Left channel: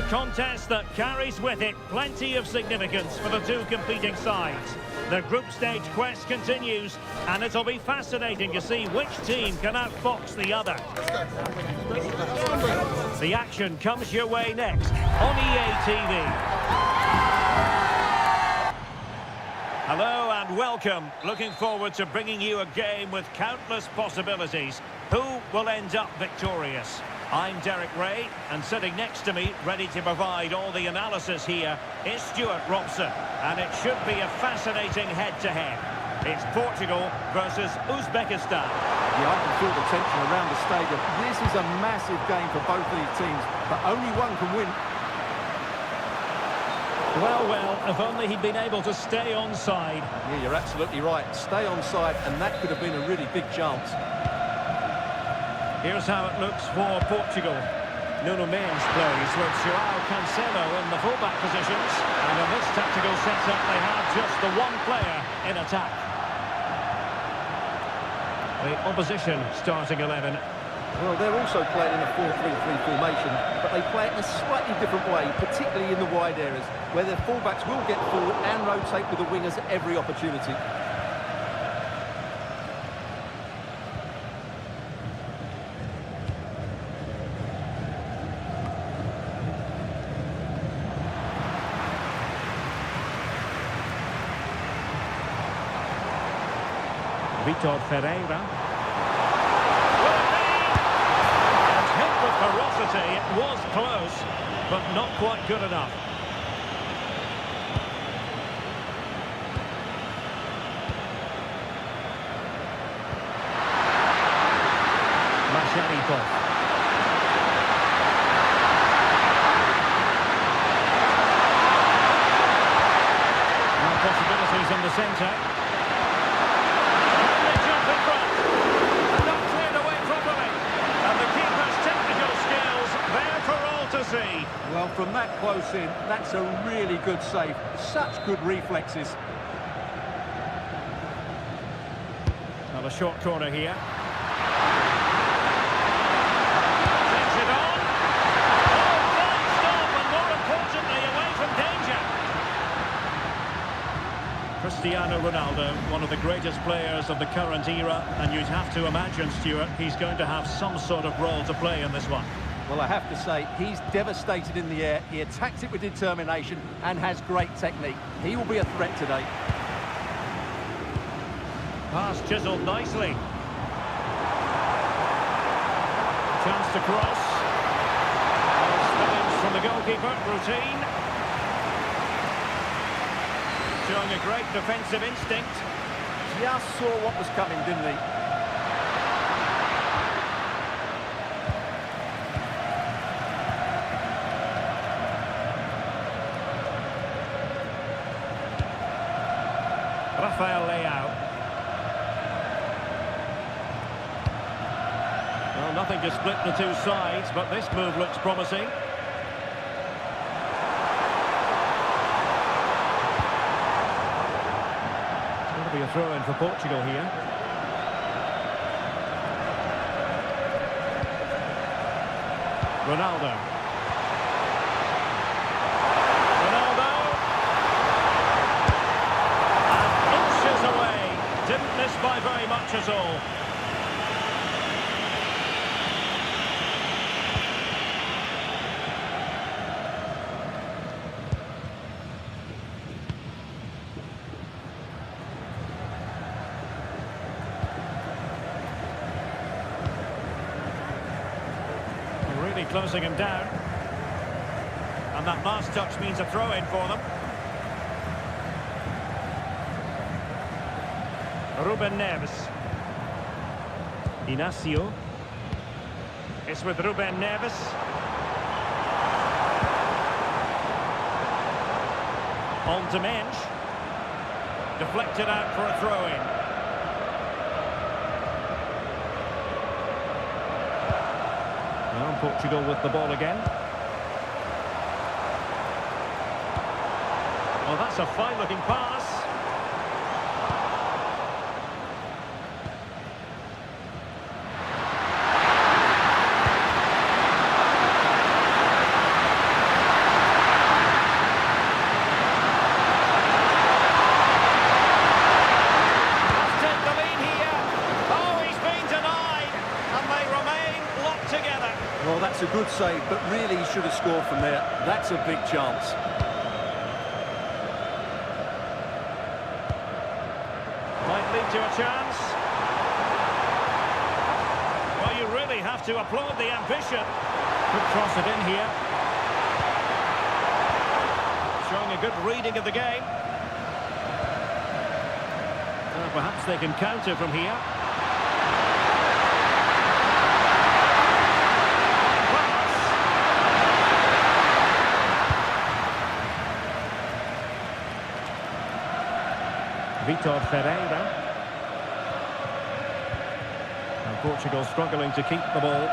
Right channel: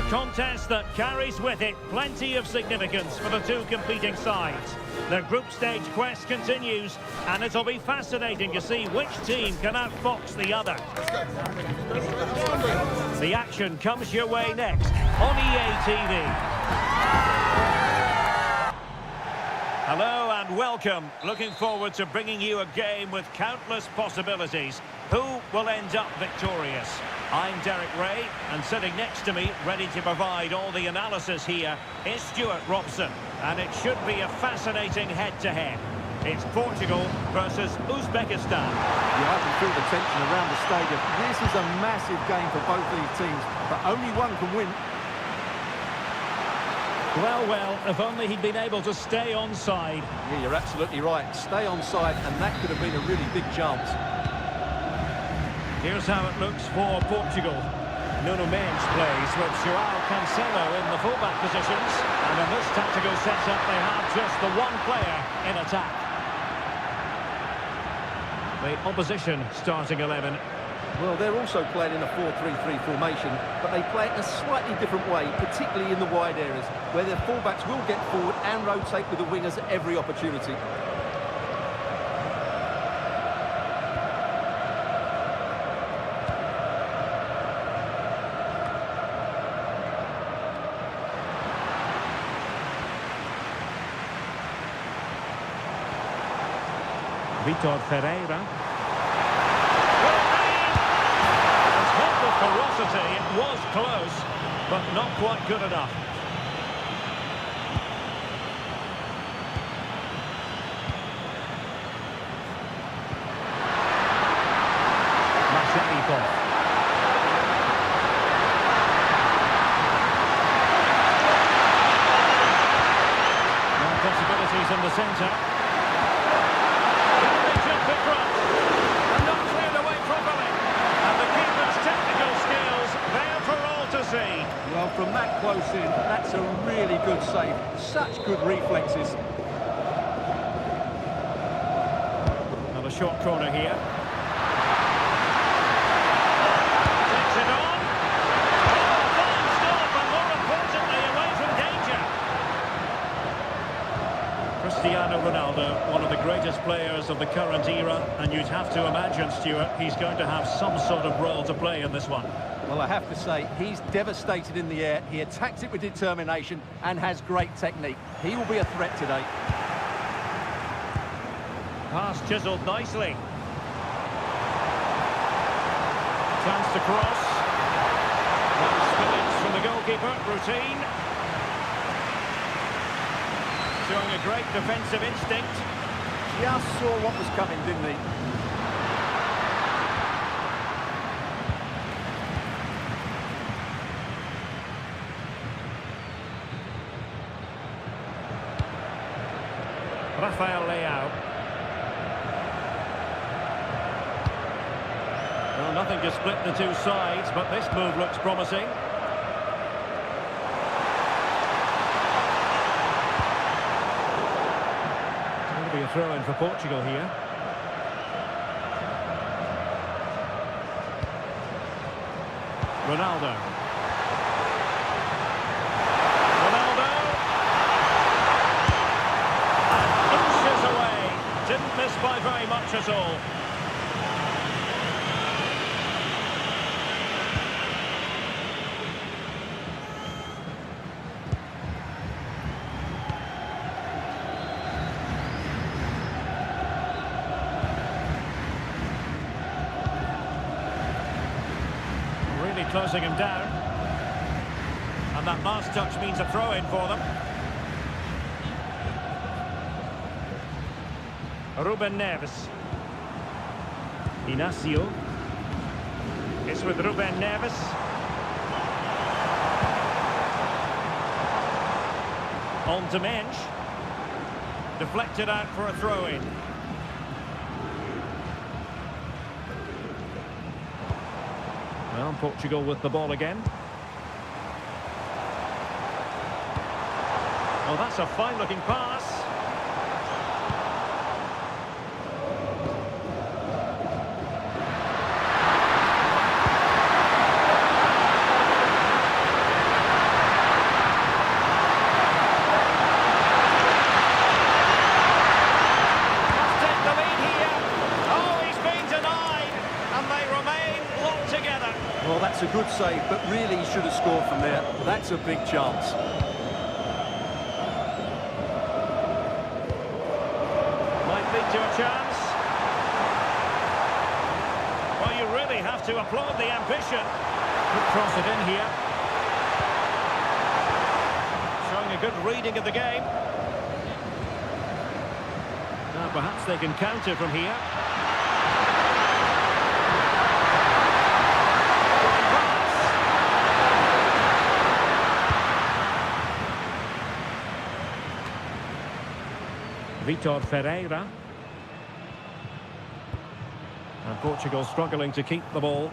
A contest that carries with it plenty of significance for the two competing sides. The group stage quest continues, and it'll be fascinating to see which team can outfox the other. The action comes your way next on EA TV. Hello and welcome. Looking forward to bringing you a game with countless possibilities. Who will end up victorious? I'm Derek Ray, and sitting next to me, ready to provide all the analysis here, is Stuart Robson. And it should be a fascinating head-to-head. It's Portugal versus Uzbekistan. Yeah, I can feel the tension around the stadium. This is a massive game for both of these teams, but only one can win. Well, if only he'd been able to stay onside. Yeah, you're absolutely right. Stay onside, and that could have been a really big chance. Here's how it looks for Portugal. Nuno Mendes plays with João Cancelo in the fullback positions. And in this tactical setup, they have just the one player in attack. The opposition starting 11. Well, they're also playing in a 4-3-3 formation, but they play it in a slightly different way, particularly in the wide areas, where their fullbacks will get forward and rotate with the wingers at every opportunity. Vitor Ferreira. Hit with ferocity, it was close, but not quite good enough. Masharipov. Now possibilities in the centre. Can they jump in front? And not cleared away properly. And the keeper's technical skills there for all to see. Well, from that close in, that's a really good save. Such good reflexes. Now a short corner here. Takes it on. Oh, a fine stop, and more importantly, away from danger. Cristiano Ronaldo, one of the greatest players of the current era, and you'd have to imagine, Stuart, he's going to have some sort of role to play in this one. Well, I have to say, he's devastated in the air. He attacks it with determination and has great technique. He will be a threat today. Pass chiselled nicely. Chance to cross. No spillage from the goalkeeper. Routine. Showing a great defensive instinct. Just saw what was coming, didn't he? Rafael Leao. Well, nothing to split the two sides, but this move looks promising. Be a throw-in for Portugal here. Ronaldo. And inches away. Didn't miss by very much at all. Really closing him down. And that last touch means a throw-in for them. Ruben Neves. Inacio. It's with Ruben Neves. On to Mendes. Deflected out for a throw-in. Well, Portugal with the ball again. Oh, that's a fine-looking pass. Well, that's a good save, but really he should have scored from there. That's a big chance. Might lead to a chance. Well, you really have to applaud the ambition. Could cross it in here. Showing a good reading of the game. Now perhaps they can counter from here. Fine pass. Vitor Ferreira. And Portugal struggling to keep the ball.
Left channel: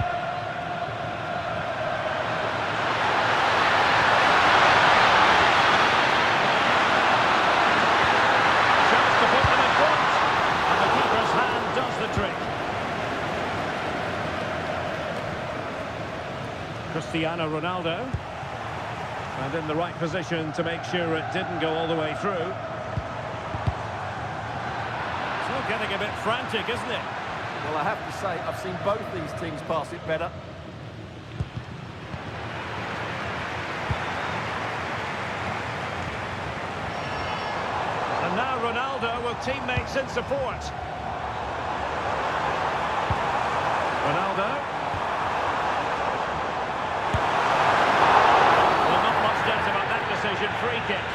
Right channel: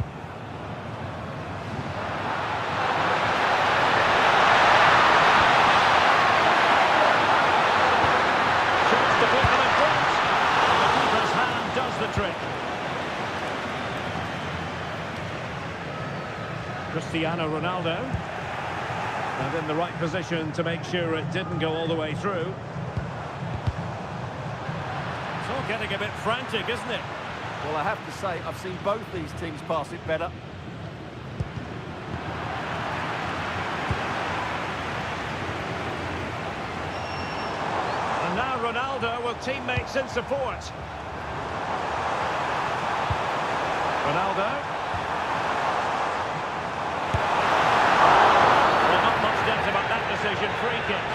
To put them in front, and the keeper's hand does the trick. Cristiano Ronaldo, and in the right position to make sure it didn't go all the way through. It's all getting a bit frantic, isn't it? Well, I have to say, I've seen both these teams pass it better. And now Ronaldo with teammates in support. Ronaldo. Well, not much doubt about that decision. Free kick.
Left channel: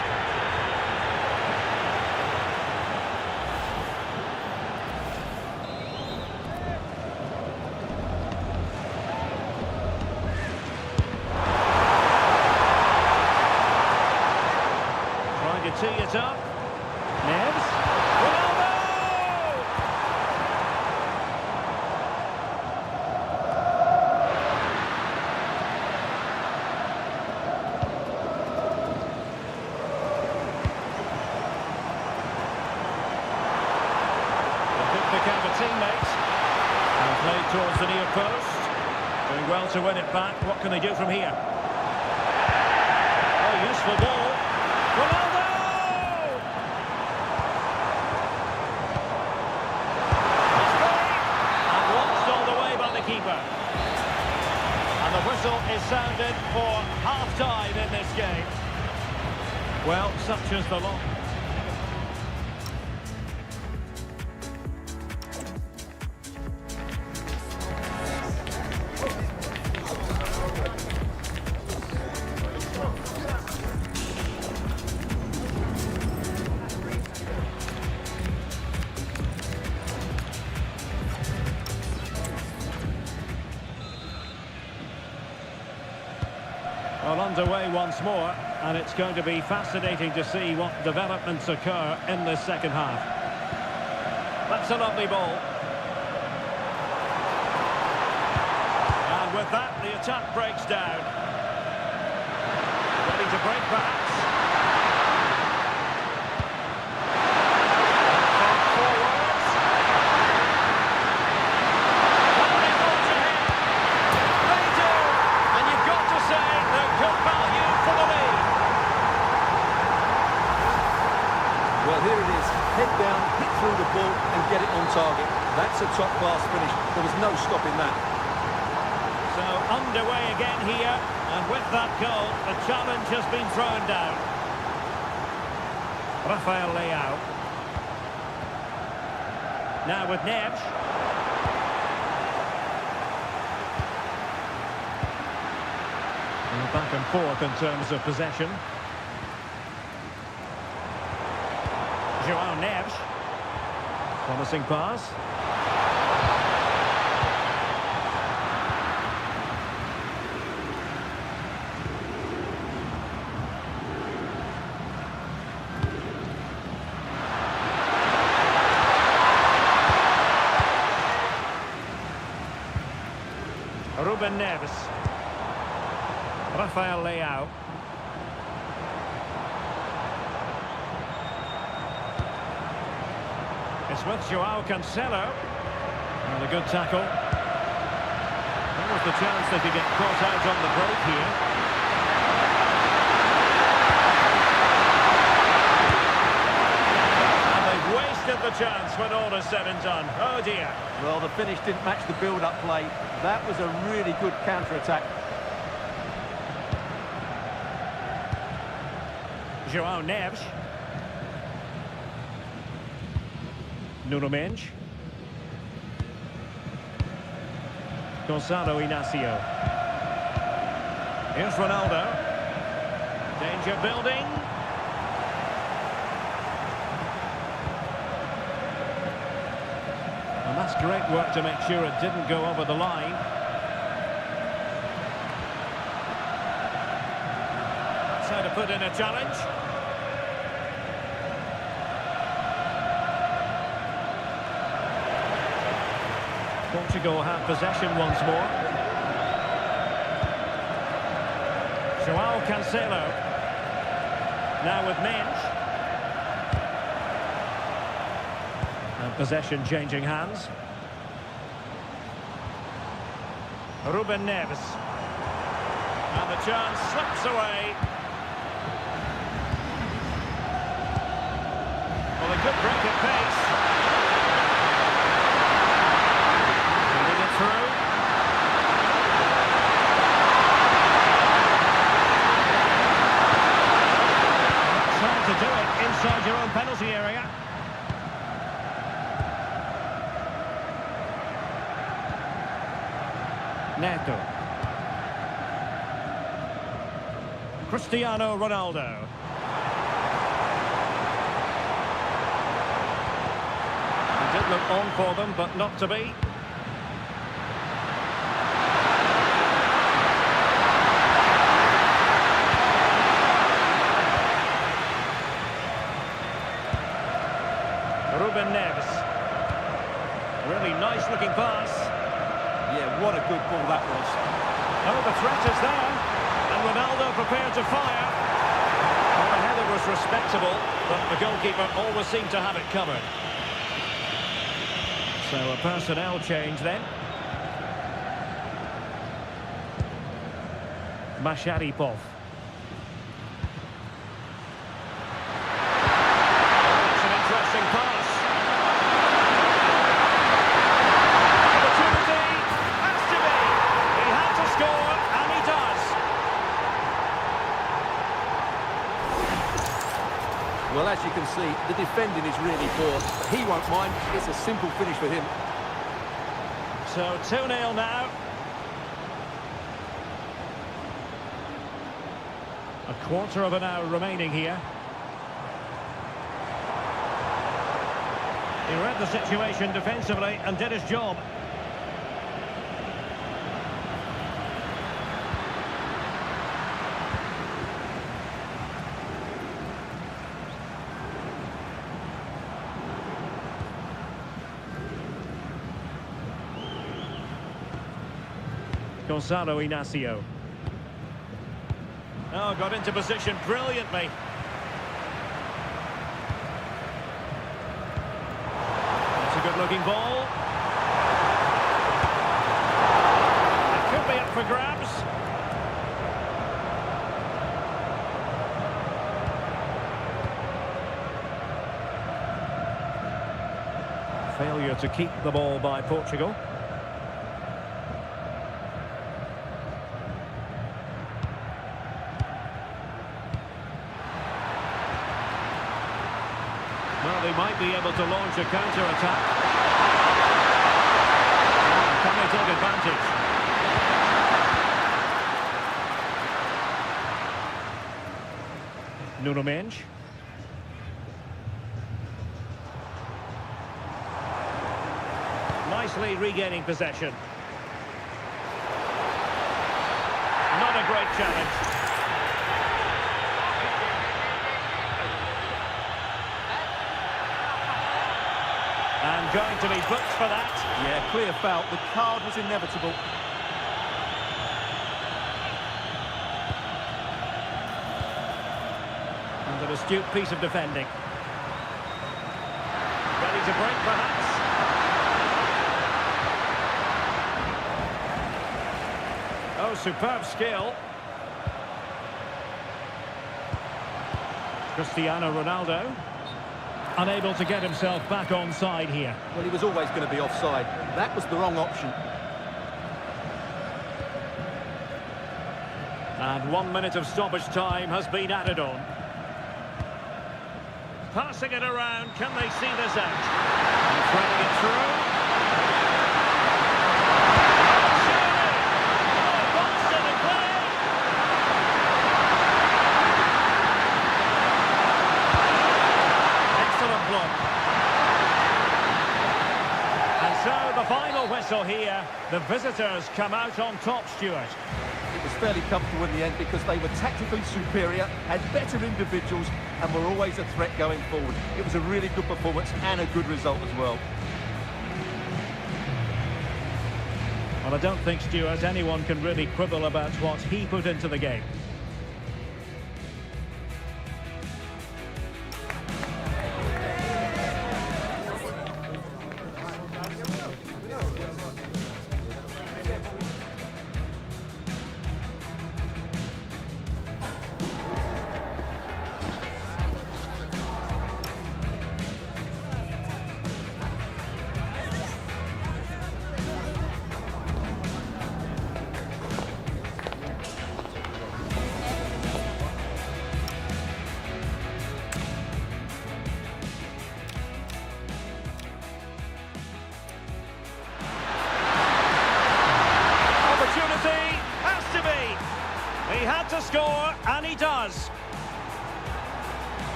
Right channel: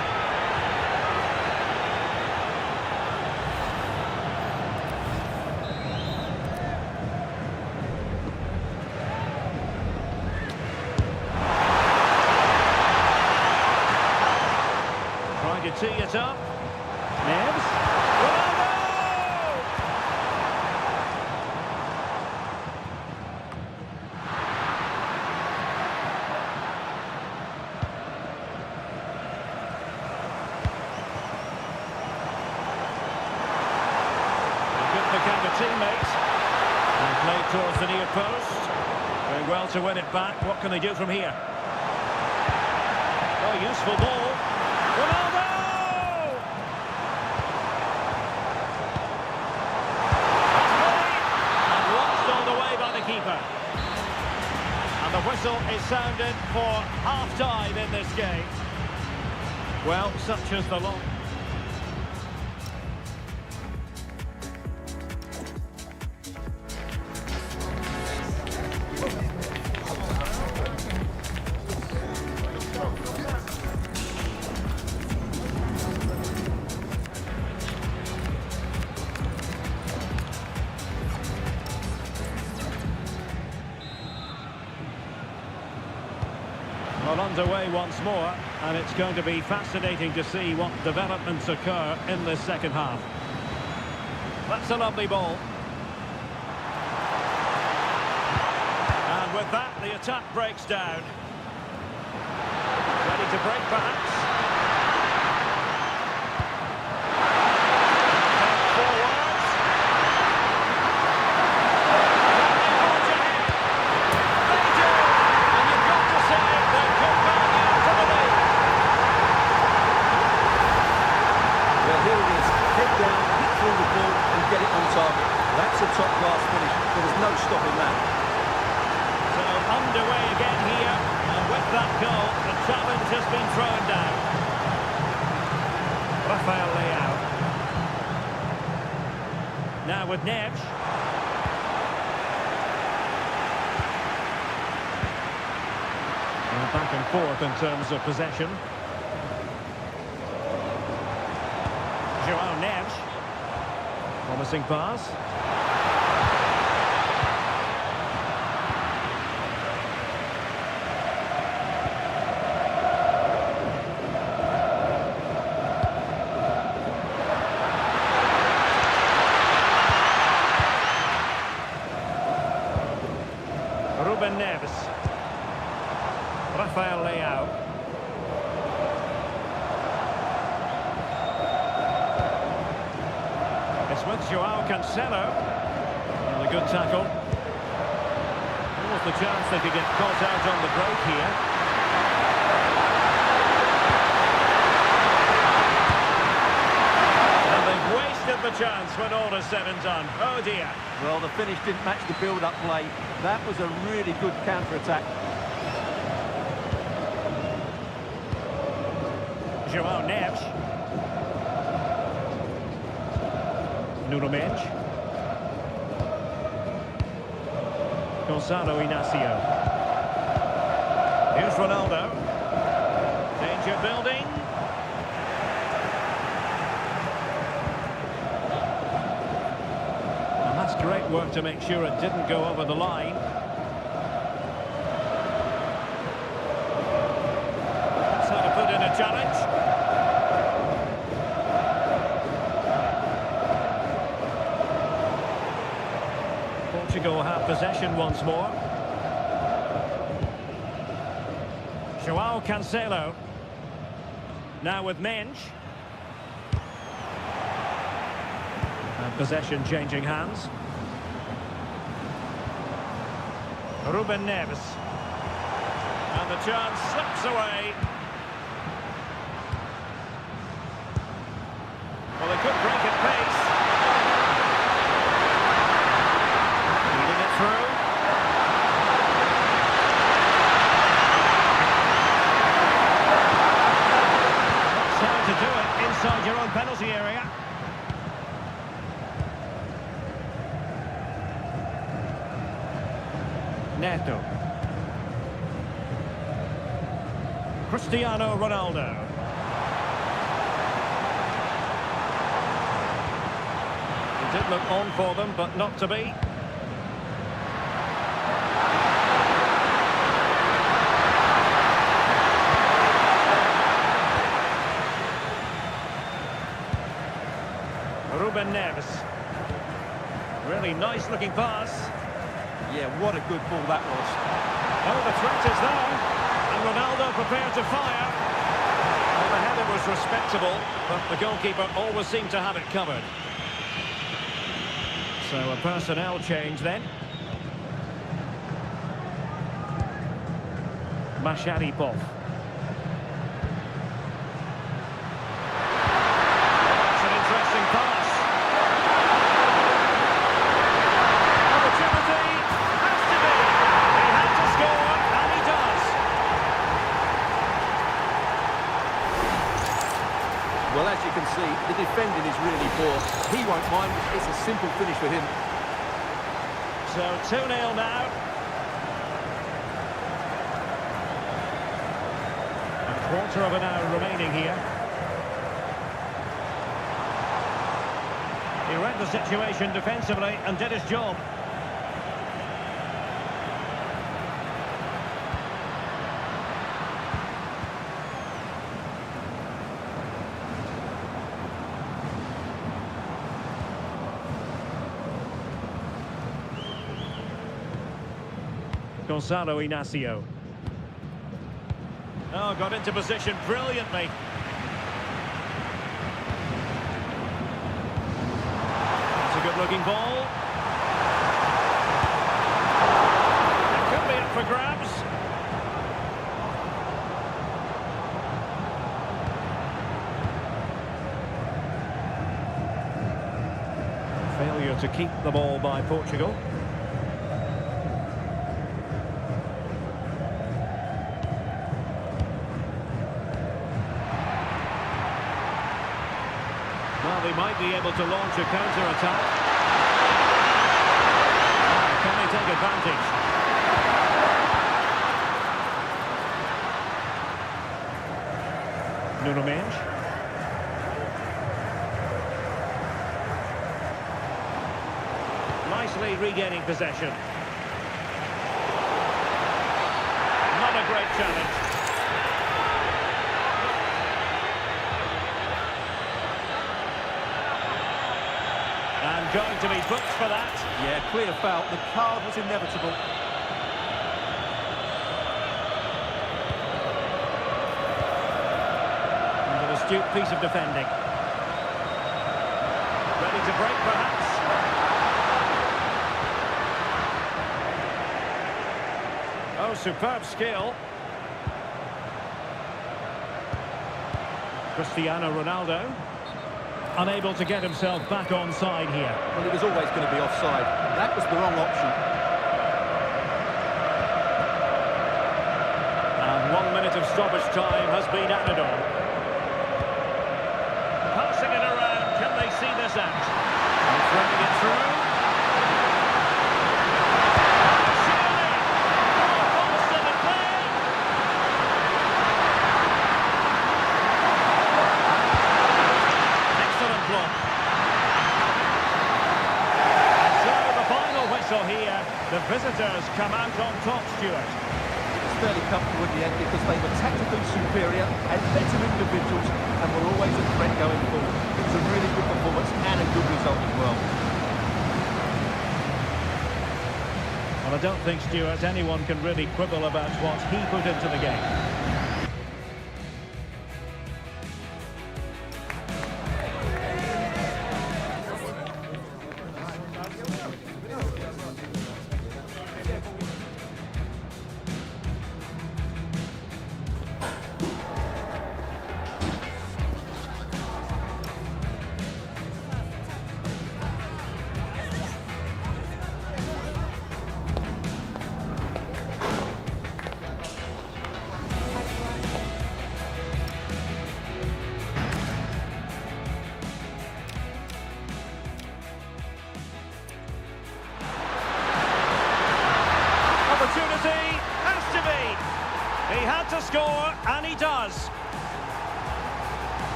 Trying to tee it up. Neves. Ronaldo! A good pick out of teammates. And played towards the near post. Doing well to win it back. What can they do from here? Oh, useful ball. Ronaldo! All the way by the keeper. And the whistle is sounded for half-time in this game. Well, such is the law. Well, underway once more, and it's going to be fascinating to see what developments occur in this second half. That's a lovely ball. And with that, the attack breaks down. Ready to break perhaps. And fed forwards. Can they forge ahead? They do! And you've got to say they're good value for the lead. Well, here it is. Head down, hit through the ball and get it on target. That's a top-class finish. There was no stopping that. So underway again here, and with that goal, the challenge has been thrown down. Rafael Leao. Now with Neves. Well, back and forth in terms of possession. João Neves. Promising pass. Ruben Neves. Rafael Leao. It's with João Cancelo. And a good tackle. What was the chance they could get caught out on the break here? And they've wasted the chance when all is said and done. Oh dear. Well, the finish didn't match the build-up play. That was a really good counter-attack. João Neves. Nuno Mendes. Gonzalo Inacio. Here's Ronaldo. Danger building. And that's great work to make sure it didn't go over the line. That's how to put in a challenge. Portugal have possession once more. João Cancelo. Now with Mendes. And possession changing hands. Ruben Neves. And the chance slips away. Well, they could break at pace. Feeding it through. And that's how to do it inside your own penalty area. Neto. Cristiano Ronaldo. It did look on for them, but not to be. Ruben Neves. Really nice looking pass. Yeah, what a good ball that was. Oh, the threat is there. And Ronaldo prepared to fire. Well, the header was respectable, but the goalkeeper always seemed to have it covered. So a personnel change then. Masharipov. Oh, that's an interesting pass. Opportunity. Has to be. He had to score, and he does. Well, as you can see, the defending is really poor. He won't mind. It's a simple finish for him. So 2-0 now. A quarter of an hour remaining here. He read the situation defensively and did his job. Gonzalo Inacio. Oh, got into position brilliantly. That's a good-looking ball. It could be up for grabs. Failure to keep the ball by Portugal. Well, they might be able to launch a counter-attack. Now, can they take advantage? Nuno Mendes. Nicely regaining possession. Not a great challenge. And going to be booked for that. Yeah, clear foul. The card was inevitable. And an astute piece of defending. Ready to break, perhaps. Oh, superb skill. Cristiano Ronaldo. Unable to get himself back onside here. Well, he was always going to be offside. That was the wrong option. And 1 minute of stoppage time has been added on. Passing it around, can they see this out? And threading it through. Oh, surely! Oh, ball still in play! Excellent block. And so the final whistle here. The visitors come out on top, Stuart. It was fairly comfortable in the end because they were tactically superior, had better individuals and were always a threat going forward. It was a really good performance and a good result as well. Well, I don't think, Stuart, anyone can really quibble about what he put into the game. Opportunity has to be. He had to score, and he does.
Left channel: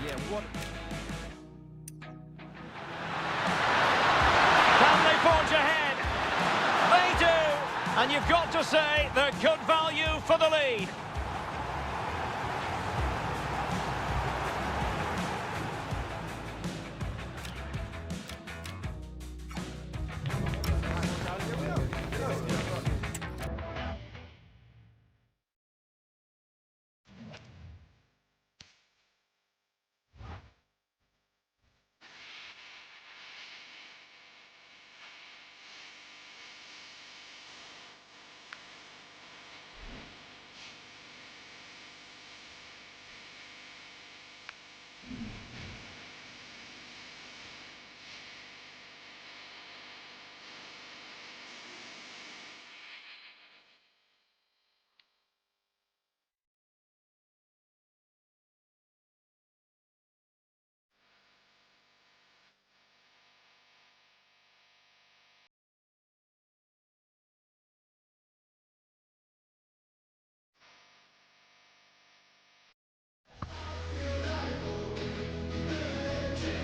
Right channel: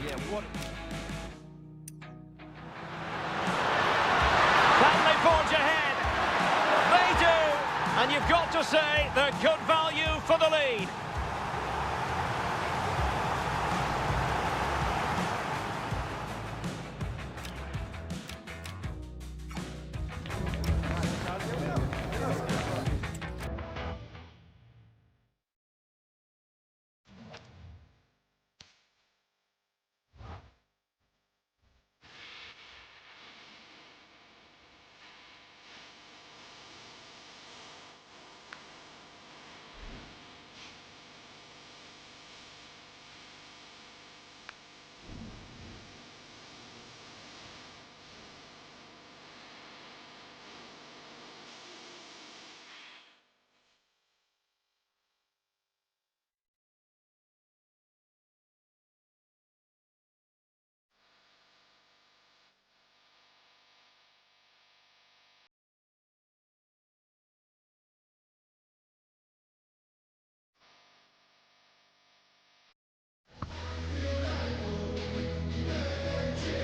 Yeah, what... Can they forge ahead? They do. And you've got to say they're good value for the lead.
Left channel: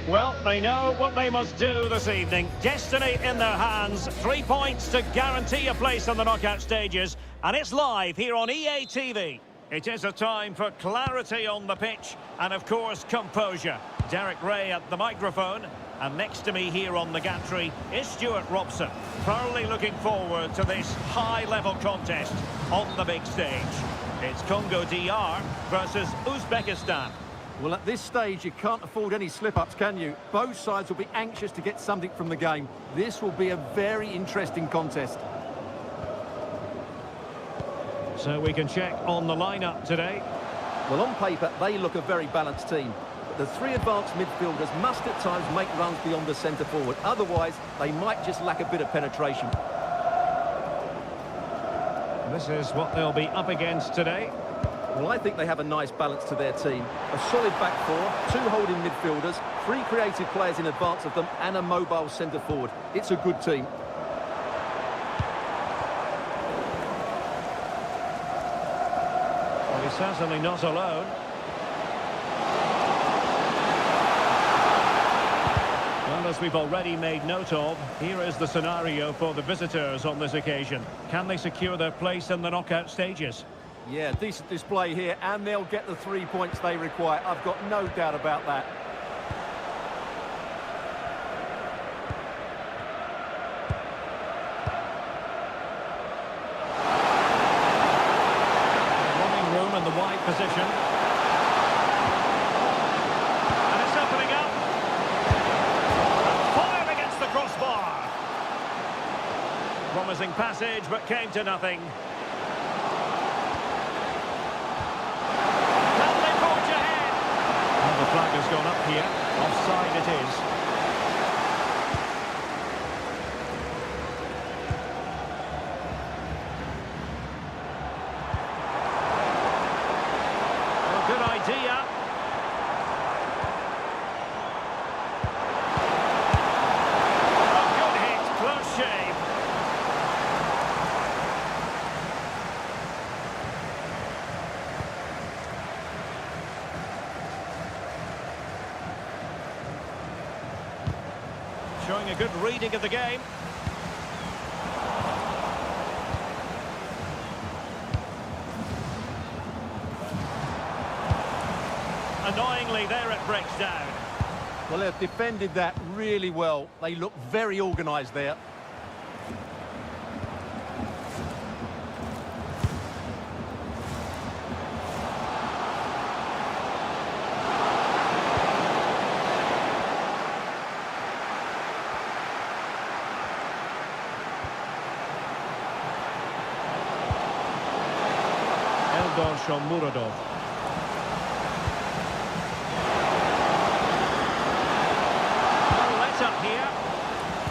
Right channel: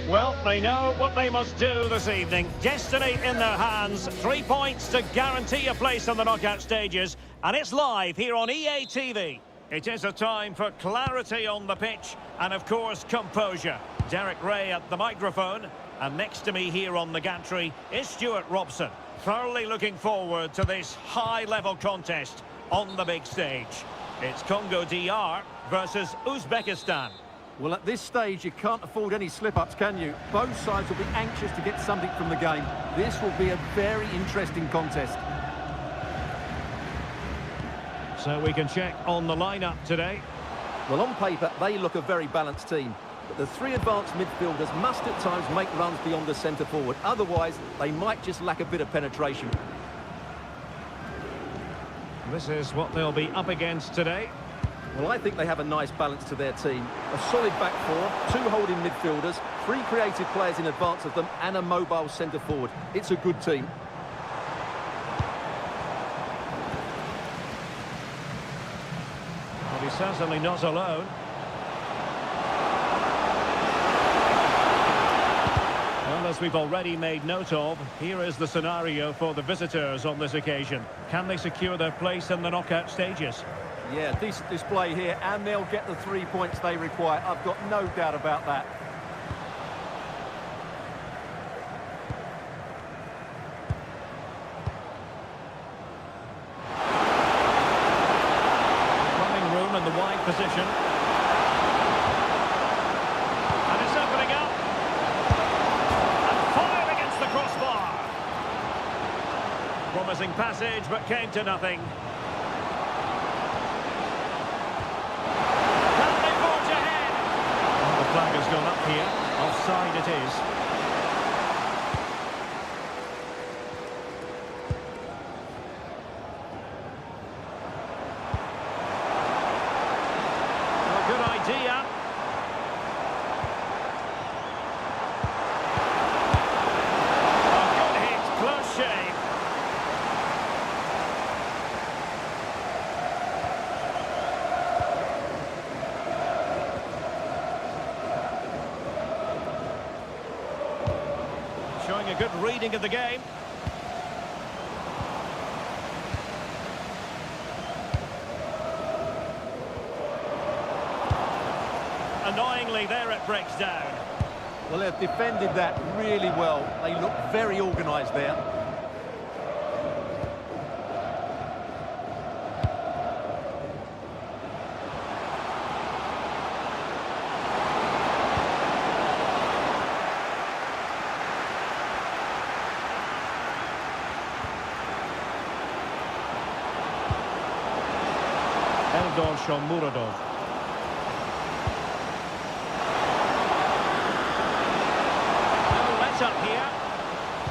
Well, they know what they must do this evening. Destiny in their hands. 3 points to guarantee a place in the knockout stages. And it's live here on EA TV. It is a time for clarity on the pitch and, of course, composure. Derek Ray at the microphone. And next to me here on the gantry is Stuart Robson. Thoroughly looking forward to this high-level contest on the big stage. It's Congo DR versus Uzbekistan. Well, at this stage, you can't afford any slip-ups, can you? Both sides will be anxious to get something from the game. This will be a very interesting contest. So we can check on the lineup today. Well, on paper, they look a very balanced team. But the three advanced midfielders must at times make runs beyond the centre-forward. Otherwise, they might just lack a bit of penetration. This is what they'll be up against today. Well, I think they have a nice balance to their team. A solid back four, two holding midfielders, three creative players in advance of them, and a mobile centre-forward. It's a good team. Well, he's certainly not alone. Well, as we've already made note of, here is the scenario for the visitors on this occasion. Can they secure their place in the knockout stages? Yeah, decent display here, and they'll get the 3 points they require. I've got no doubt about that. Running room in the wide position. And it's opening up. And fired against the crossbar. Promising passage, but came to nothing. The flag has gone up here. Offside it is. Good idea. A good hit, close shave. Showing a good reading of the game. Annoyingly, there it breaks down. Well, they've defended that really well. They look very organised there. Eldor Shomurodov. No let up here.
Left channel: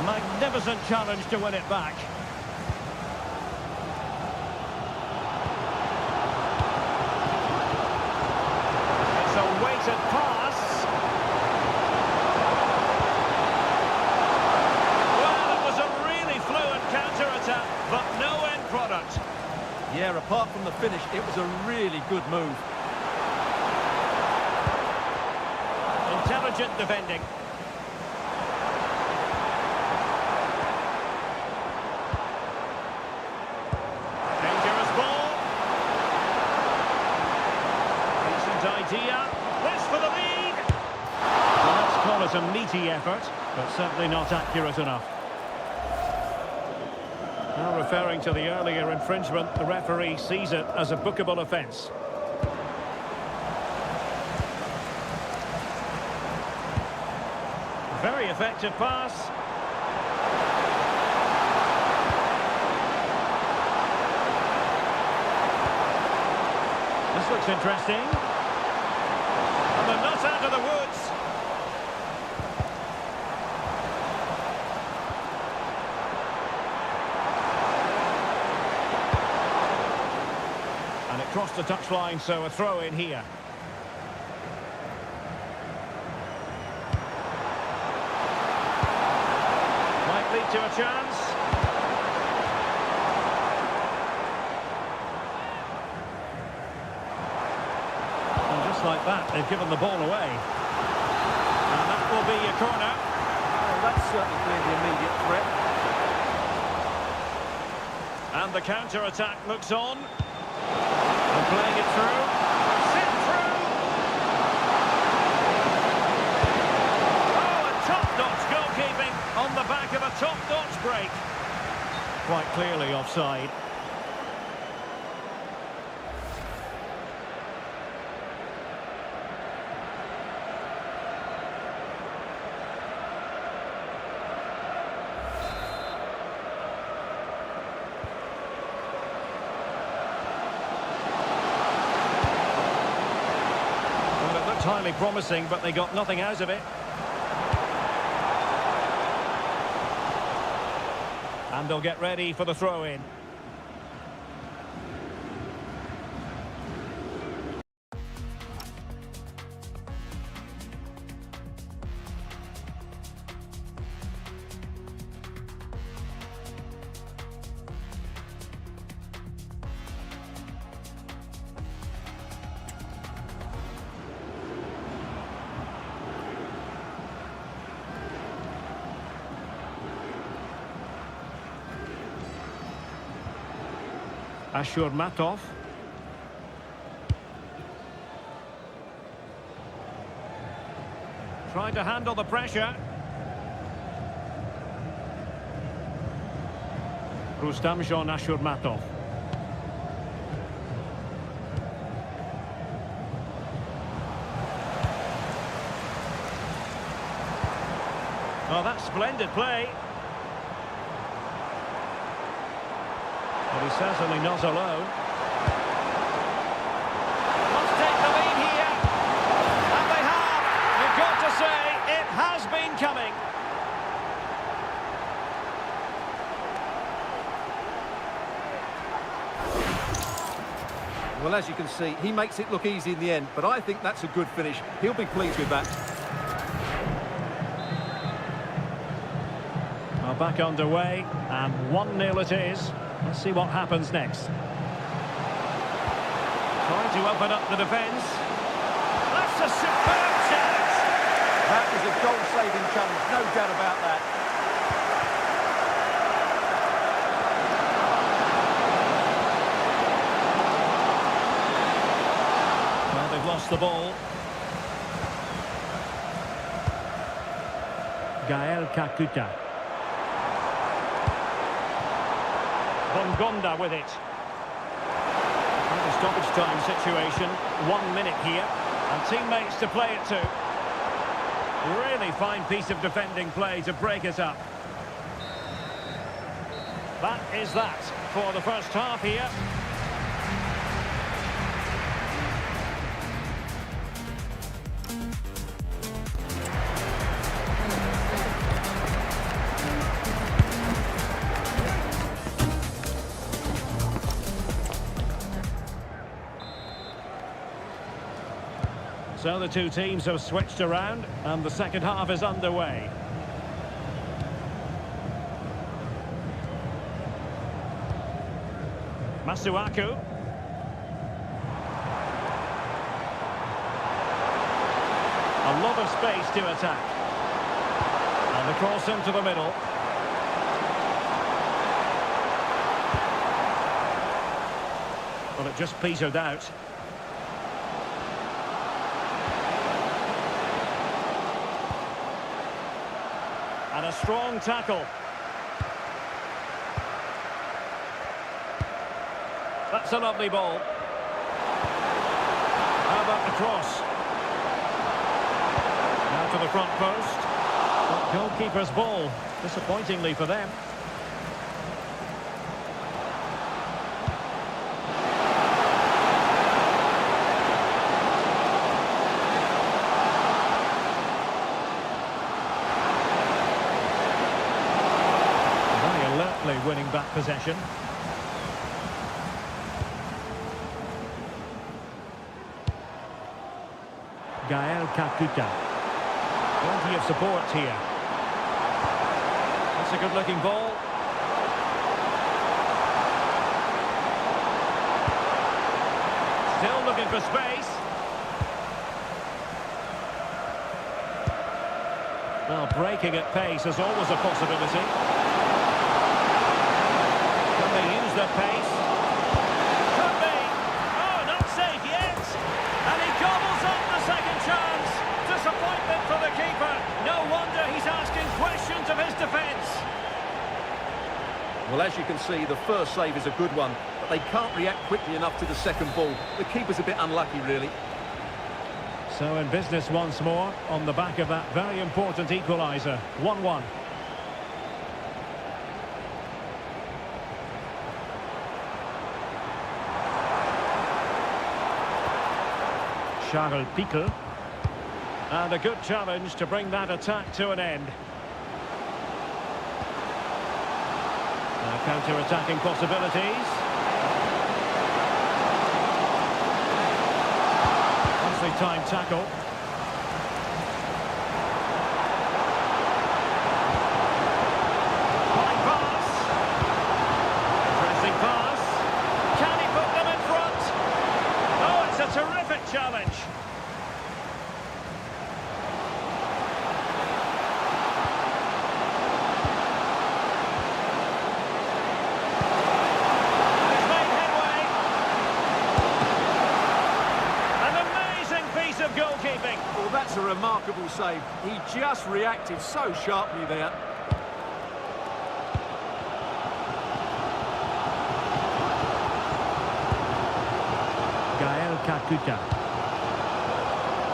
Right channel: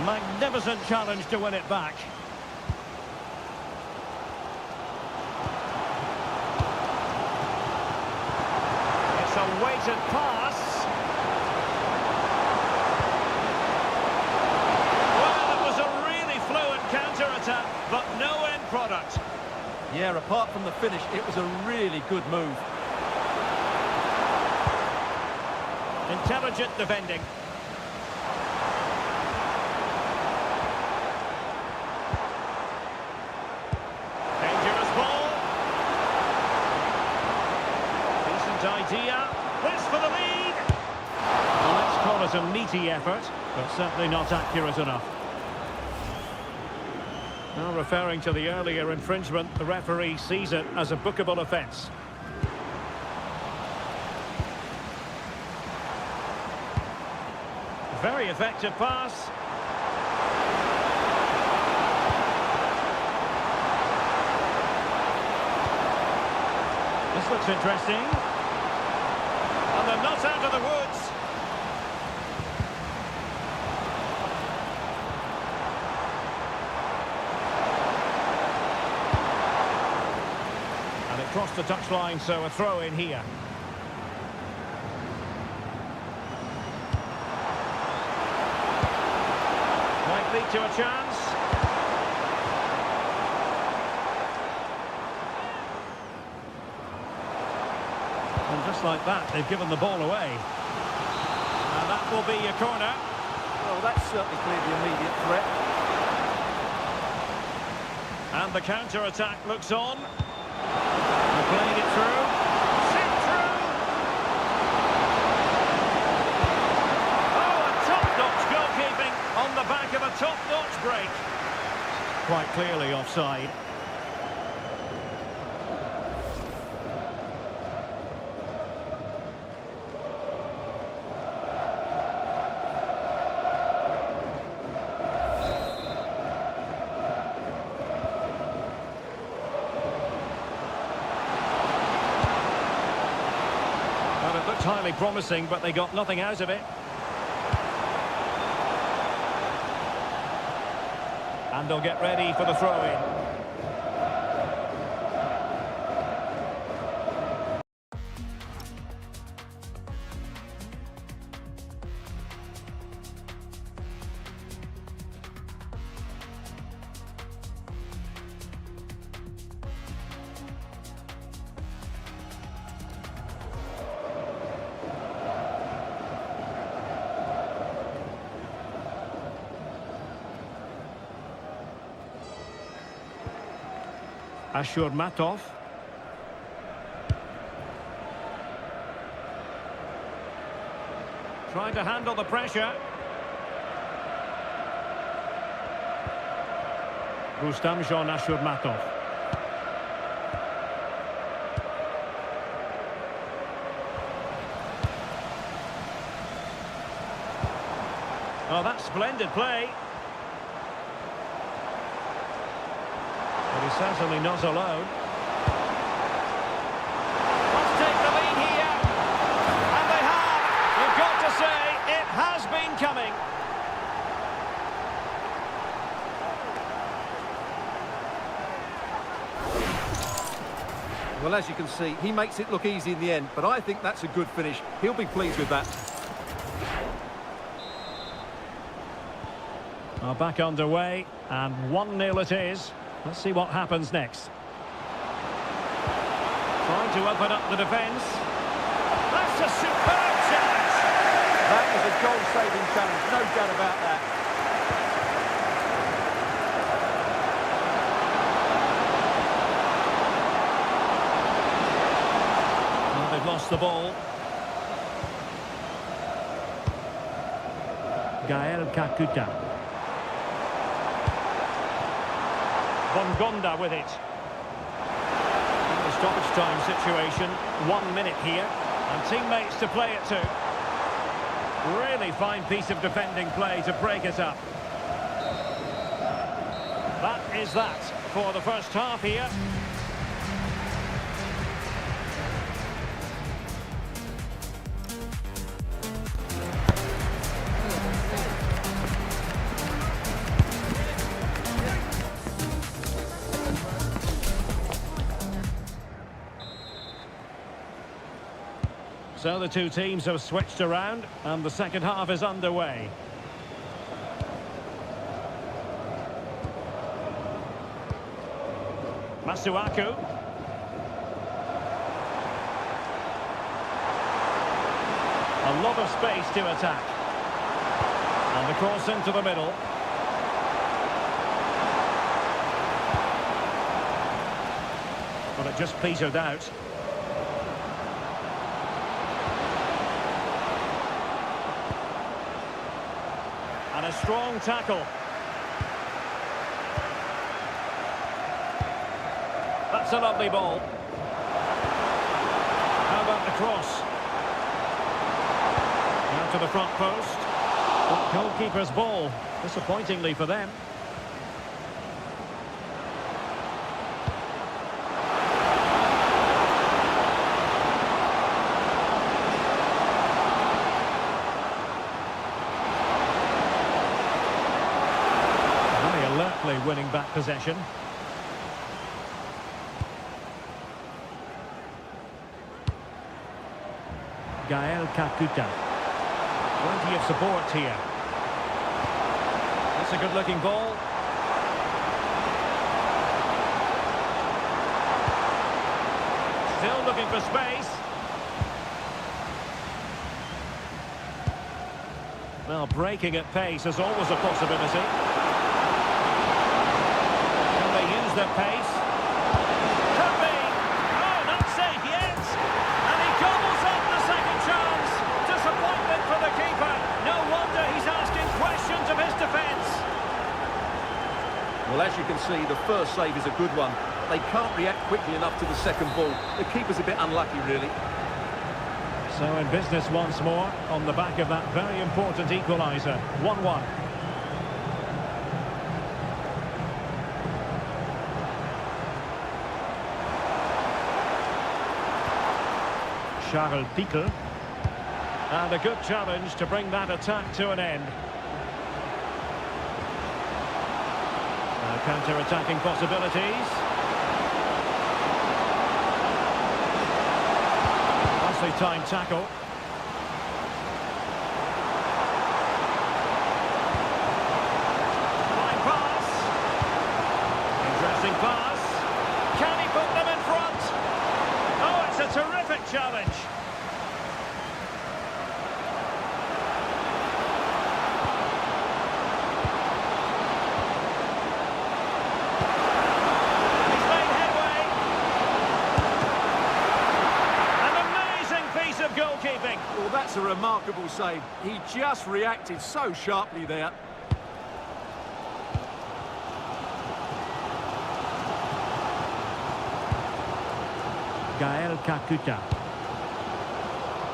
Magnificent challenge to win it back. It's a weighted pass. Well, it was a really fluid counter-attack, but no end product. Yeah, apart from the finish, it was a really good move. Intelligent defending. Dangerous ball. Decent idea. This for the lead. Well, let's call it a meaty effort, but certainly not accurate enough. Now, referring to the earlier infringement, the referee sees it as a bookable offence. Very effective pass. This looks interesting. And they're not out of the woods. And it crossed the touchline, so a throw in here. Might lead to a chance. And just like that, they've given the ball away. And that will be a corner. Well, that's certainly cleared the immediate threat. And the counter-attack looks on. And playing it through. Sit through! Oh, a top-notch goalkeeping on the back of a top-notch break. Quite clearly offside. Well, it looked highly promising, but they got nothing out of it. And they'll get ready for the throw-in. Ashurmatov. Trying to handle the pressure. Rustamjon Ashurmatov. Oh, that's splendid play. But he's certainly not alone. Must take the lead here. And they have. You've got to say, it has been coming. Well, as you can see, he makes it look easy in the end, but I think that's a good finish. He'll be pleased with that. Well, back underway, and 1-0 it is. Let's see what happens next. Trying to open up the defence. That's a superb challenge. That was a goal-saving challenge, no doubt about that. Well, they've lost the ball. Gael Kakuta. Bongonda with it. Well, the stoppage time situation. 1 minute here. And teammates to play it to. Really fine piece of defending play to break it up. That is that for the first half here. So the two teams have switched around and the second half is underway. Masuaku. A lot of space to attack. And the cross into the middle. Well, it just petered out. And a strong tackle. That's a lovely ball. How about the cross? Now to the front post. But goalkeeper's ball, disappointingly for them. Very alertly winning back possession. Gael Kakuta. Plenty of support here. That's a good-looking ball. Still looking for space. Well, breaking at pace is always a possibility. Can they use their pace? Could be. Oh, not safe yet. And he gobbles up the second chance. Disappointment for the keeper. No wonder he's asking questions of his defence. Well, as you can see, the first save is a good one, but they can't react quickly enough to the second ball. The keeper's a bit unlucky, really. So in business once more, on the back of that very important equaliser. 1-1. Charles Pickel. And a good challenge to bring that attack to an end. Now counter-attacking possibilities. Nicely timed tackle. Fine pass. Interesting pass. Can he put them in front? Oh, it's a terrific challenge. Of goalkeeping. Well, that's a remarkable save. He just reacted so sharply there. Gael Kakuta.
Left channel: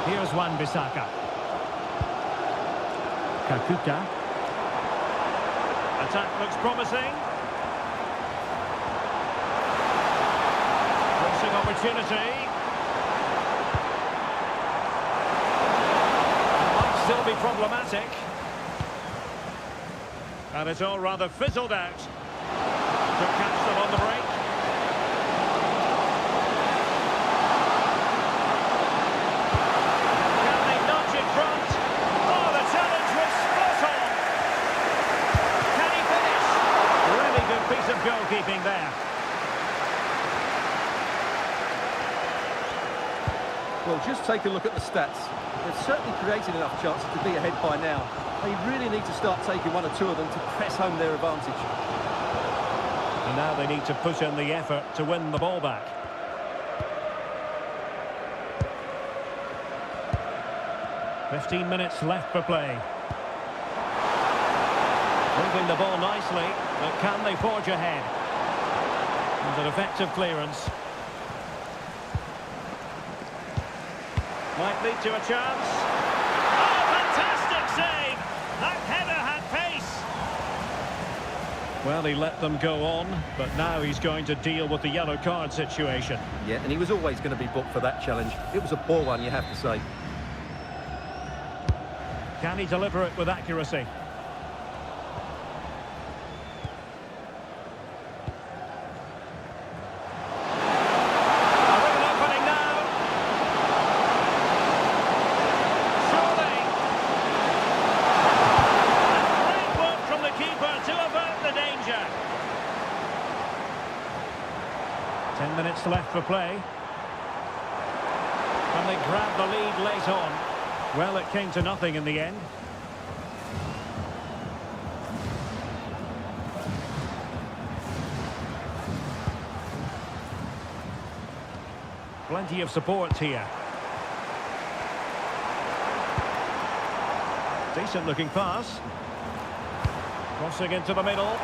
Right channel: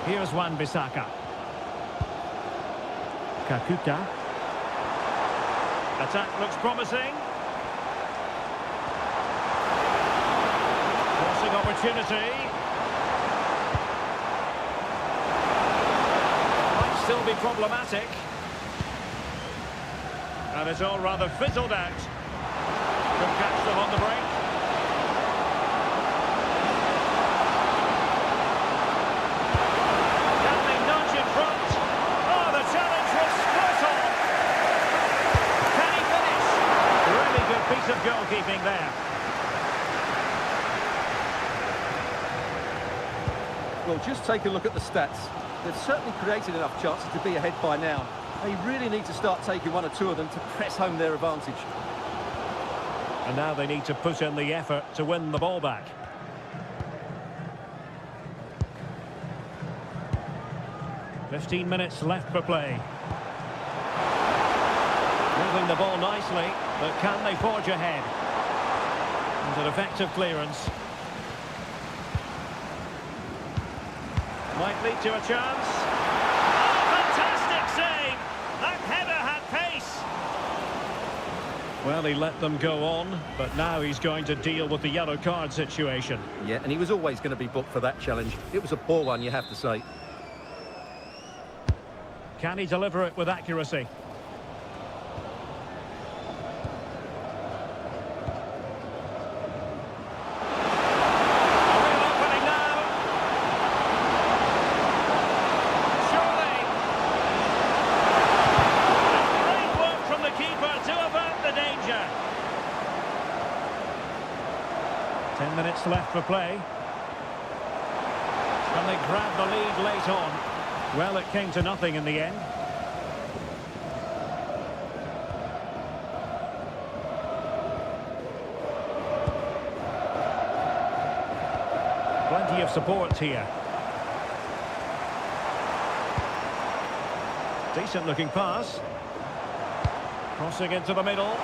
Here's Wan-Bissaka. Kakuta. Attack looks promising. Crossing opportunity. Still be problematic. And it's all rather fizzled out. Could catch them on the break. goalkeeping there. Well, just take a look at the stats. They've certainly created enough chances to be ahead by now. They really need to start taking one or two of them to press home their advantage. And now they need to put in the effort to win the ball back. "15 minutes left for play. Moving the ball nicely, but can they forge ahead? And an effective clearance. Might lead to a chance. Oh, fantastic save! That header had pace. Well, he let them go on, but now he's going to deal with the yellow card situation. Yeah, and he was always going to be booked for that challenge. It was a poor one, you have to say. Can he deliver it with accuracy? A real opening now. Surely. And great work from the keeper to avert the danger. 10 minutes left for play. Can they grab the lead late on? Well, it came to nothing in the end. Plenty of support here. Decent looking pass. Crossing into the middle.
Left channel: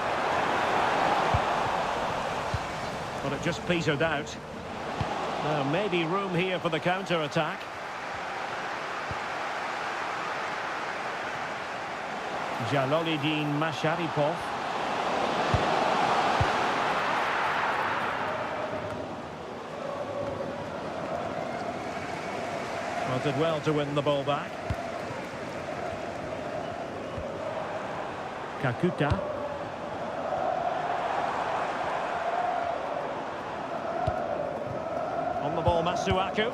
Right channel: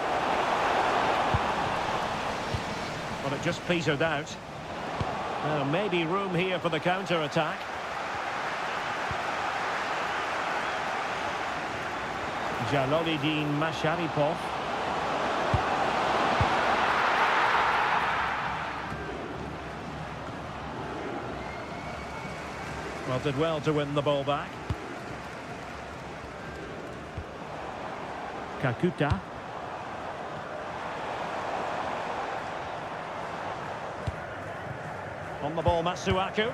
But it just petered out. Now maybe room here for the counter-attack. Jalolidin Masharipov. Well, did well to win the ball back. Kakuta. On the ball, Matsuaku.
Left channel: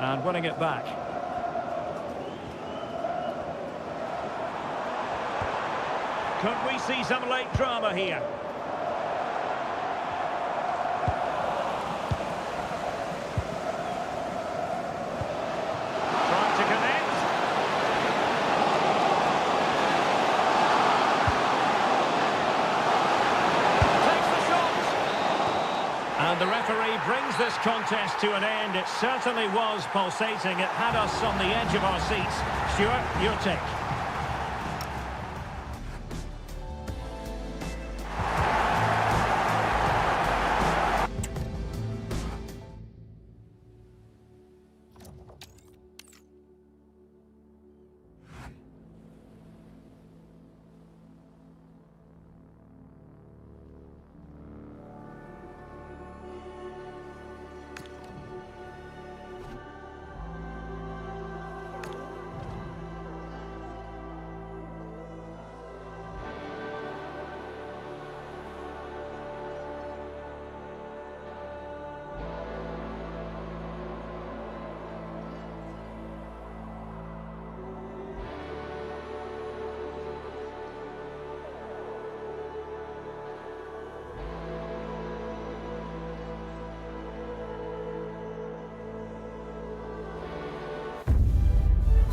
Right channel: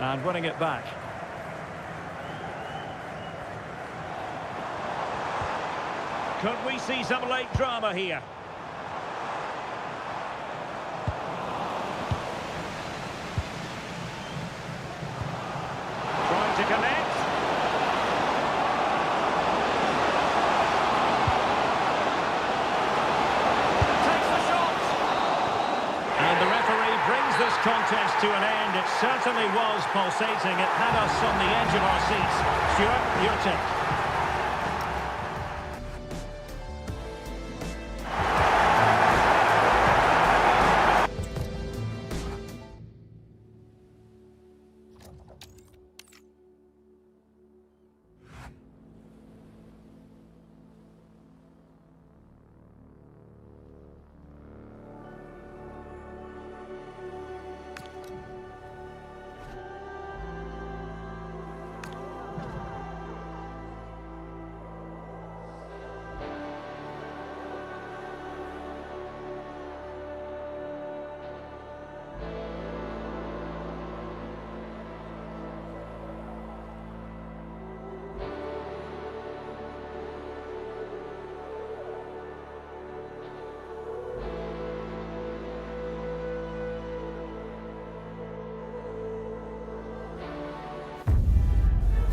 And winning it back. Could we see some late drama here? Trying to connect. Takes the shot. And the referee brings this contest to an end. It certainly was pulsating. It had us on the edge of our seats. Stuart, your take.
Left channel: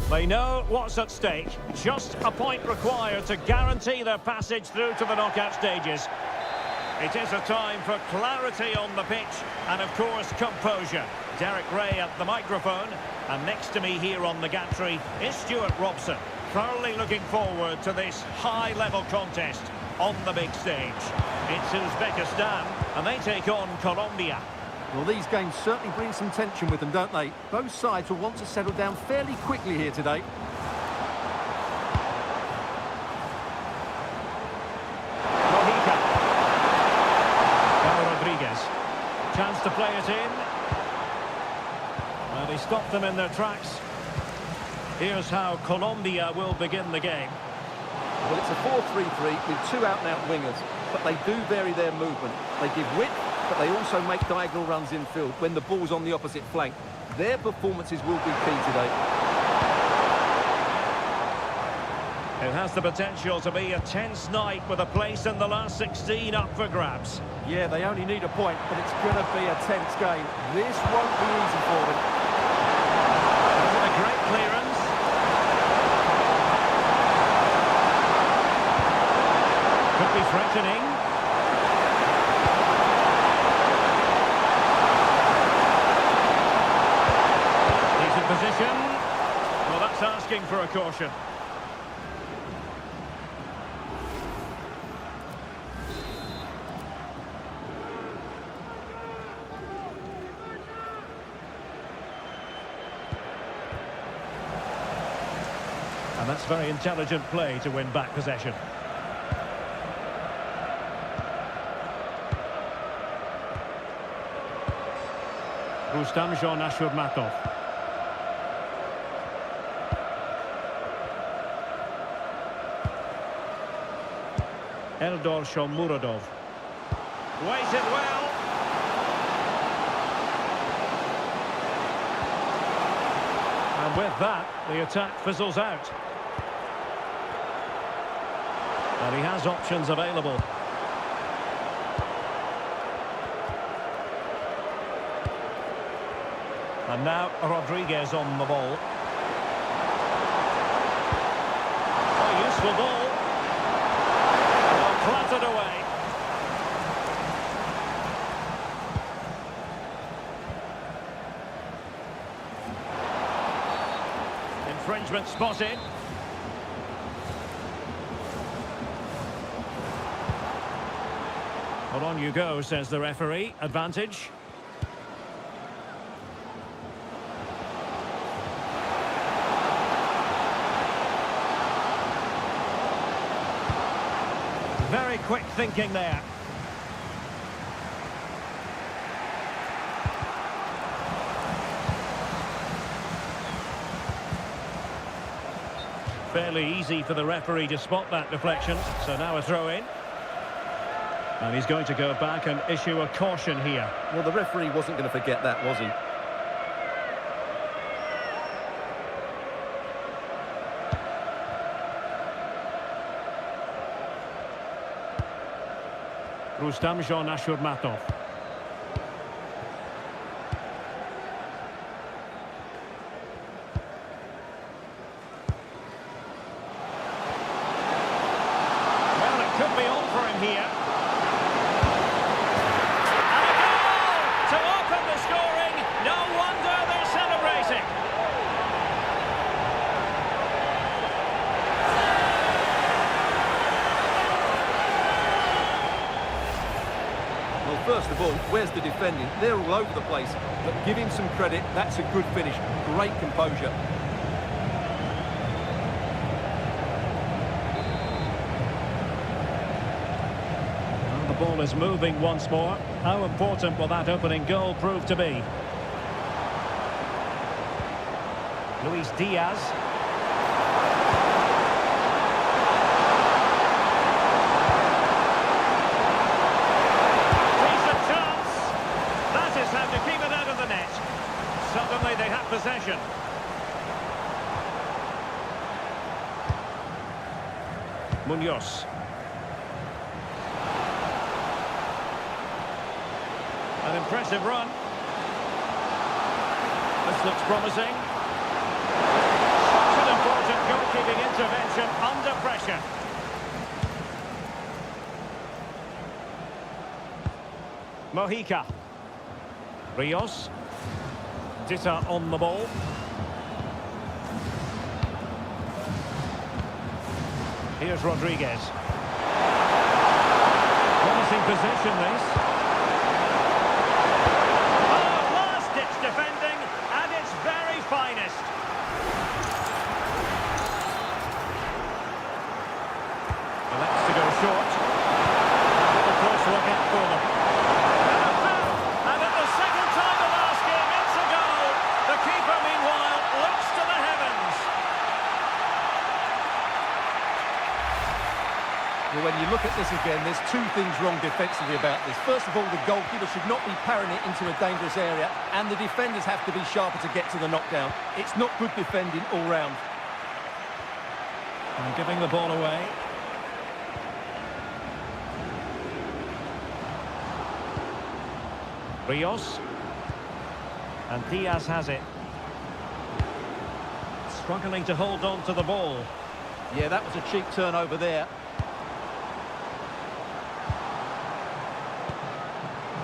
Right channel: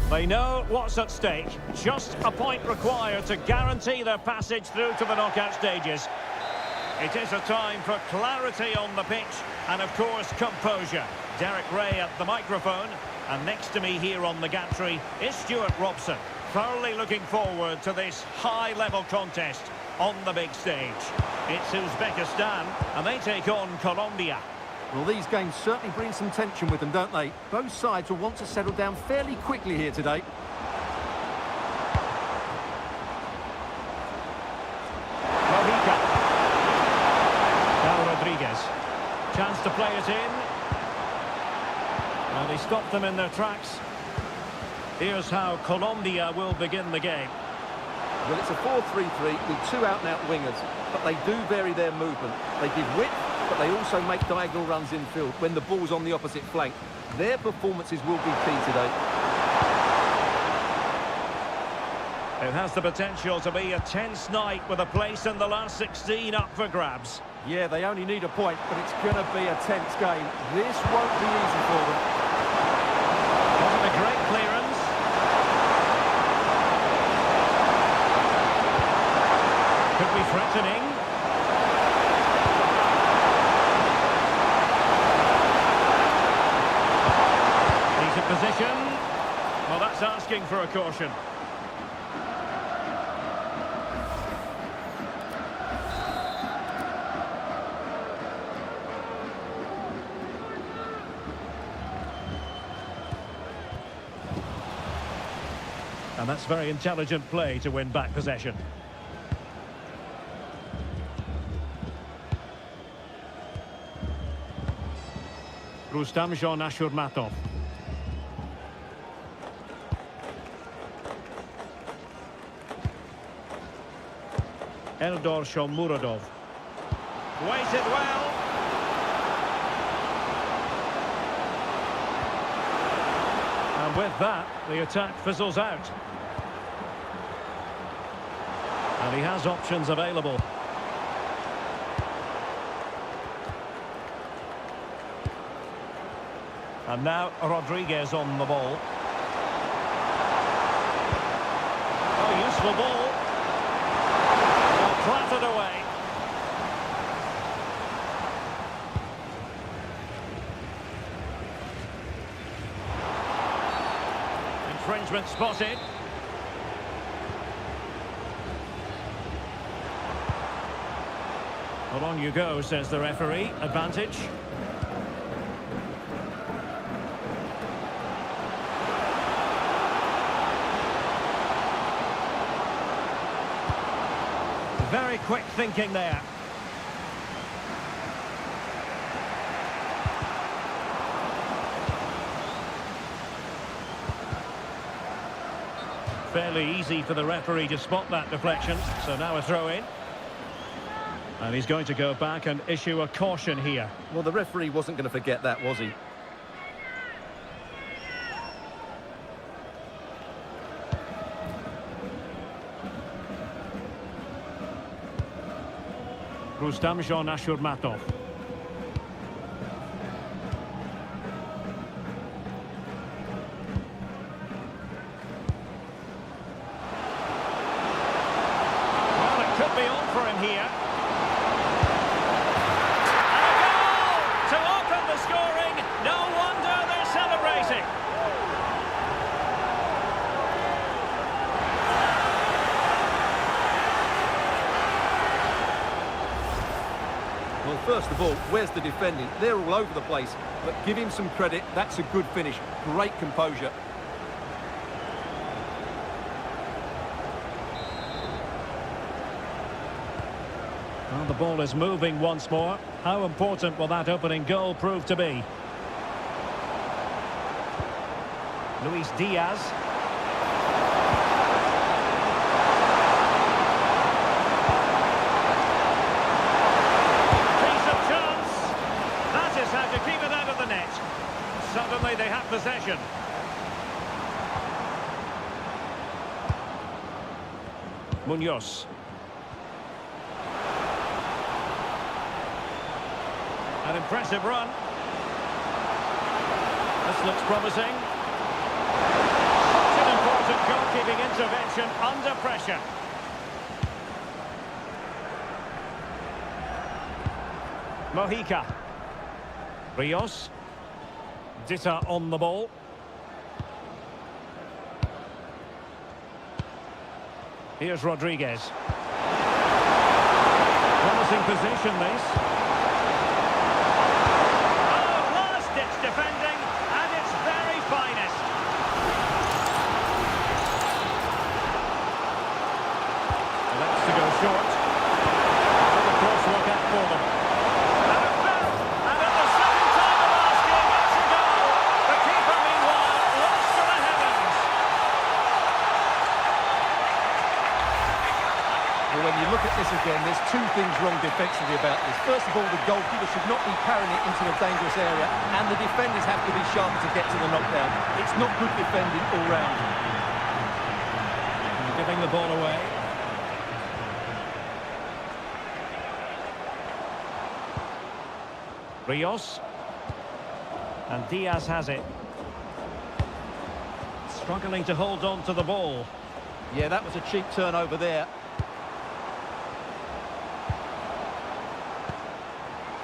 They know what's at stake. Just a point required to guarantee their passage through to the knockout stages. It is a time for clarity on the pitch and, of course, composure. Derek Ray at the microphone, and next to me here on the gantry is Stuart Robson. Thoroughly looking forward to this high-level contest on the big stage. It's Uzbekistan, and they take on Colombia. Well, these games certainly bring some tension with them, don't they? Both sides will want to settle down fairly quickly here today. Mojica. Cal Rodriguez. Chance to play it in. Well, they stopped them in their tracks. Here's how Colombia will begin the game. Well, it's a 4-3-3 with two out-and-out wingers, but they do vary their movement. They give width, but they also make diagonal runs infield when the ball's on the opposite flank. Their performances will be key today. It has the potential to be a tense night with a place in the last 16 up for grabs. Yeah, they only need a point, but it's going to be a tense game. This won't be easy for them. Wasn't a great clearance. Could be threatening. Decent position. Well, that's asking for a caution. And that's very intelligent play to win back possession. Rustam Ashurmatov. Eldor Shomurodov. Waited well. And with that, the attack fizzles out. And he has options available. And now Rodriguez on the ball. Oh, useful ball. Well, clattered away. Infringement spotted. Well, on you go, says the referee. Advantage. Very quick thinking there. Fairly easy for the referee to spot that deflection. So now a throw in. And he's going to go back and issue a caution here. Well, the referee wasn't going to forget that, was he? Rustam Ashurmatov. Well, it could be on for him here. And a goal to open the scoring. No wonder they're celebrating. Well, first of all, where's the defending? They're all over the place, but give him some credit. That's a good finish. Great composure. Well, the ball is moving once more. How important will that opening goal prove to be? Luis Diaz. How to keep it out of the net. Suddenly they have possession. Munoz. An impressive run. This looks promising. Such an important goalkeeping intervention under pressure. Mojica. Rios. Ditta on the ball. Here's Rodriguez. Promising position, this. Oh, last-ditch defending at its very finest. Elects to go short. With a close look out for them. Keeper, meanwhile, looks to the heavens. Well, when you look at this again, there's two things wrong defensively about this. First of all, the goalkeeper should not be parrying it into a dangerous area, and the defenders have to be sharper to get to the knockdown. It's not good defending all round. And giving the ball away. Rios. And Diaz has it. Struggling to hold on to the ball. Yeah, that was a cheap turnover there.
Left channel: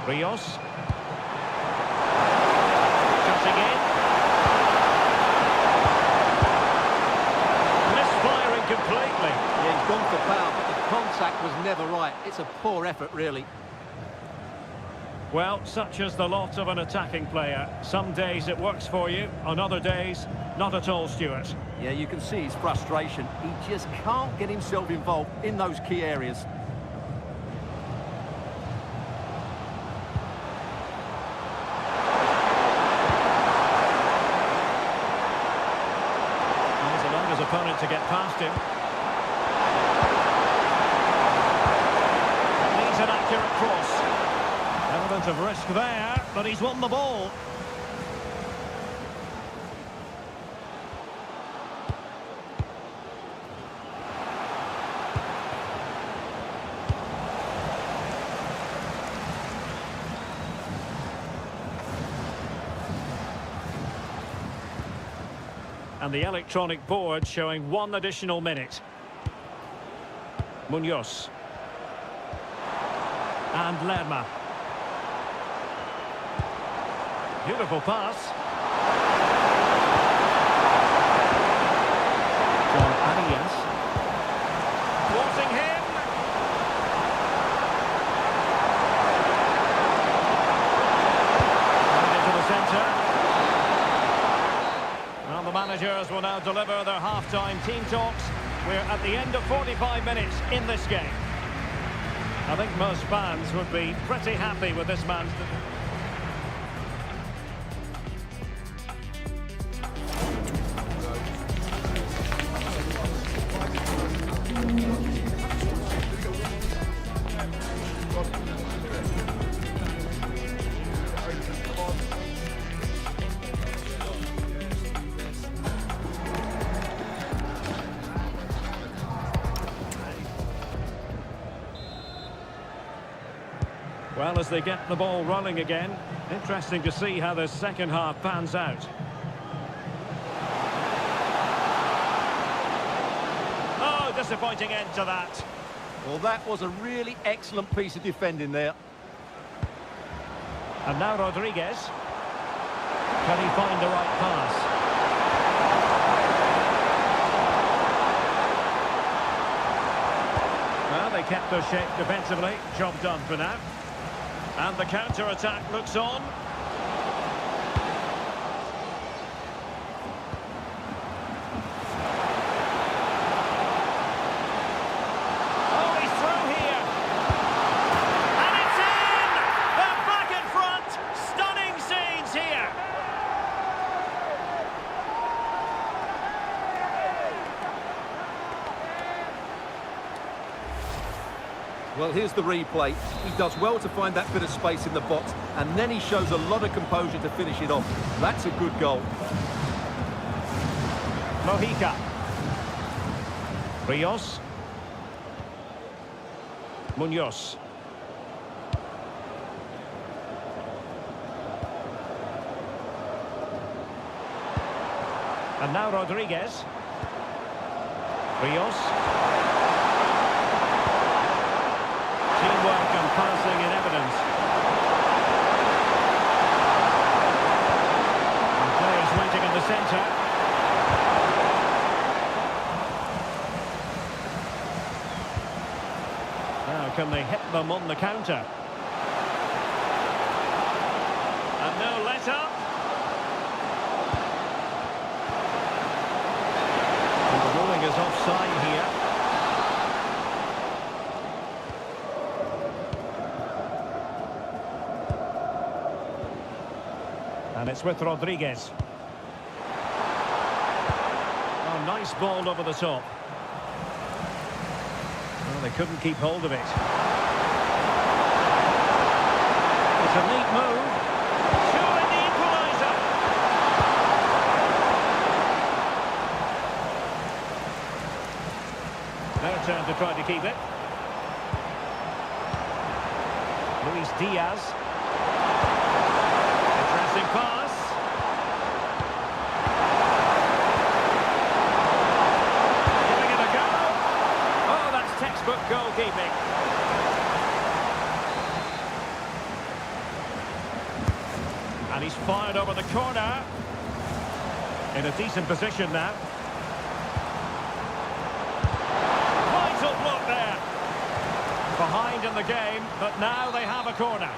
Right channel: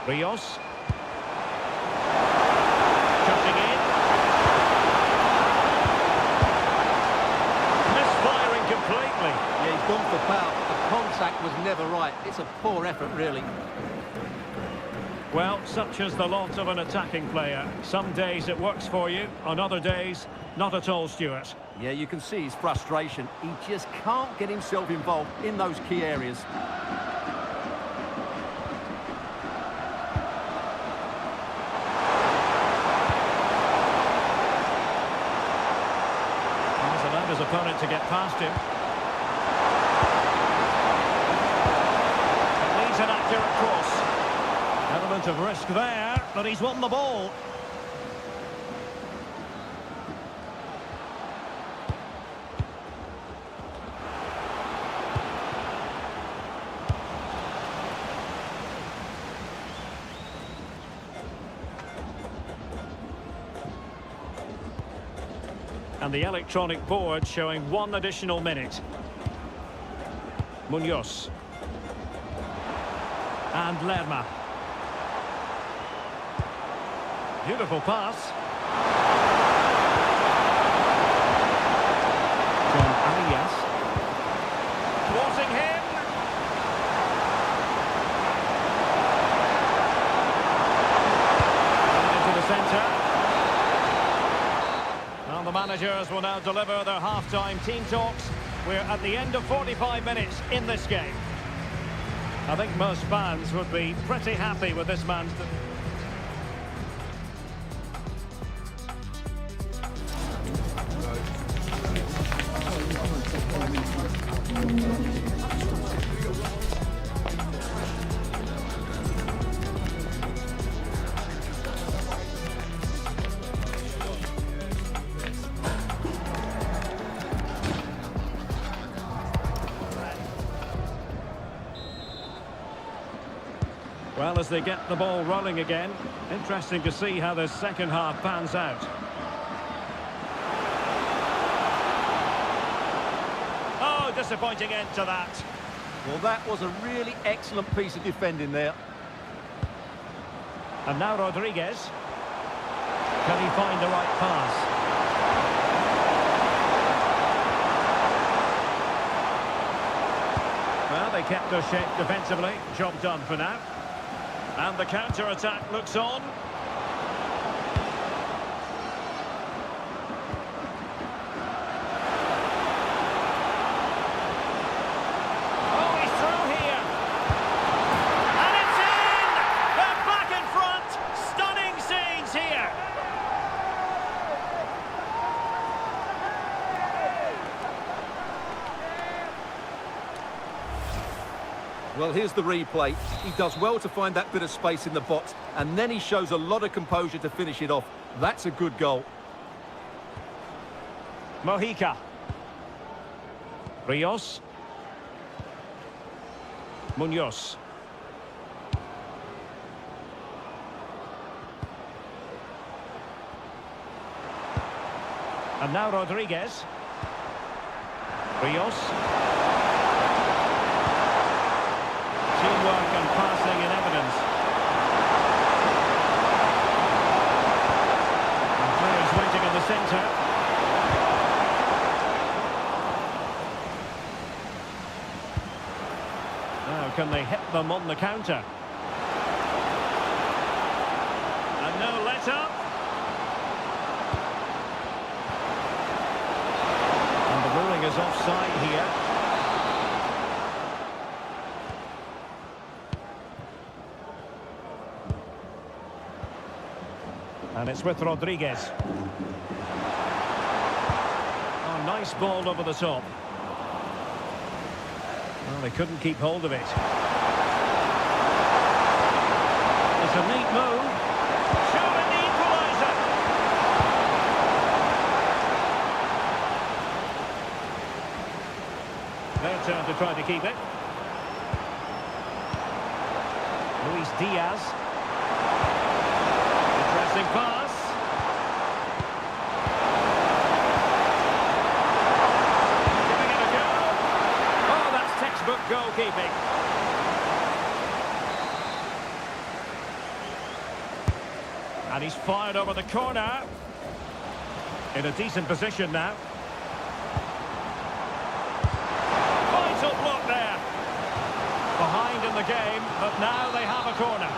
Rios. Cutting in. Misfiring completely. Yeah, he's gone for power, but the contact was never right. It's a poor effort, really. Well, such is the lot of an attacking player. Some days it works for you, on other days, not at all, Stuart. Yeah, you can see his frustration. He just can't get himself involved in those key areas. He's allowed his opponent to get past him. It needs an accurate cross. Element of risk there, but he's won the ball. And the electronic board showing 1 additional minute. Munoz. And Lerma. Beautiful pass. John Arias. Thwarting him. Going into the centre. Well, the managers will now deliver their half-time team talks. We're at the end of 45 minutes in this game. I think most fans would be pretty happy with this man's... Well, as they get the ball rolling again, interesting to see how the second half pans out. Oh, disappointing end to that. Well, that was a really excellent piece of defending there. And now Rodriguez. Can he find the right pass? Well, they kept their shape defensively. Job done for now. And the counter-attack looks on. Oh, he's through here. And it's in! They're back in front. Stunning scenes here. Well, here's the replay. He does well to find that bit of space in the box, and then he shows a lot of composure to finish it off. That's a good goal. Mojica. Rios. Munoz. And now Rodriguez. Rios. Teamwork and passing in evidence. And players waiting in the centre. Now can they hit them on the counter? And no let-up. And the ruling is offside here. And it's with Rodriguez. Oh, nice ball over the top. Well, they couldn't keep hold of it. It's a neat move. Surely the equaliser. turn to try to keep it. Luis Diaz. Interesting pass. Giving it a go. Oh, that's textbook goalkeeping. And he's fired over the corner. In a decent position now. Vital block there. Behind in the game, but now they have a corner.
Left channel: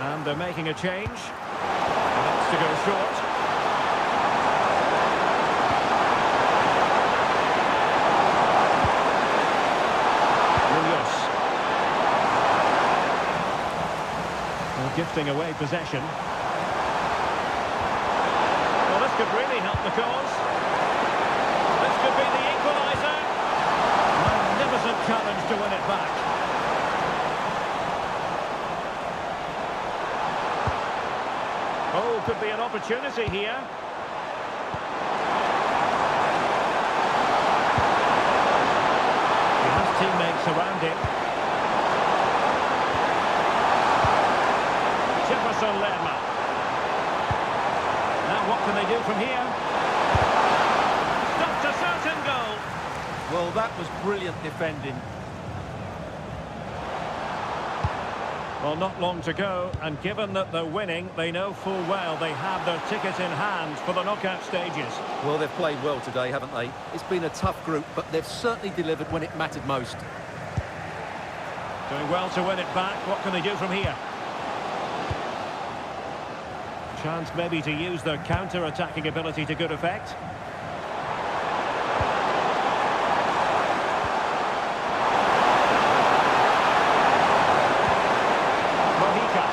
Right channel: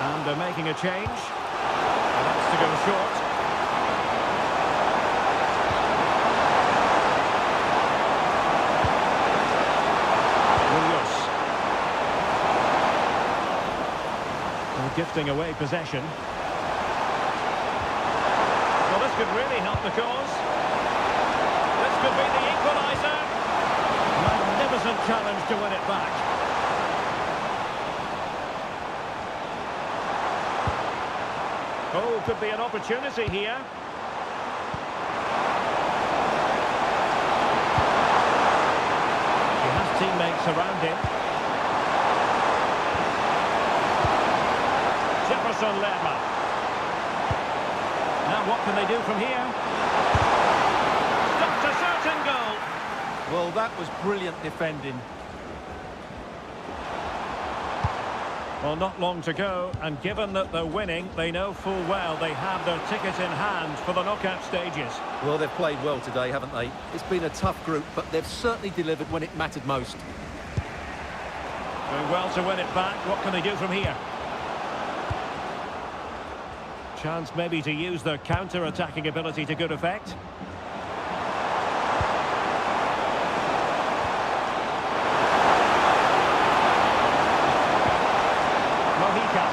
And they're making a change. And that's to go short. Munoz. Well, gifting away possession. Well, this could really help the cause. This could be the equaliser. Magnificent challenge to win it back. Oh, could be an opportunity here. He has teammates around him. Jefferson Lerma. Now what can they do from here? Stopped a certain goal. Well, that was brilliant defending. Well, not long to go, and given that they're winning, they know full well they have their ticket in hand for the knockout stages. Well, they've played well today, haven't they? It's been a tough group, but they've certainly delivered when it mattered most. Doing well to win it back. What can they do from here? Chance maybe to use their counter-attacking ability to good effect. Mojica.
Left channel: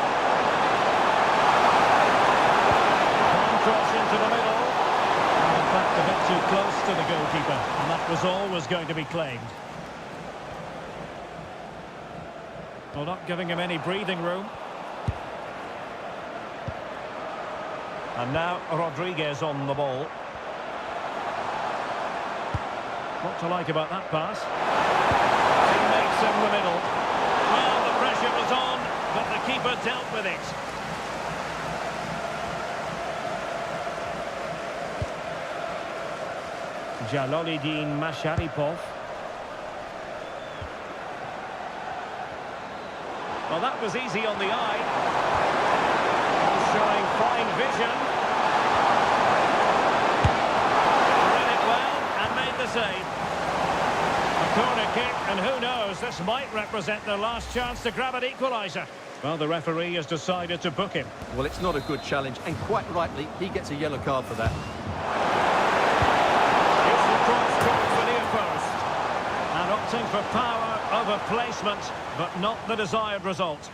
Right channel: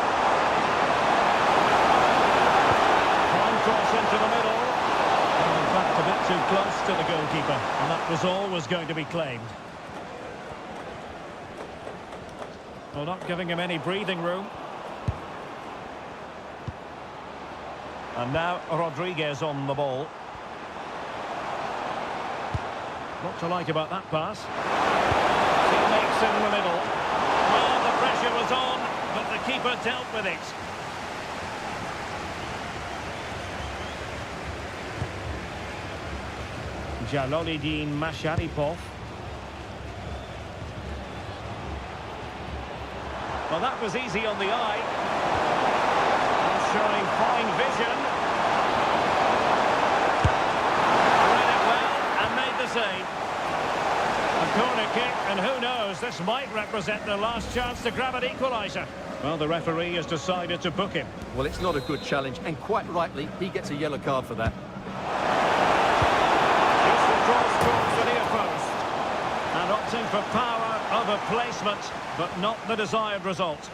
Fine cross into the middle. And in fact, a bit too close to the goalkeeper. And that was always going to be claimed. Well, not giving him any breathing room. And now Rodriguez on the ball. What to like about that pass? Teammates in the middle. Well, the pressure was on, but the keeper dealt with it. Jalolidin Masharipov. Well, that was easy on the eye. Showing fine vision. Read it well and made the save. A corner kick, and who knows, this might represent their last chance to grab an equaliser. Well, the referee has decided to book him. Well, it's not a good challenge, and quite rightly, he gets a yellow card for that. Useful cross towards the near post. And opting for power over placement, but not the desired result.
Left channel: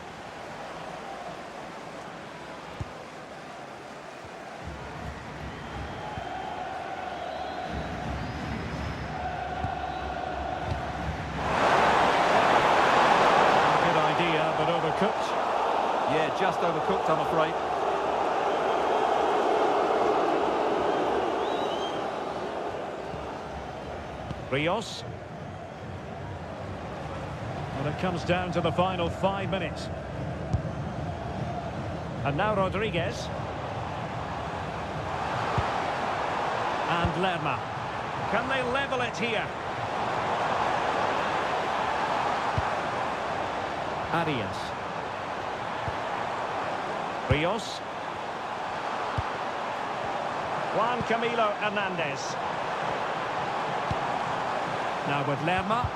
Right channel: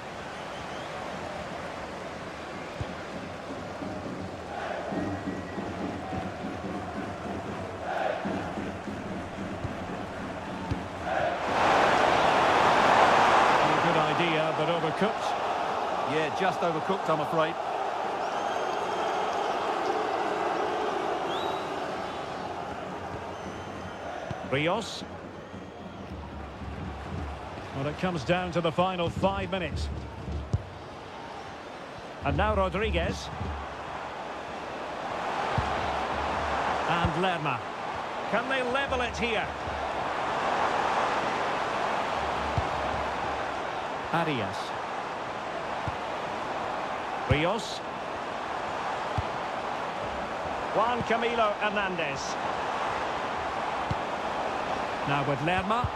But overcooked. Yeah, just overcooked, I'm afraid. Rios. Well, it comes down to the final 5 minutes. And now Rodriguez. And Lerma. Can they level it here? Arias. Rios. Juan Camilo Hernandez. Now with Lerma.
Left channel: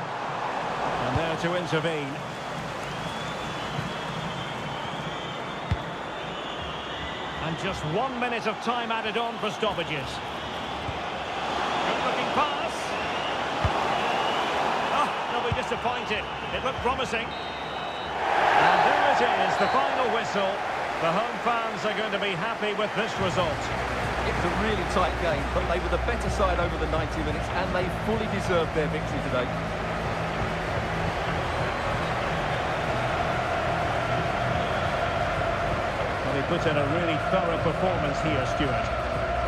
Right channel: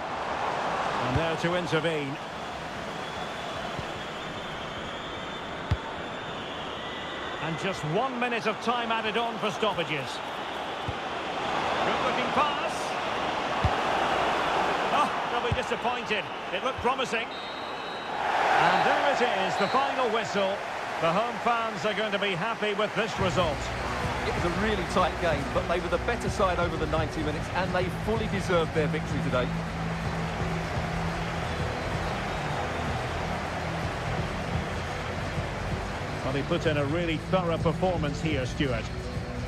And there to intervene. And just 1 minute of time added on for stoppages. Good looking pass. Oh, they'll be disappointed. It looked promising. And there it is, the final whistle. The home fans are going to be happy with this result. It was a really tight game, but they were the better side over the 90 minutes, and they fully deserved their victory today. Well, he put in a really thorough performance here, Stuart.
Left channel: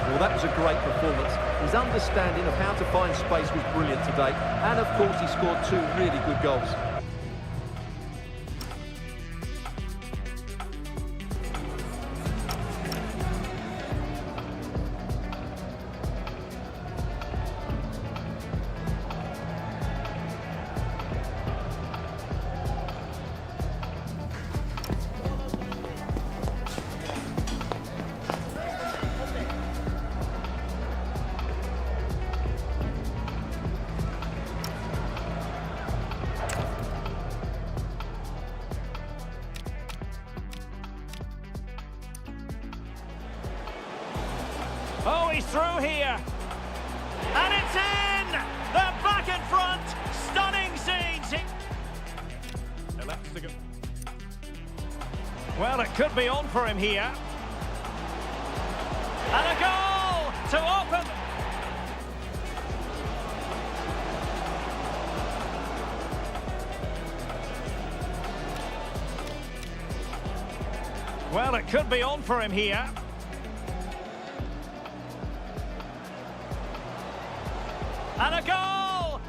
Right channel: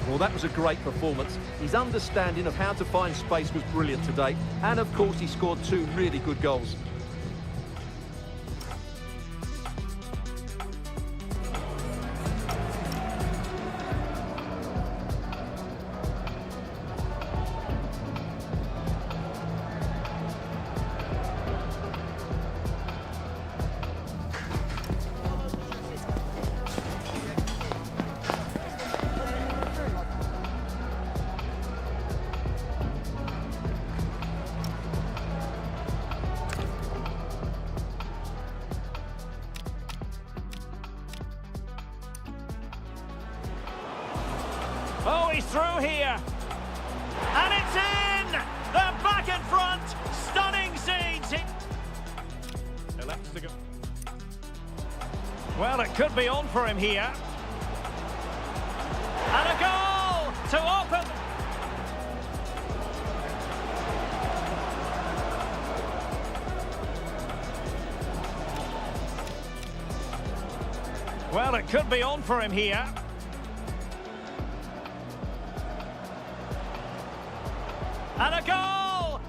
Well, that was a great performance. His understanding of how to find space was brilliant today. And, of course, he scored 2 really good goals. Oh, he's through here. And it's in! They're back in front. Stunning scenes. Elects to go. Well, it could be on for him here. And a goal to open. Well, it could be on for him here. And a goal!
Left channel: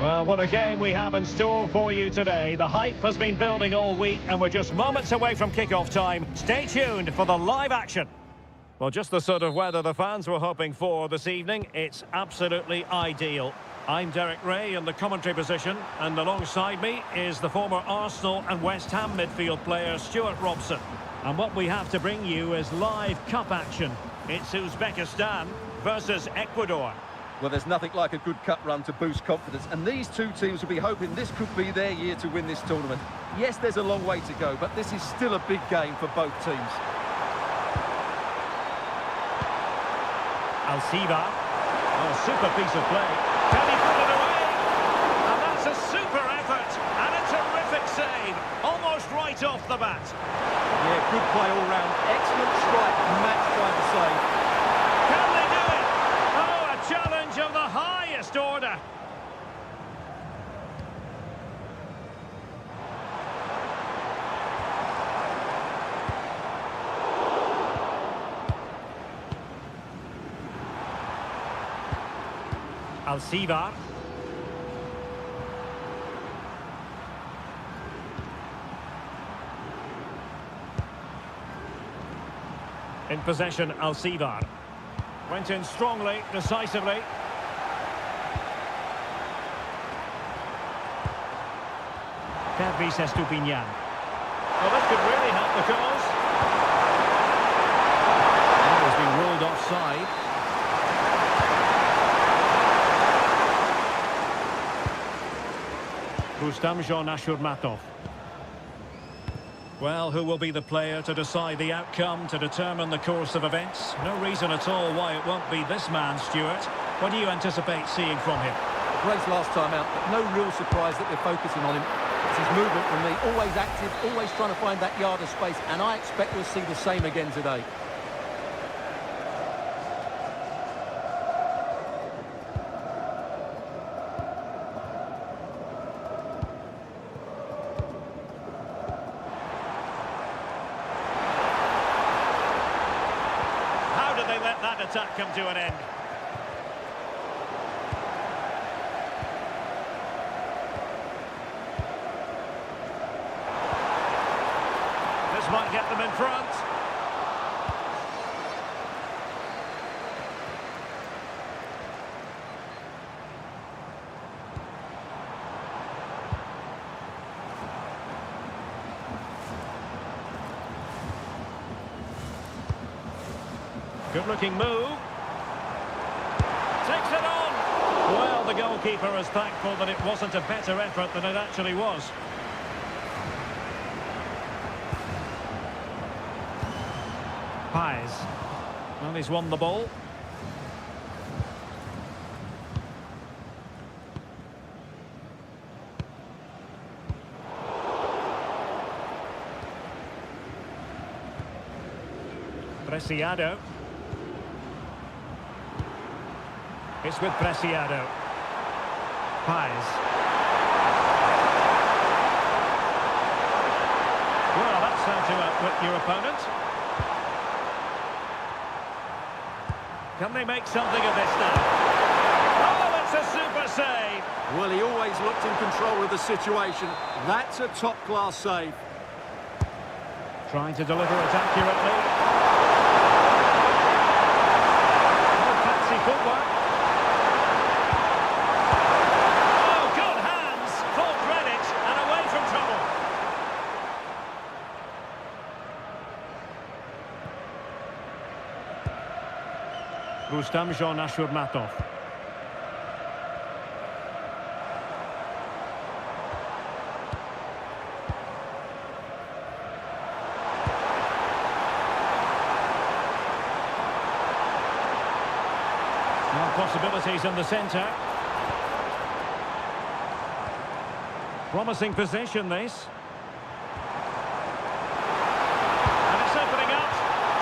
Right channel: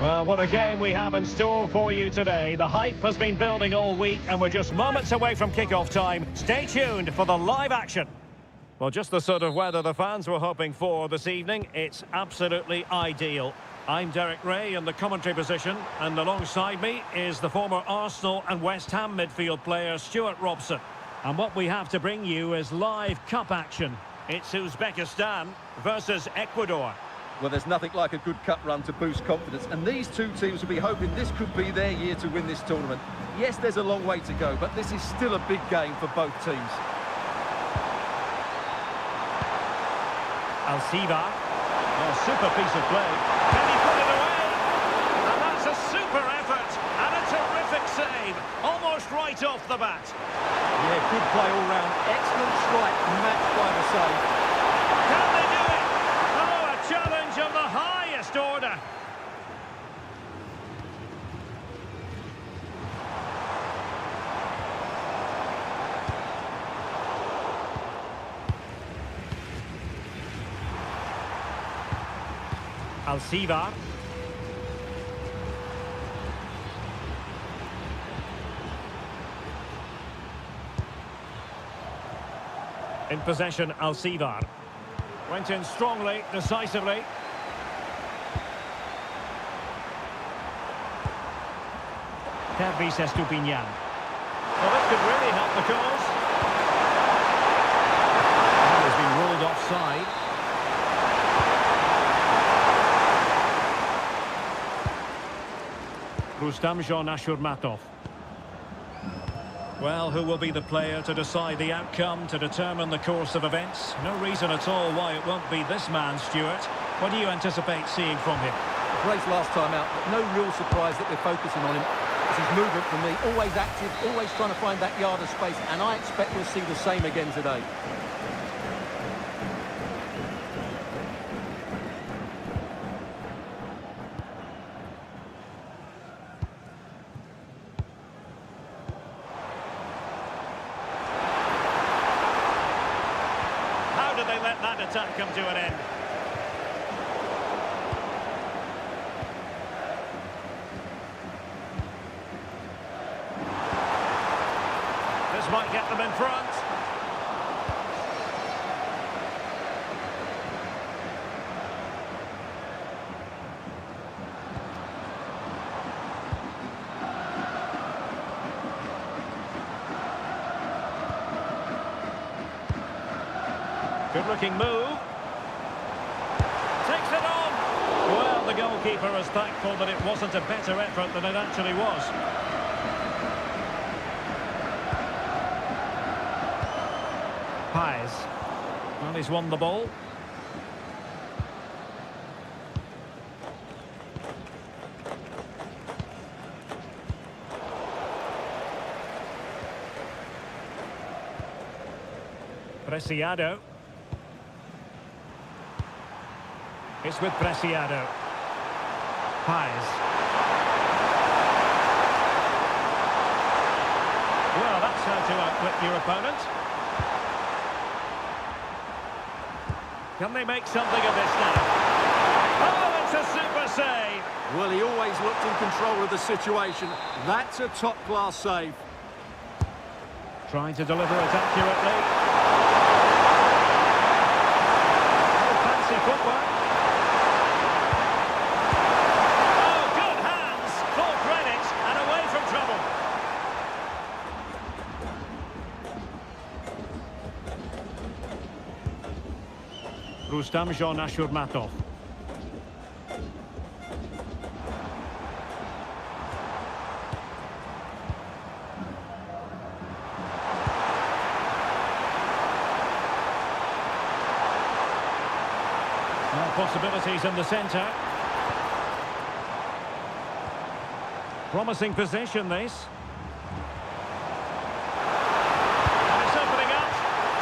Well, what a game we have in store for you today. The hype has been building all week and we're just moments away from kick-off time. Stay tuned for the live action. Well, just the sort of weather the fans were hoping for this evening. It's absolutely ideal. I'm Derek Ray in the commentary position, and alongside me is the former Arsenal and West Ham midfield player Stuart Robson. And what we have to bring you is live cup action. It's Uzbekistan versus Ecuador. Well, there's nothing like a good cup run to boost confidence, and these two teams will be hoping this could be their year to win this tournament. Yes, there's a long way to go, but this is still a big game for both teams. Alcivar. Oh, super piece of play. Can he put it away? And that's a super effort and a terrific save. Almost right off the bat. Yeah, good play all round. Excellent strike, matched by the save. Can they do it? Oh, a challenge of the highest order. Alcivar. In possession, Alcivar. Went in strongly, decisively. Pervis Estupinian. Well, this could really help the cause. That has been ruled offside. Rustamjon Ashurmatov. Well, who will be the player to decide the outcome, to determine the course of events? No reason at all why it won't be this man, Stuart. What do you anticipate seeing from him? Great last time out, but no real surprise that they're focusing on him. It's his movement for me, always active, always trying to find that yard of space, and I expect we'll see the same again today. let that attack come to an end. This might get them in front. Good-looking move. Takes it on. Well, the goalkeeper is thankful that it wasn't a better effort than it actually was. Pies. Well, he's won the ball. Preciado. It's with Preciado. Pies. Well, that's how to outwit your opponent. Can they make something of this now? Oh, it's a super save! Well, he always looked in control of the situation. That's a top-class save. Trying to deliver it accurately. Oh, fancy footwork. Oh, good hands! Full credit and away from trouble. Rustam Ashurmatov. Now possibilities in the centre. Promising position, this. And it's opening up.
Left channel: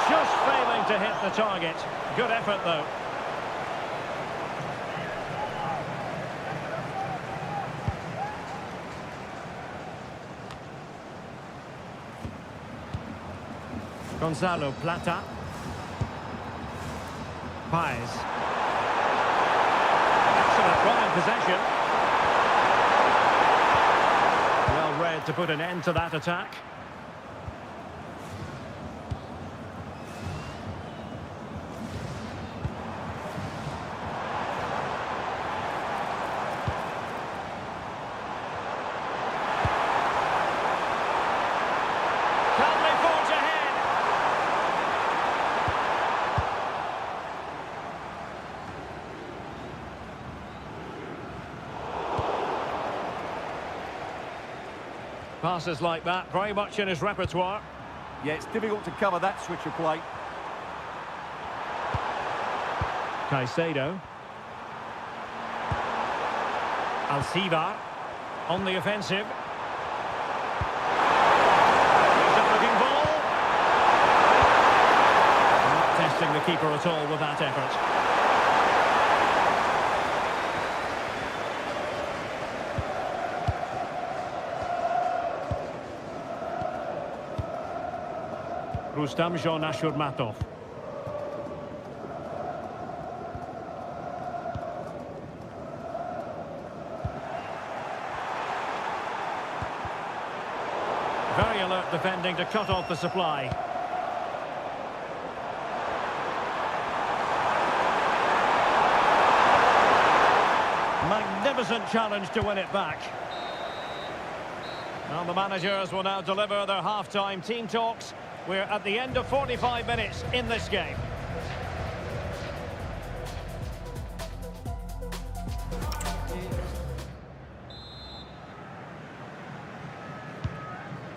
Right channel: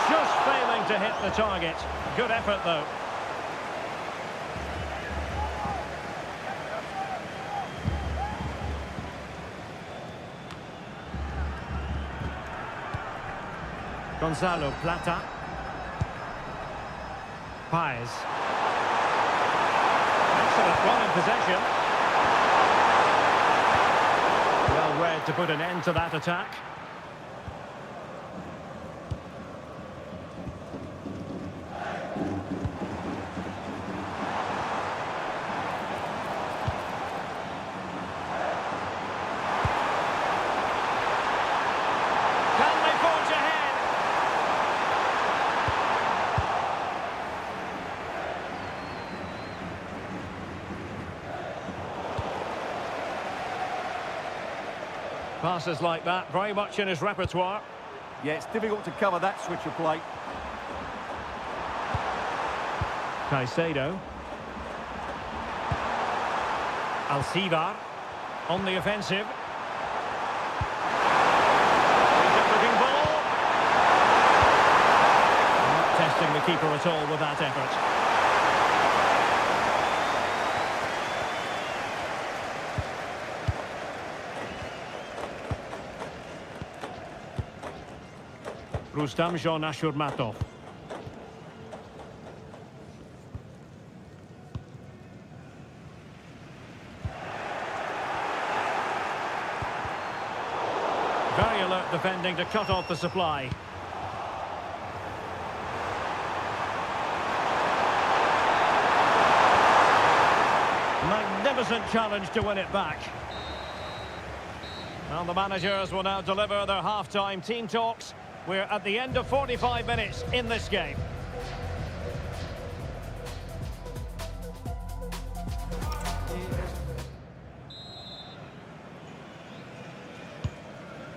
Just failing to hit the target. Good effort, though. Gonzalo Plata. Pies. Excellent run in possession. Well read to put an end to that attack. Can they forge ahead? Passes like that, very much in his repertoire. Yeah, it's difficult to cover that switch of play. Caicedo. Alcivar on the offensive. Decent-looking ball. Not testing the keeper at all with that effort. Rustam Ashurmatov. Very alert defending to cut off the supply. Magnificent challenge to win it back. Well, the managers will now deliver their half-time team talks. We're at the end of 45 minutes in this game.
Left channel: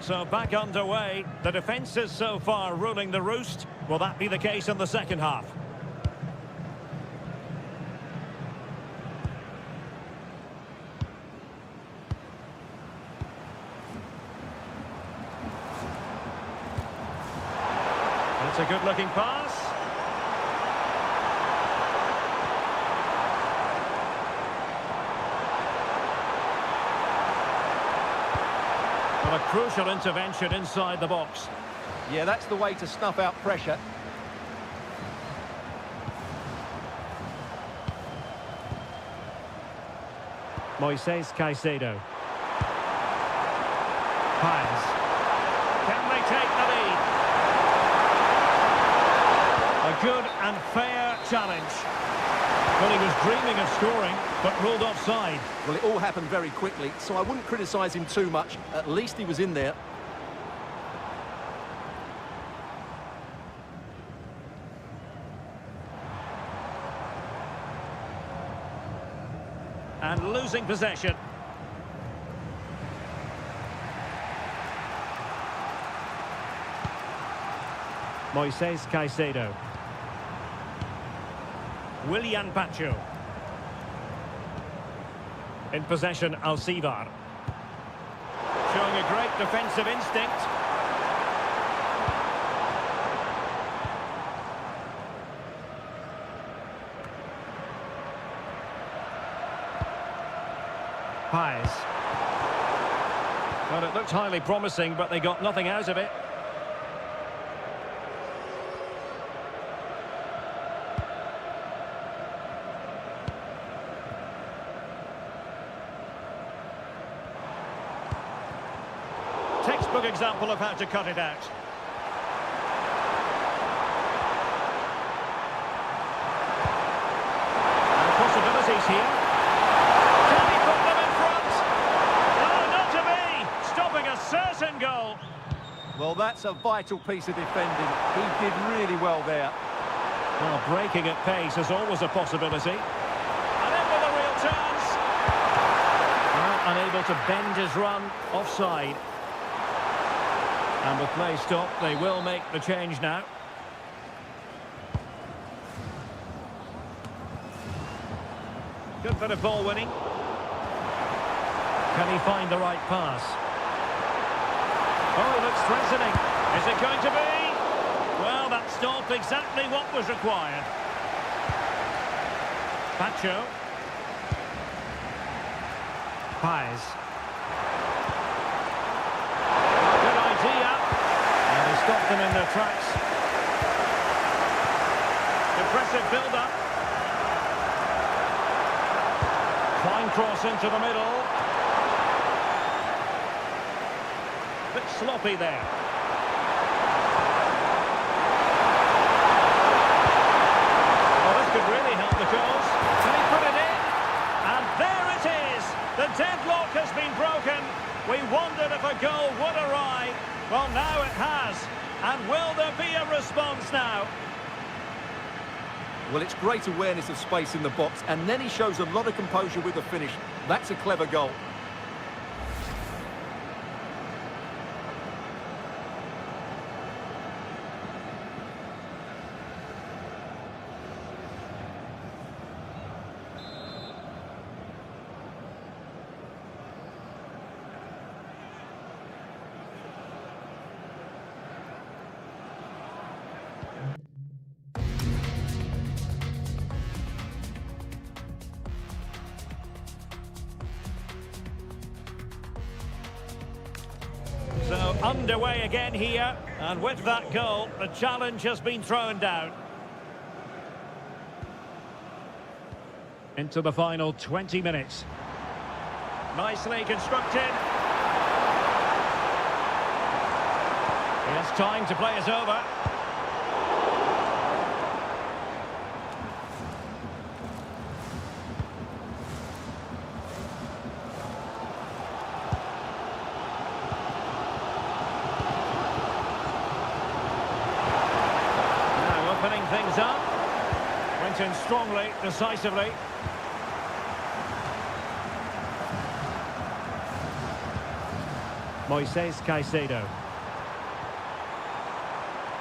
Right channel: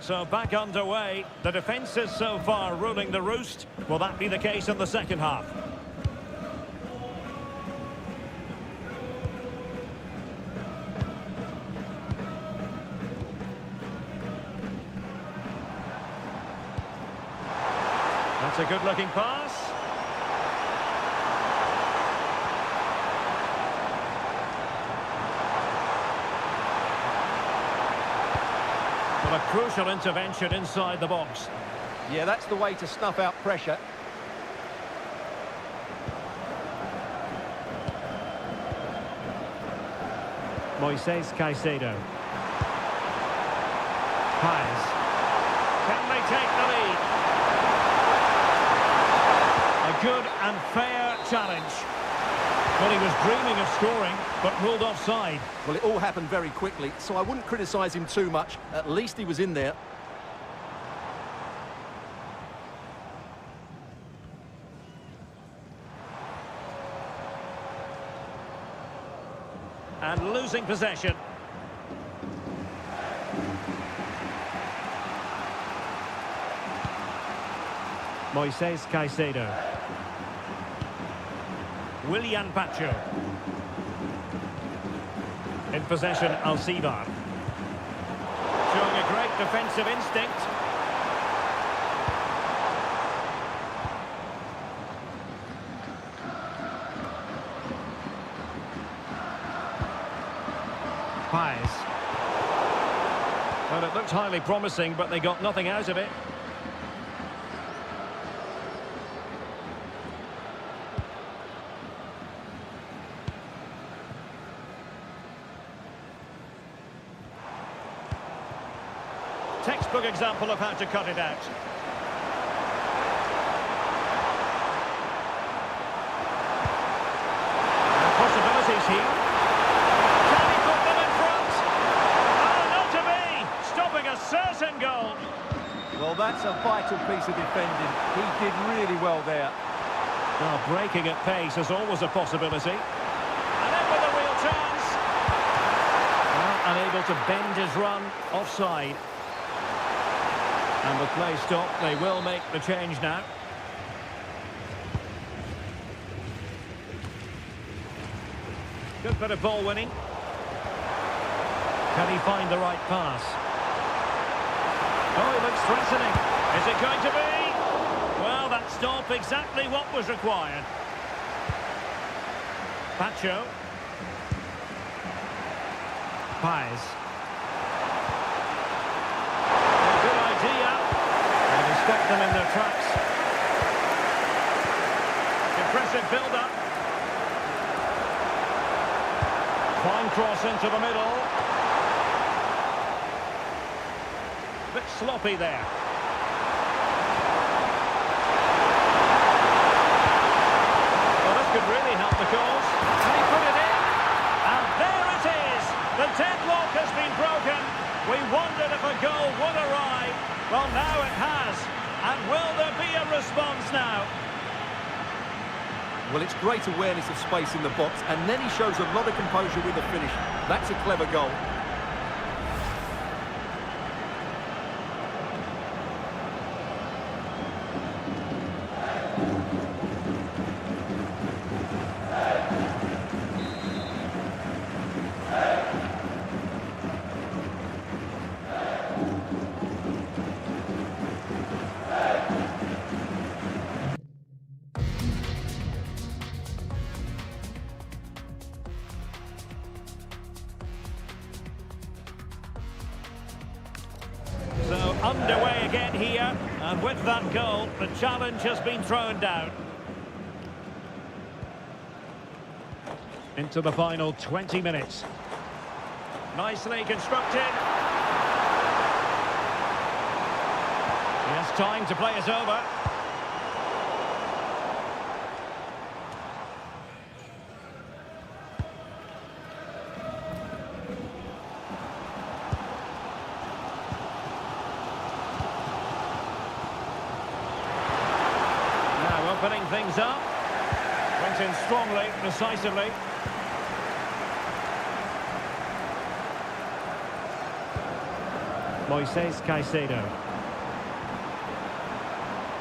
So back underway. The defence is so far ruling the roost. Will that be the case in the second half? That's a good-looking pass. Well, a crucial intervention inside the box. Yeah, that's the way to snuff out pressure. Moises Caicedo. Paez. Can they take the lead? A good and fair challenge. Well, he was dreaming of scoring, but ruled offside. Well, it all happened very quickly, so I wouldn't criticise him too much. At least he was in there. And losing possession. Moises Caicedo. Willian Pacho. In possession, Alcivar. Showing a great defensive instinct. Paez. Well, it looked highly promising, but they got nothing out of it. Textbook example of how to cut it out. And possibilities here. Can he put them in front? Oh, not to be! Stopping a certain goal. Well, that's a vital piece of defending. He did really well there. Well, breaking at pace is always a possibility. And in with a real chance. Well, unable to bend his run, offside. And with play stopped, they will make the change now. Good bit of ball winning. Can he find the right pass? Oh, he looks threatening. Is it going to be? Well, that stopped exactly what was required. Pacho. Paez. Good idea. And he stopped them in their tracks. Impressive build-up. Fine cross into the middle. Bit sloppy there. Well, this could really help the cause. Can he put it in? And there it is. The deadlock has been broken. We wondered if a goal would arrive. Well, now it has. And will there be a response now? Well, it's great awareness of space in the box, and then he shows a lot of composure with the finish. That's a clever goal. So underway again here, and with that goal, the challenge has been thrown down. Into the final 20 minutes. Nicely constructed. He has time to play it over. Opening things up. Went in strongly, decisively. Moises Caicedo.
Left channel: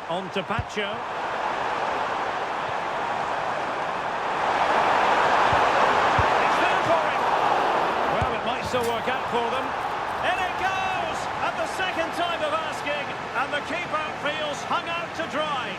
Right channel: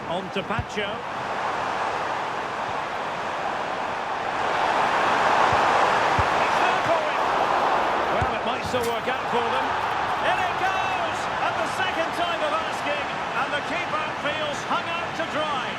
On to Pacho. It's there for him. Well, it might still work out for them. In it goes! At the second time of asking, and the keeper feels hung out to dry.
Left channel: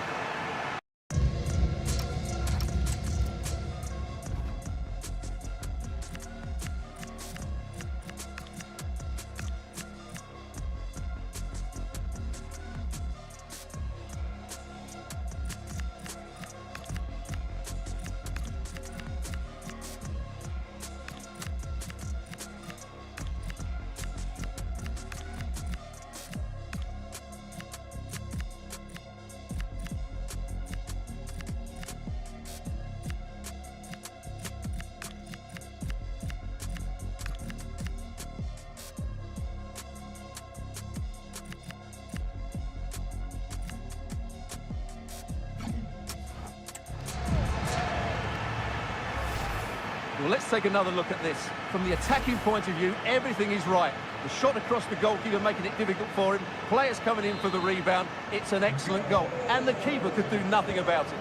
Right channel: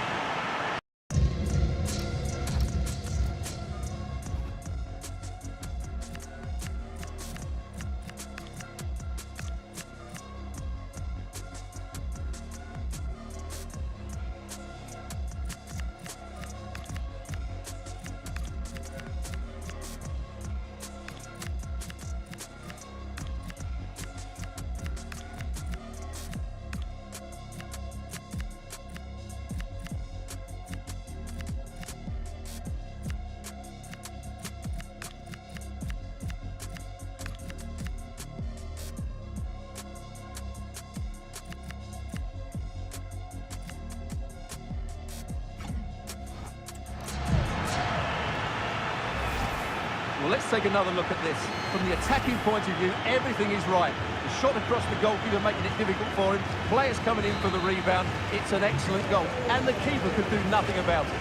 Well, let's take another look at this. From the attacking point of view, everything is right. The shot across the goalkeeper making it difficult for him. Players coming in for the rebound. It's an excellent goal. And the keeper could do nothing about it.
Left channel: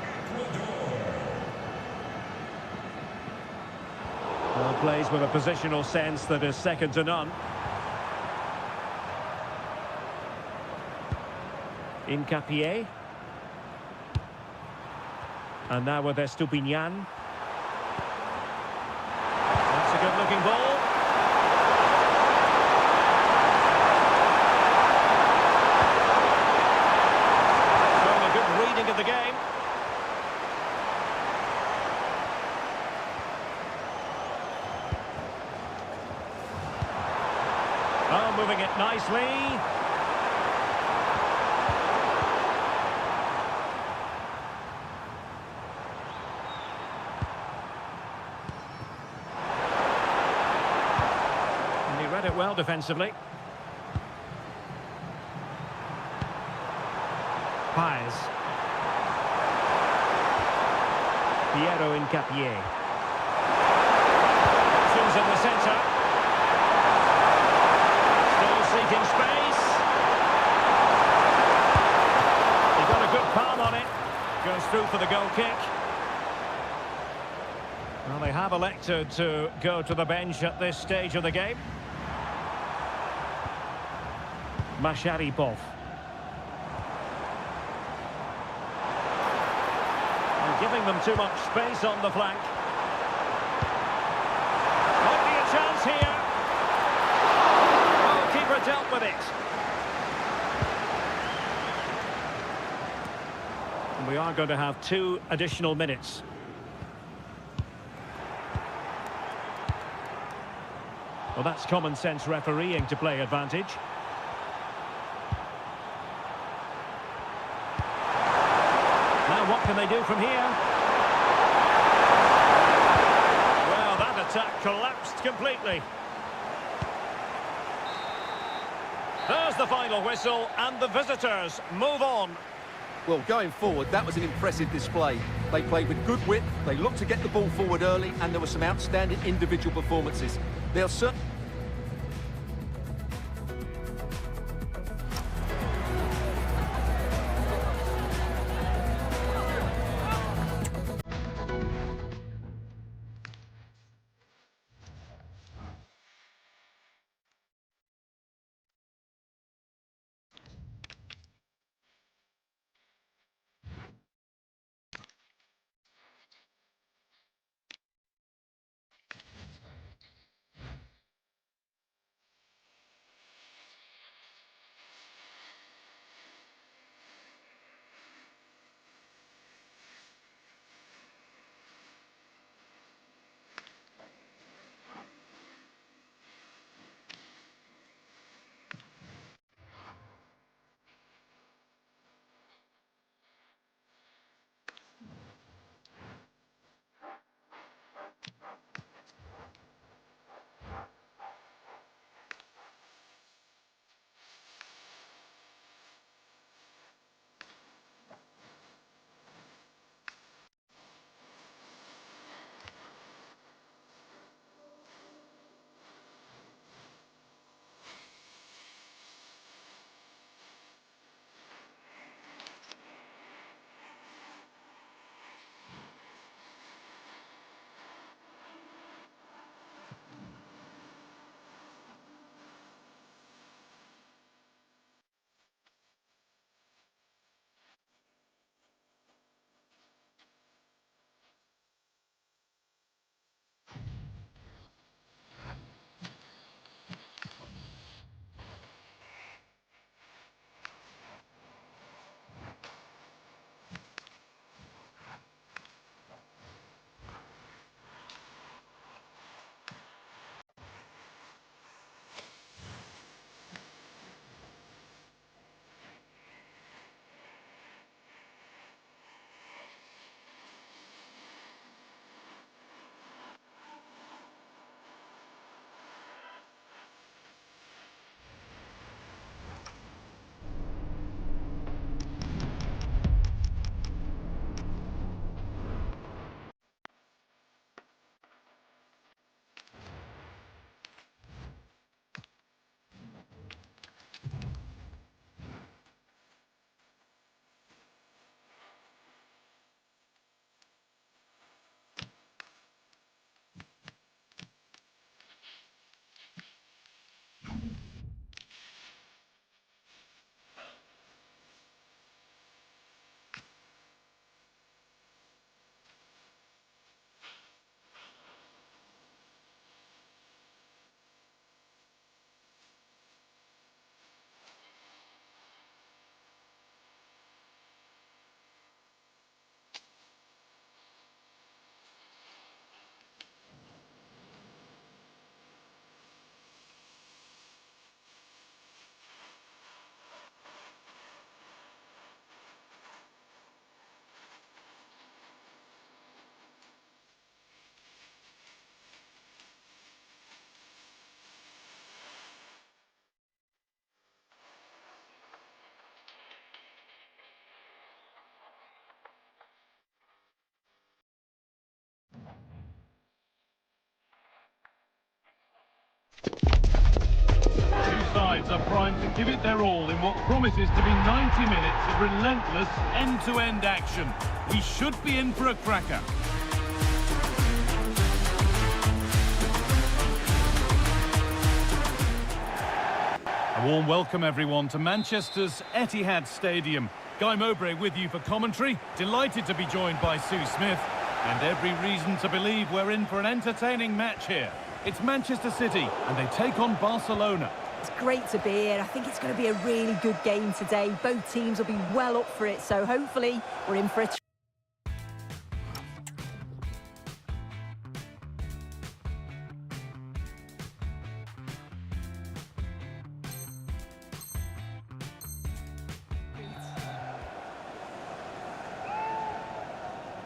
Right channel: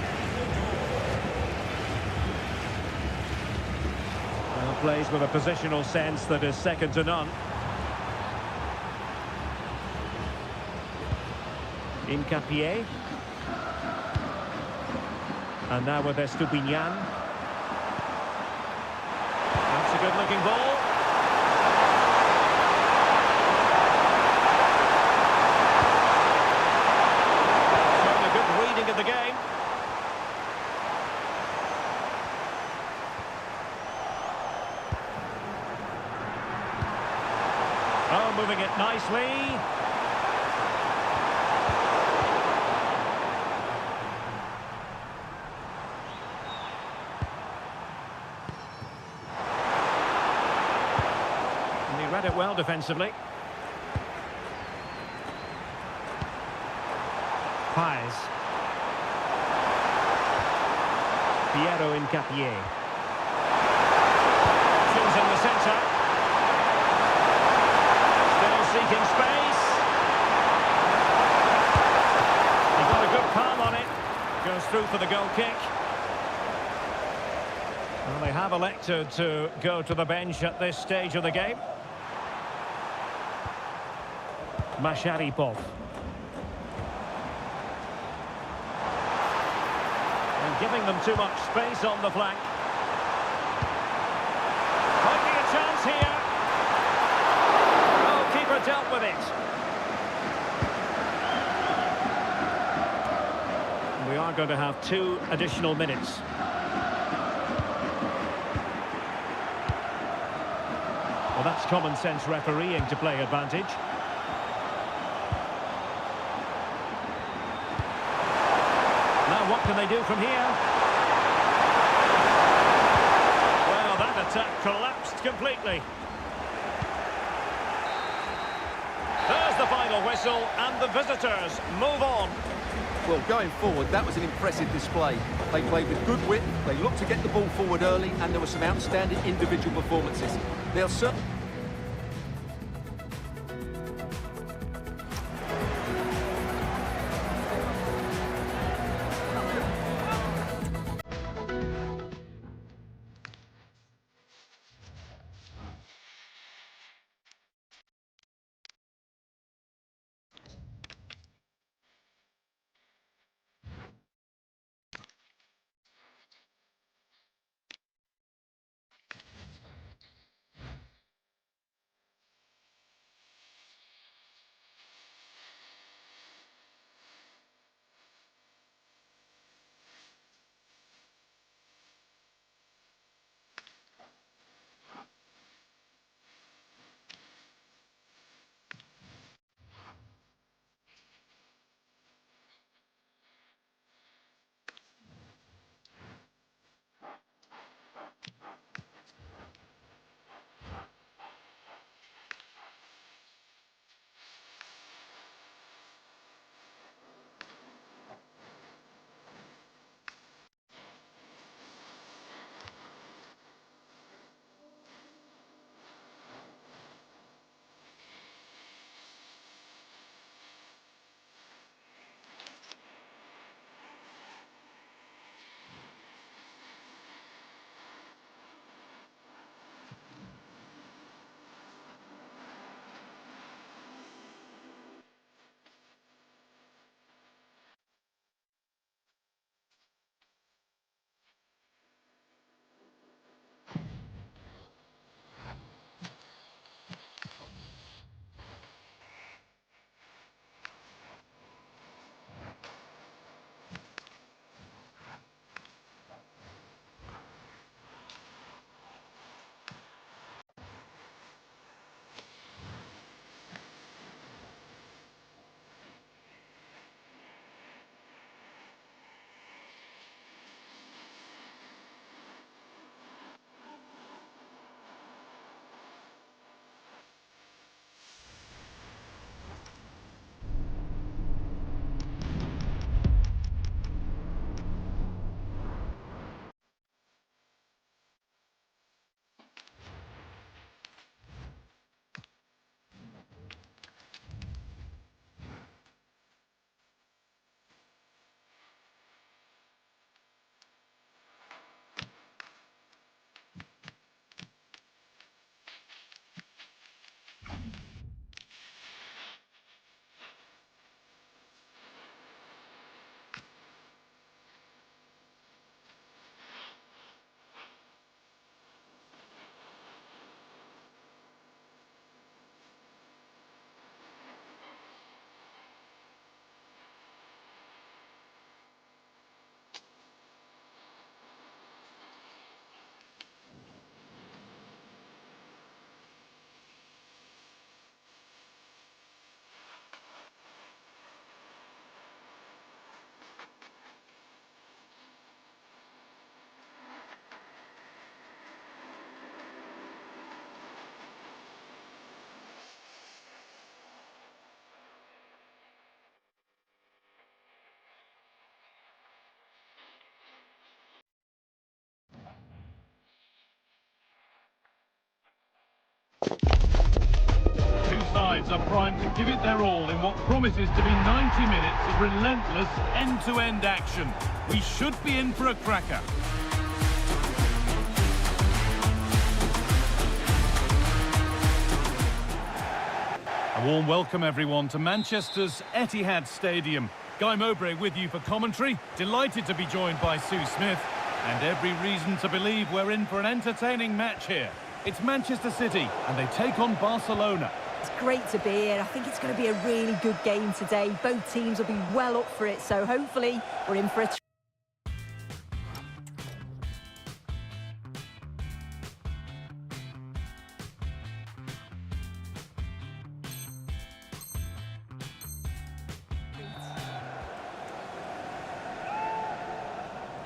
Well, plays with a positional sense that is second to none. Incapié. And now with Estupinian. That's a good-looking ball. Showing a good reading of the game. Oh, moving it nicely. And he read it well defensively. Paez. Piero Incapié. Options in the centre. Still seeking space. He got a good palm on it. Goes through for the goal kick. Well, they have elected to go to the bench at this stage of the game. Masharipov. And giving them too much space on the flank. Might be a chance here. Oh, keeper dealt with it. We are going to have 2 additional minutes. Well, that's common sense refereeing to play advantage. Now what can they do from here? Well, that attack collapsed completely. There's the final whistle, and the visitors move on. Well, going forward, that was an impressive display. They played with good wit, they looked to get the ball forward early, and there were some outstanding individual performances. They'll certainly... sides are primed to give it their all in what promises to be 90 minutes of relentless end-to-end action. We should be in for a cracker. A warm welcome, everyone, to Manchester's Etihad Stadium. Guy Mowbray with you for commentary. Delighted to be joined by Sue Smith. And every reason to believe we're in for an entertaining match here. It's Manchester City, and they take on Barcelona. It's great to be here. I think it's going to be a really good game today. Both teams will be well up for it, so hopefully we're in for a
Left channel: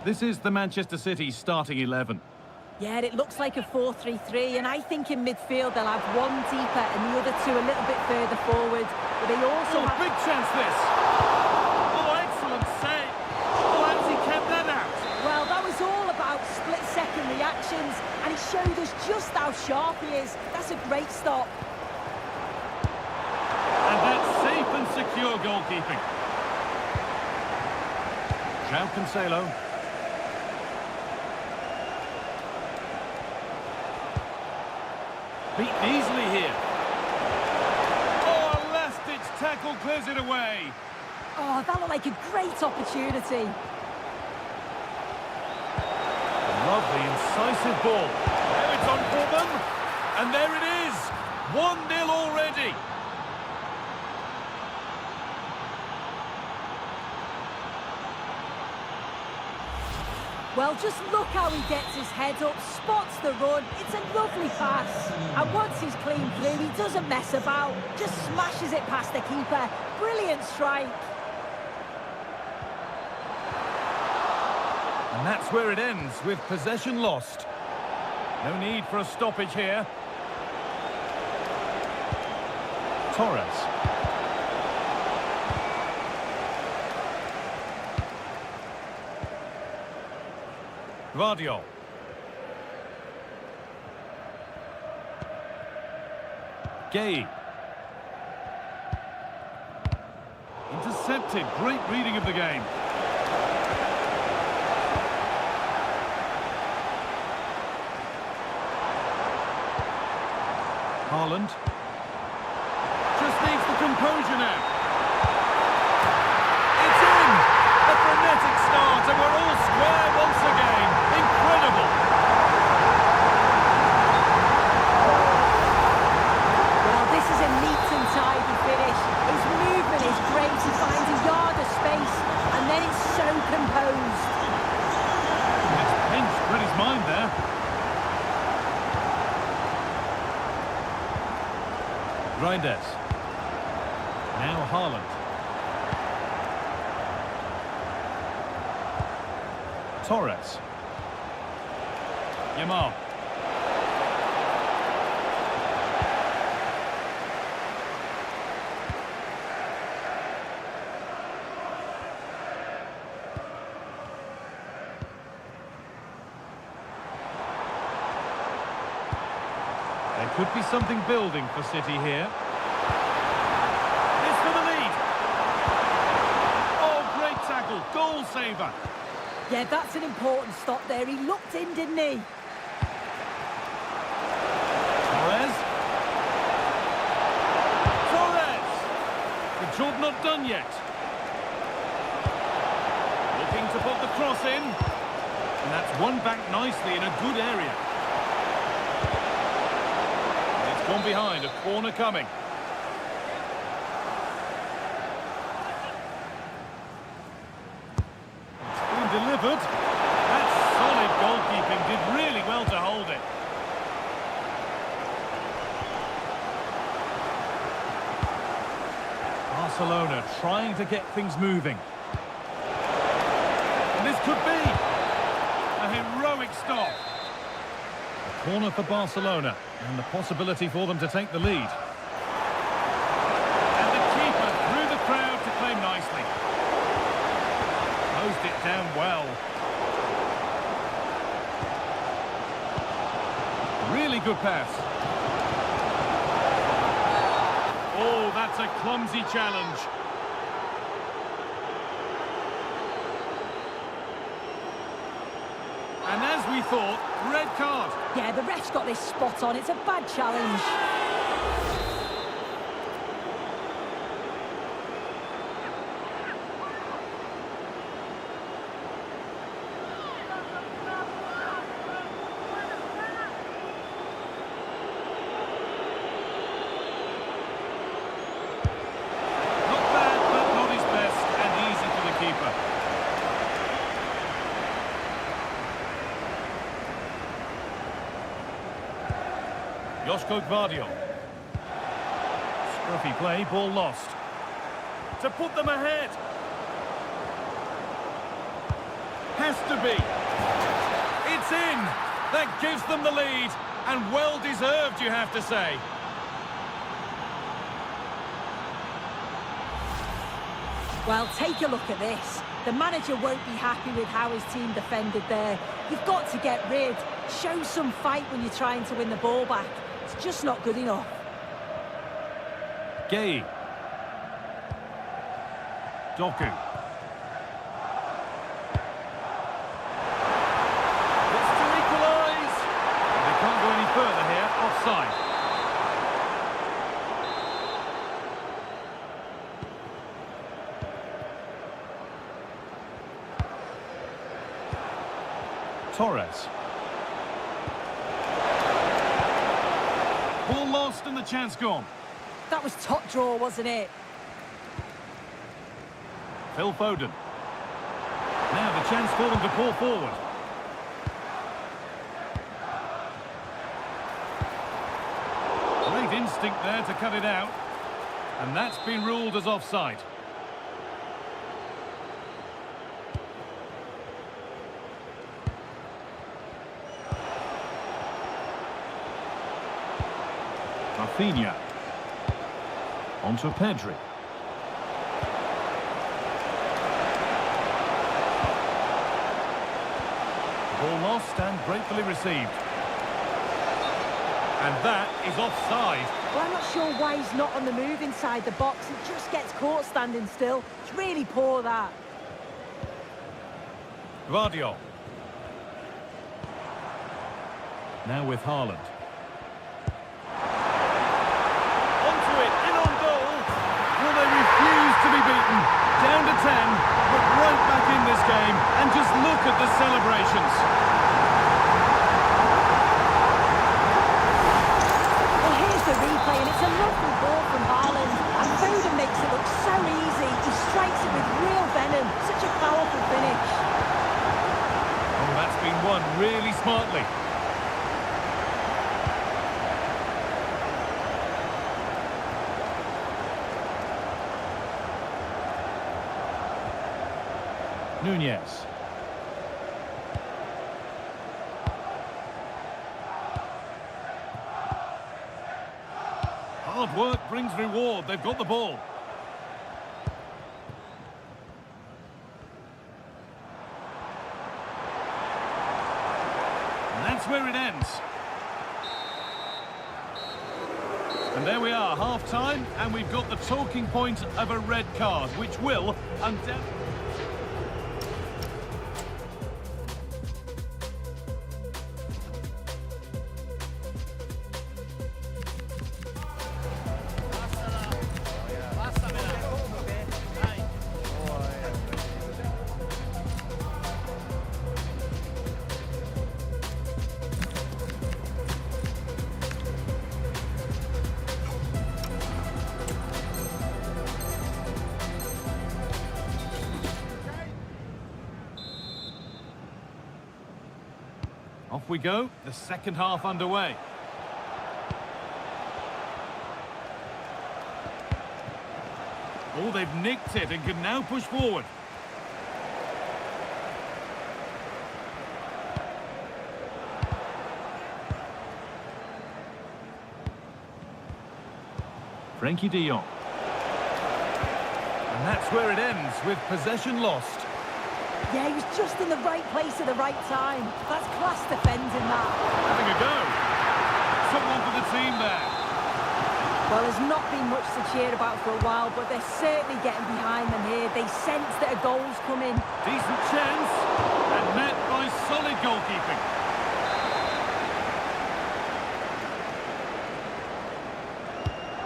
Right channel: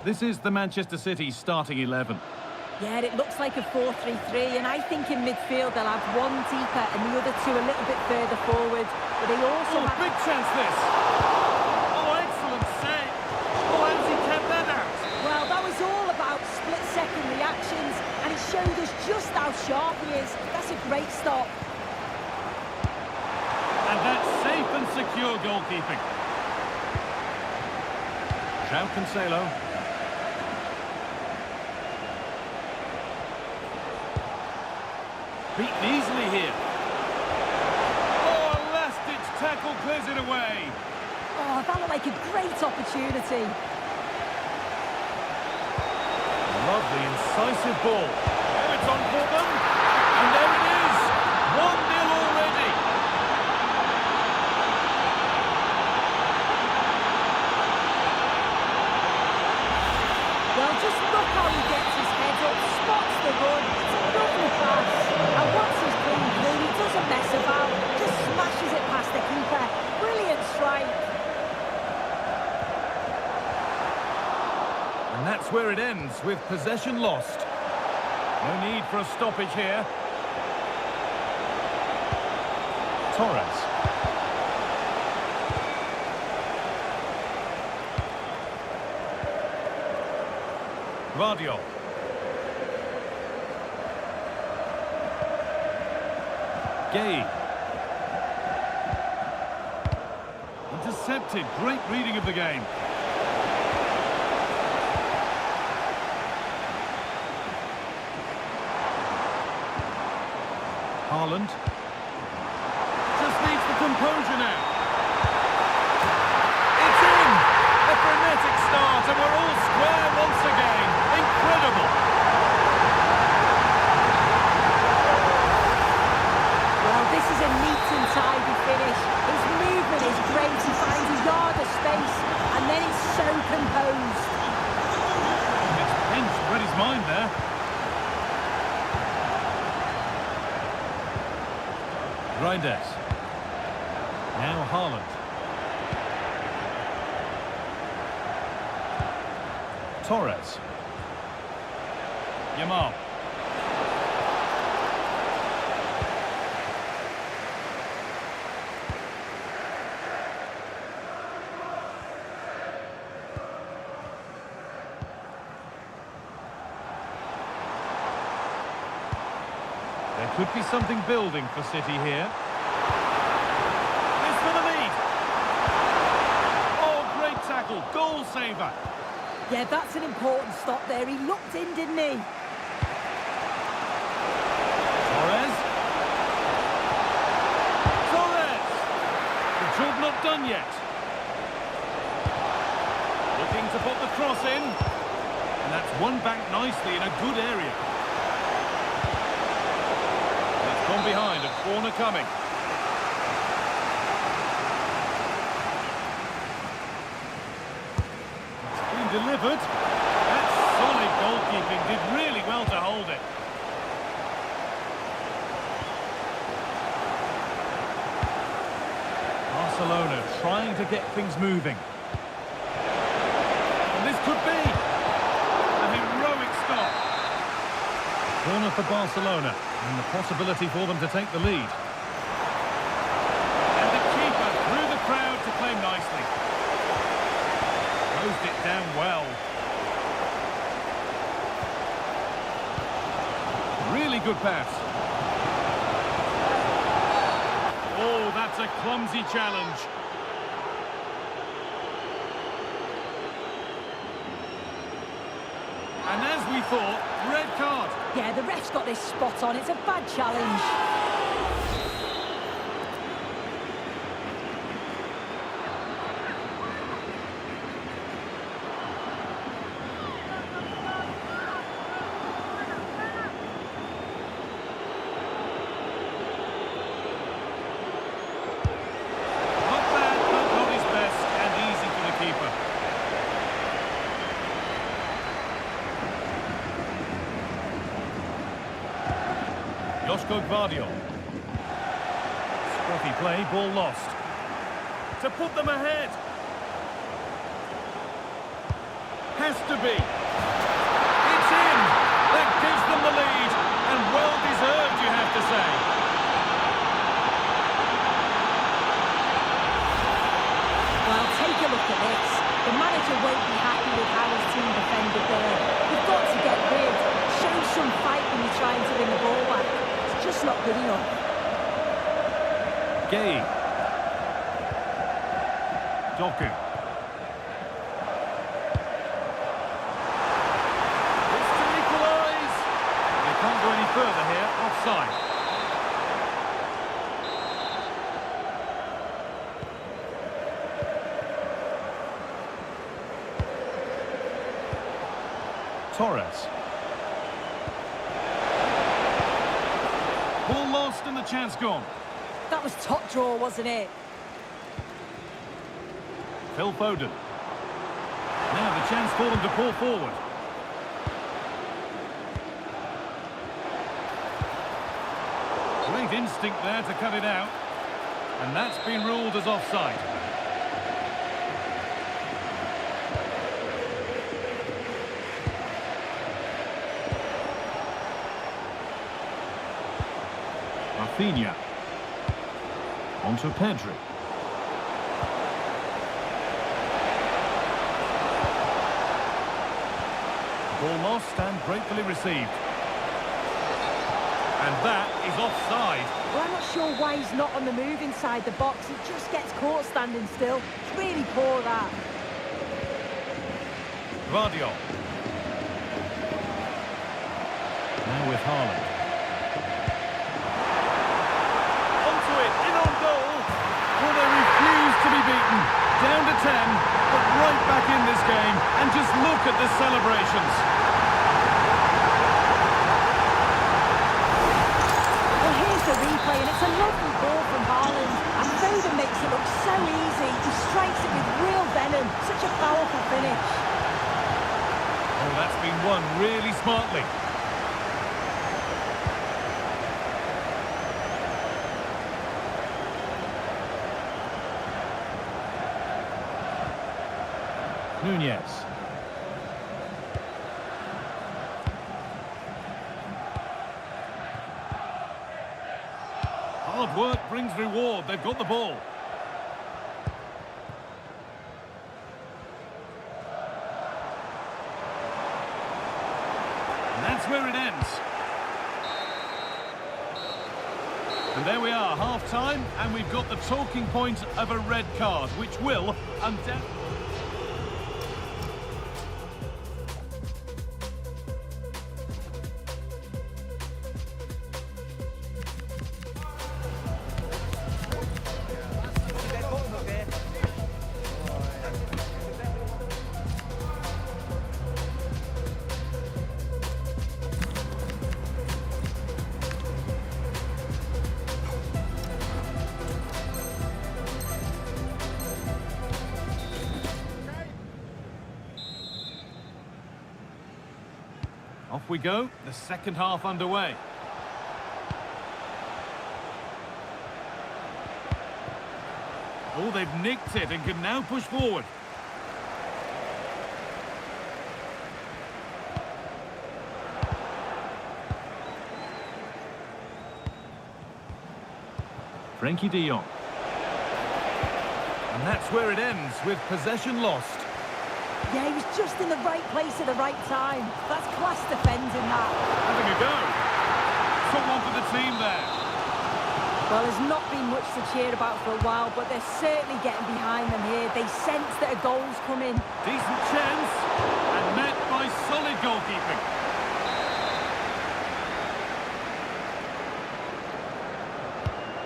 This is the Manchester City starting 11. Yeah, it looks like a 4-3-3, and I think in midfield they'll have one deeper and the other two a little bit further forward. But they also have... big chance this! Oh, excellent save! Oh, how does he kept that out? Well, that was all about split-second reactions, and it showed us just how sharp he is. That's a great stop. And that's safe and secure goalkeeping. João Cancelo. Beaten easily here. Oh, a last-ditch tackle clears it away. Oh, that looked like a great opportunity. Lovely, incisive ball. Now it's on for them. And there it is. 1-0 already. Well, just look how he gets his head up, spots the run. It's a lovely pass. And once he's clean through, he doesn't mess about. Just smashes it past the keeper. Brilliant strike. And that's where it ends, with possession lost. No need for a stoppage here. Torres. Vardiol. Gay. Intercepted. Great reading of the game. Haaland. Just needs the composure now. It's in! A frenetic start, and we're all square once again. Incredible! Well, this is a neat and tidy finish. His movement is great. He finds a yard of space, and then it's so composed. It's pinched, read his mind there. Reinders. Now Haaland. Torres. Yamal. There could be something building for City here. This for the lead. Oh, great tackle. Goal saver. Yeah, that's an important stop there. He looked in, didn't he? Torres. Torres! The job not done yet. Looking to put the cross in. And that's won back nicely in a good area. And it's gone behind, a corner coming. Delivered. That solid goalkeeping did really well to hold it. Barcelona trying to get things moving. And this could be a heroic stop. A corner for Barcelona and the possibility for them to take the lead. And the keeper through the crowd to claim nicely. Closed it down well. Really good pass. Oh, that's a clumsy challenge. And as we thought, red card. Yeah, the ref's got this spot on. It's a bad challenge. Not bad, but not his best, and easy for the keeper. Joško Gvardiol. Scruffy play, ball lost. To put them ahead. Has to be. It's in. That gives them the lead. And well deserved, you have to say. Well, take a look at this. The manager won't be happy with how his team defended there. You've got to get rid. Show some fight when you're trying to win the ball back. It's just not good enough. Gay. Doku. It's to equalise. They can't go any further here. Offside. Torres. Ball lost and the chance gone. That was top draw, wasn't it? Phil Foden. Now the chance for them to pull forward. Great instinct there to cut it out. And that's been ruled as offside. Rafinha. Onto Pedri. Ball lost and gratefully received. And that is offside. Well, I'm not sure why he's not on the move inside the box. He just gets caught standing still. It's really poor, that. Gvardiol. Now with Haaland. Onto it, in on goal. Well, they refuse to be beaten. Down to 10, but right back in this game. And just look at the celebrations. Well, here's the replay, and it's a lovely ball from Haaland. And Foden makes it look so easy. He strikes it with real venom. Such a powerful finish. Oh, that's been won really smartly. Nunez. Hard work brings reward. They've got the ball. And that's where it ends. And there we are, half-time, and we've got the talking point of a red card, which will undoubtedly... Off we go, the second half underway. Oh, they've nicked it and can now push forward. Frankie de Jong. And that's where it ends, with possession lost. Yeah, he was just in the right place at the right time. That's class defending, that. Having a go. Took one for the team there. Well, there's not been much to cheer about for a while, but they're certainly getting behind them here. They sense that a goal's coming. Decent chance, and met by solid goalkeeping.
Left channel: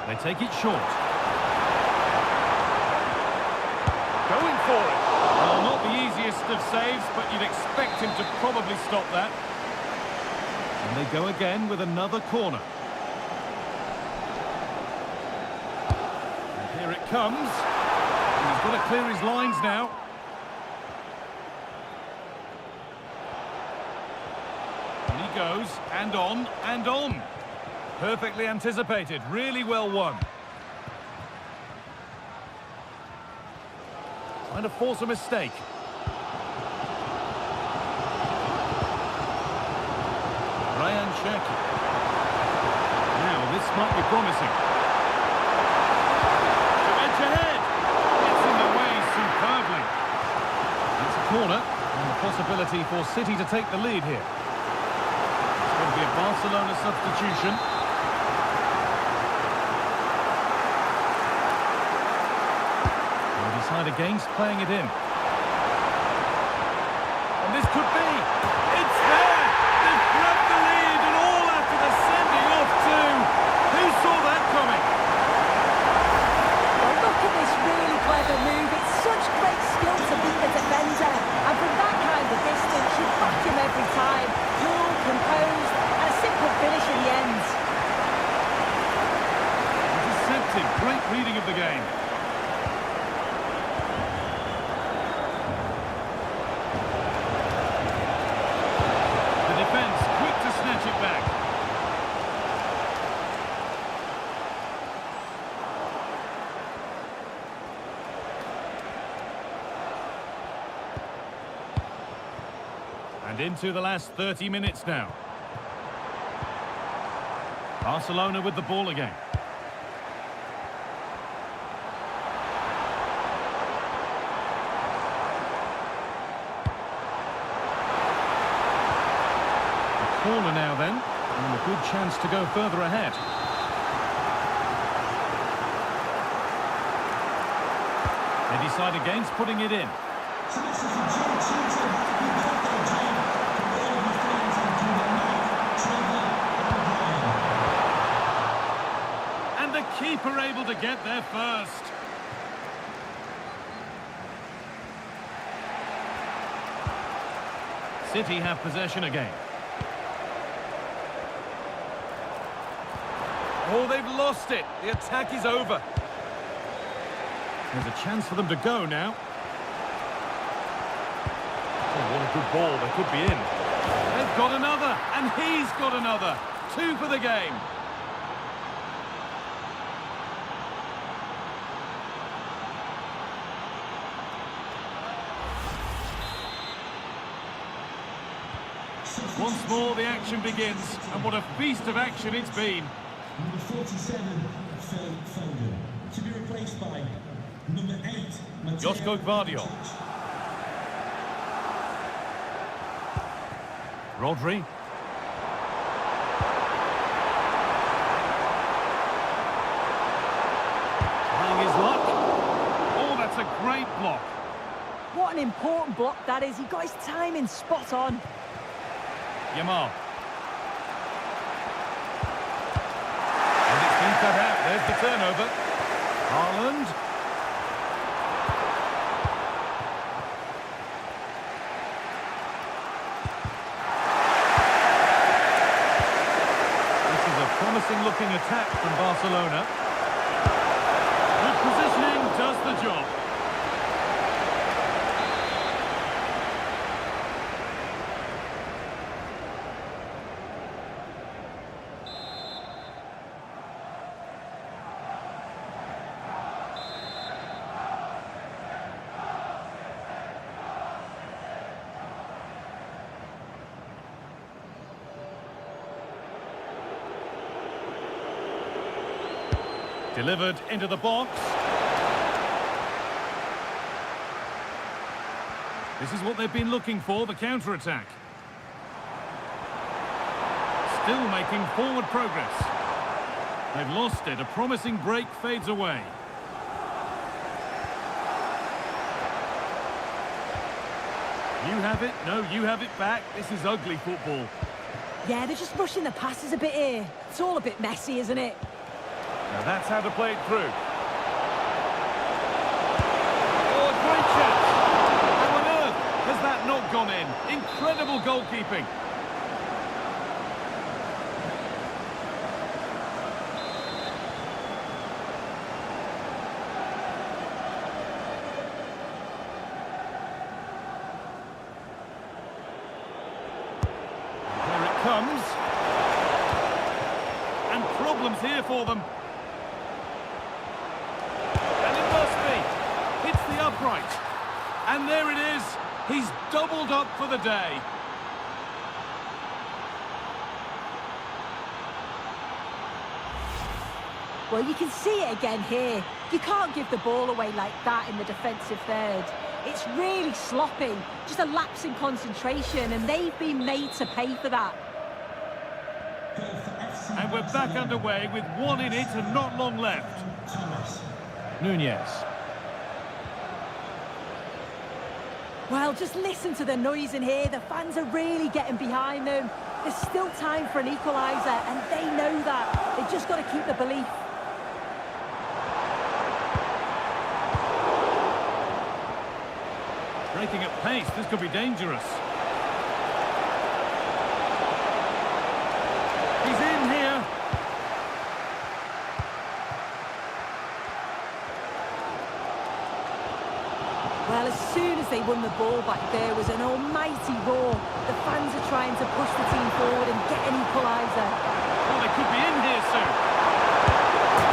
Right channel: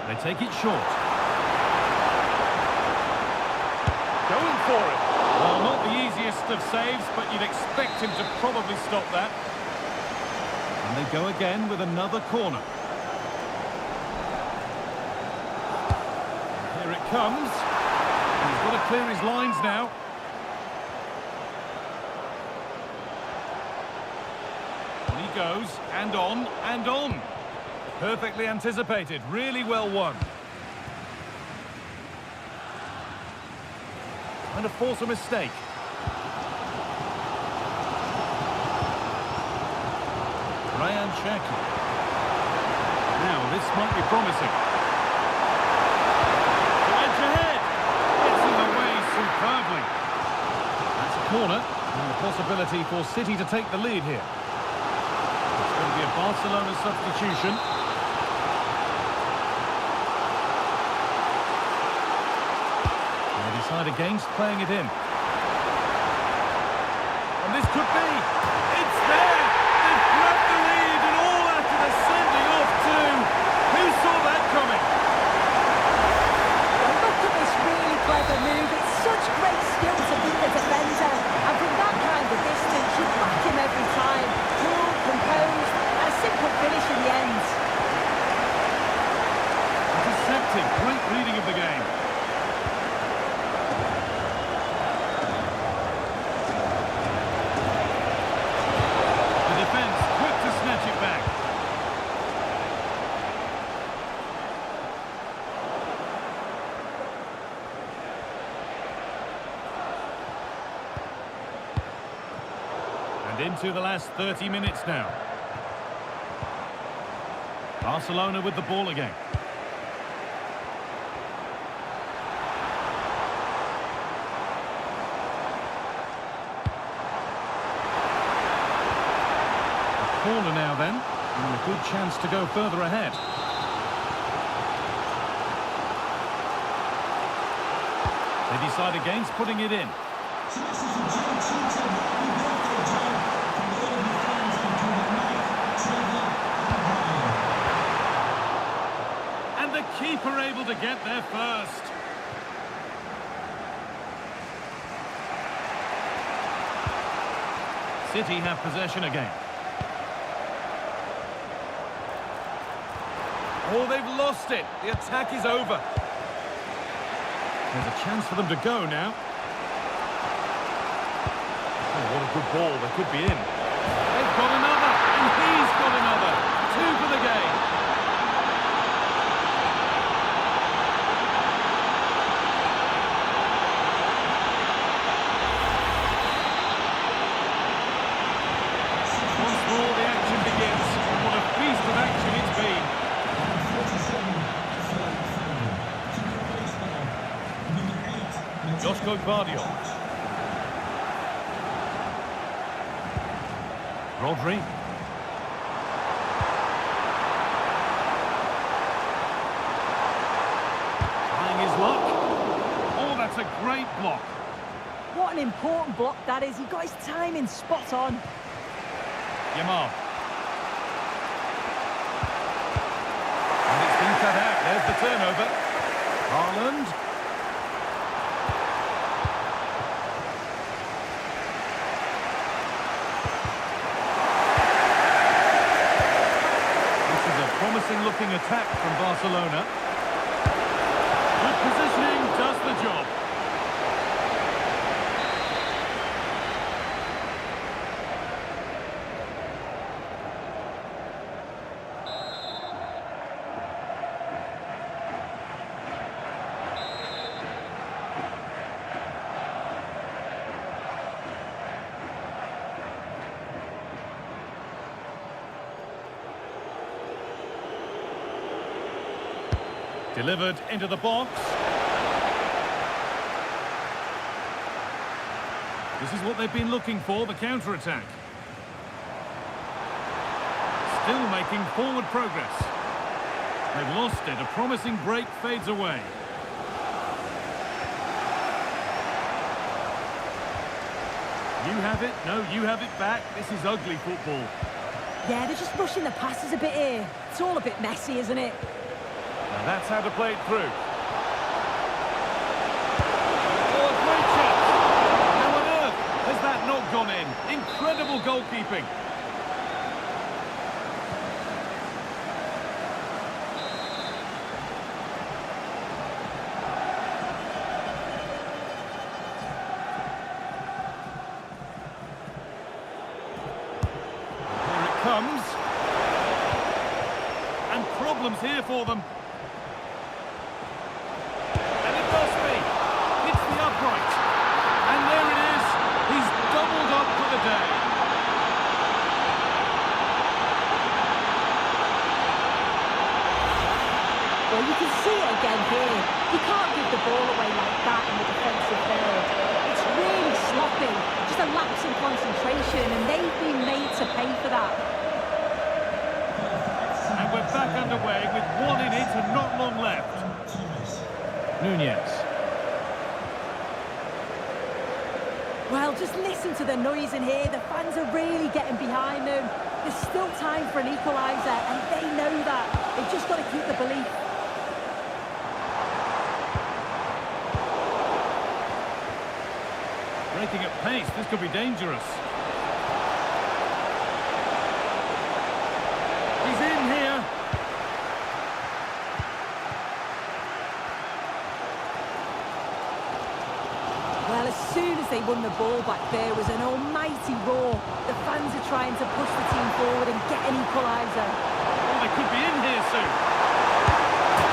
They take it short. Going for it. Well, not the easiest of saves, but you'd expect him to probably stop that. And they go again with another corner. And here it comes. And he's got to clear his lines now. And he goes, and on, and on. Perfectly anticipated, really well won. Trying to force a mistake. Ryan Cherki. Now, this might be promising. To edge ahead. Gets in the way superbly. That's a corner, and the possibility for City to take the lead here. It's going to be a Barcelona substitution. They decide against playing it in. And this could be. It's there! They've grabbed the lead, and all after the sending off too. Who saw that coming? Well, look at this really clever move. It's such great skill to beat the defender. And from that kind of distance, you back him every time. Cool, composed, and a simple finish in the end. Intercepted. Great reading of the game. Defence quick to snatch it back. And into the last 30 minutes now. Barcelona with the ball again. Corner now then, and a good chance to go further ahead. They decide against putting it in. And the keeper able to get there first. City have possession again. Oh, they've lost it. The attack is over. There's a chance for them to go now. Oh, what a good ball. They could be in. They've got another, and he's got another. 2 for the game. Once more, the action begins, and what a feast of action it's been. Number 47, Foden, to be replaced by number 8, Josko Gvardiol. Rodri. Trying his luck. Oh, that's a great block. What an important block that is. He got his timing spot on. Yamal. And it's been cut out. There's the turnover. Haaland. This is a promising-looking attack from Barcelona. Good positioning does the job. Delivered into the box. This is what they've been looking for, the counter-attack. Still making forward progress. They've lost it. A promising break fades away. You have it. No, you have it back. This is ugly football. Yeah, they're just rushing the passes a bit here. It's all a bit messy, isn't it? Now that's how to play it through. Oh, a great chance. How on earth has that not gone in? Incredible goalkeeping. Here it comes. And problems here for them. And it must be. Hits the upright. And there it is. He's doubled up for the day. Well, you can see it again here. You can't give the ball away like that in the defensive third. It's really sloppy. Just a lapse in concentration, and they've been made to pay for that. And we're back underway with one in it and not long left. Nunez. Well, just listen to the noise in here. The fans are really getting behind them. There's still time for an equaliser, and they know that. They've just got to keep the belief. Breaking at pace, this could be dangerous. He's in here. Well, as soon as they won the ball back, there was an almighty roar. The fans are trying to push the team forward and get an equaliser. Oh, they could be in here soon.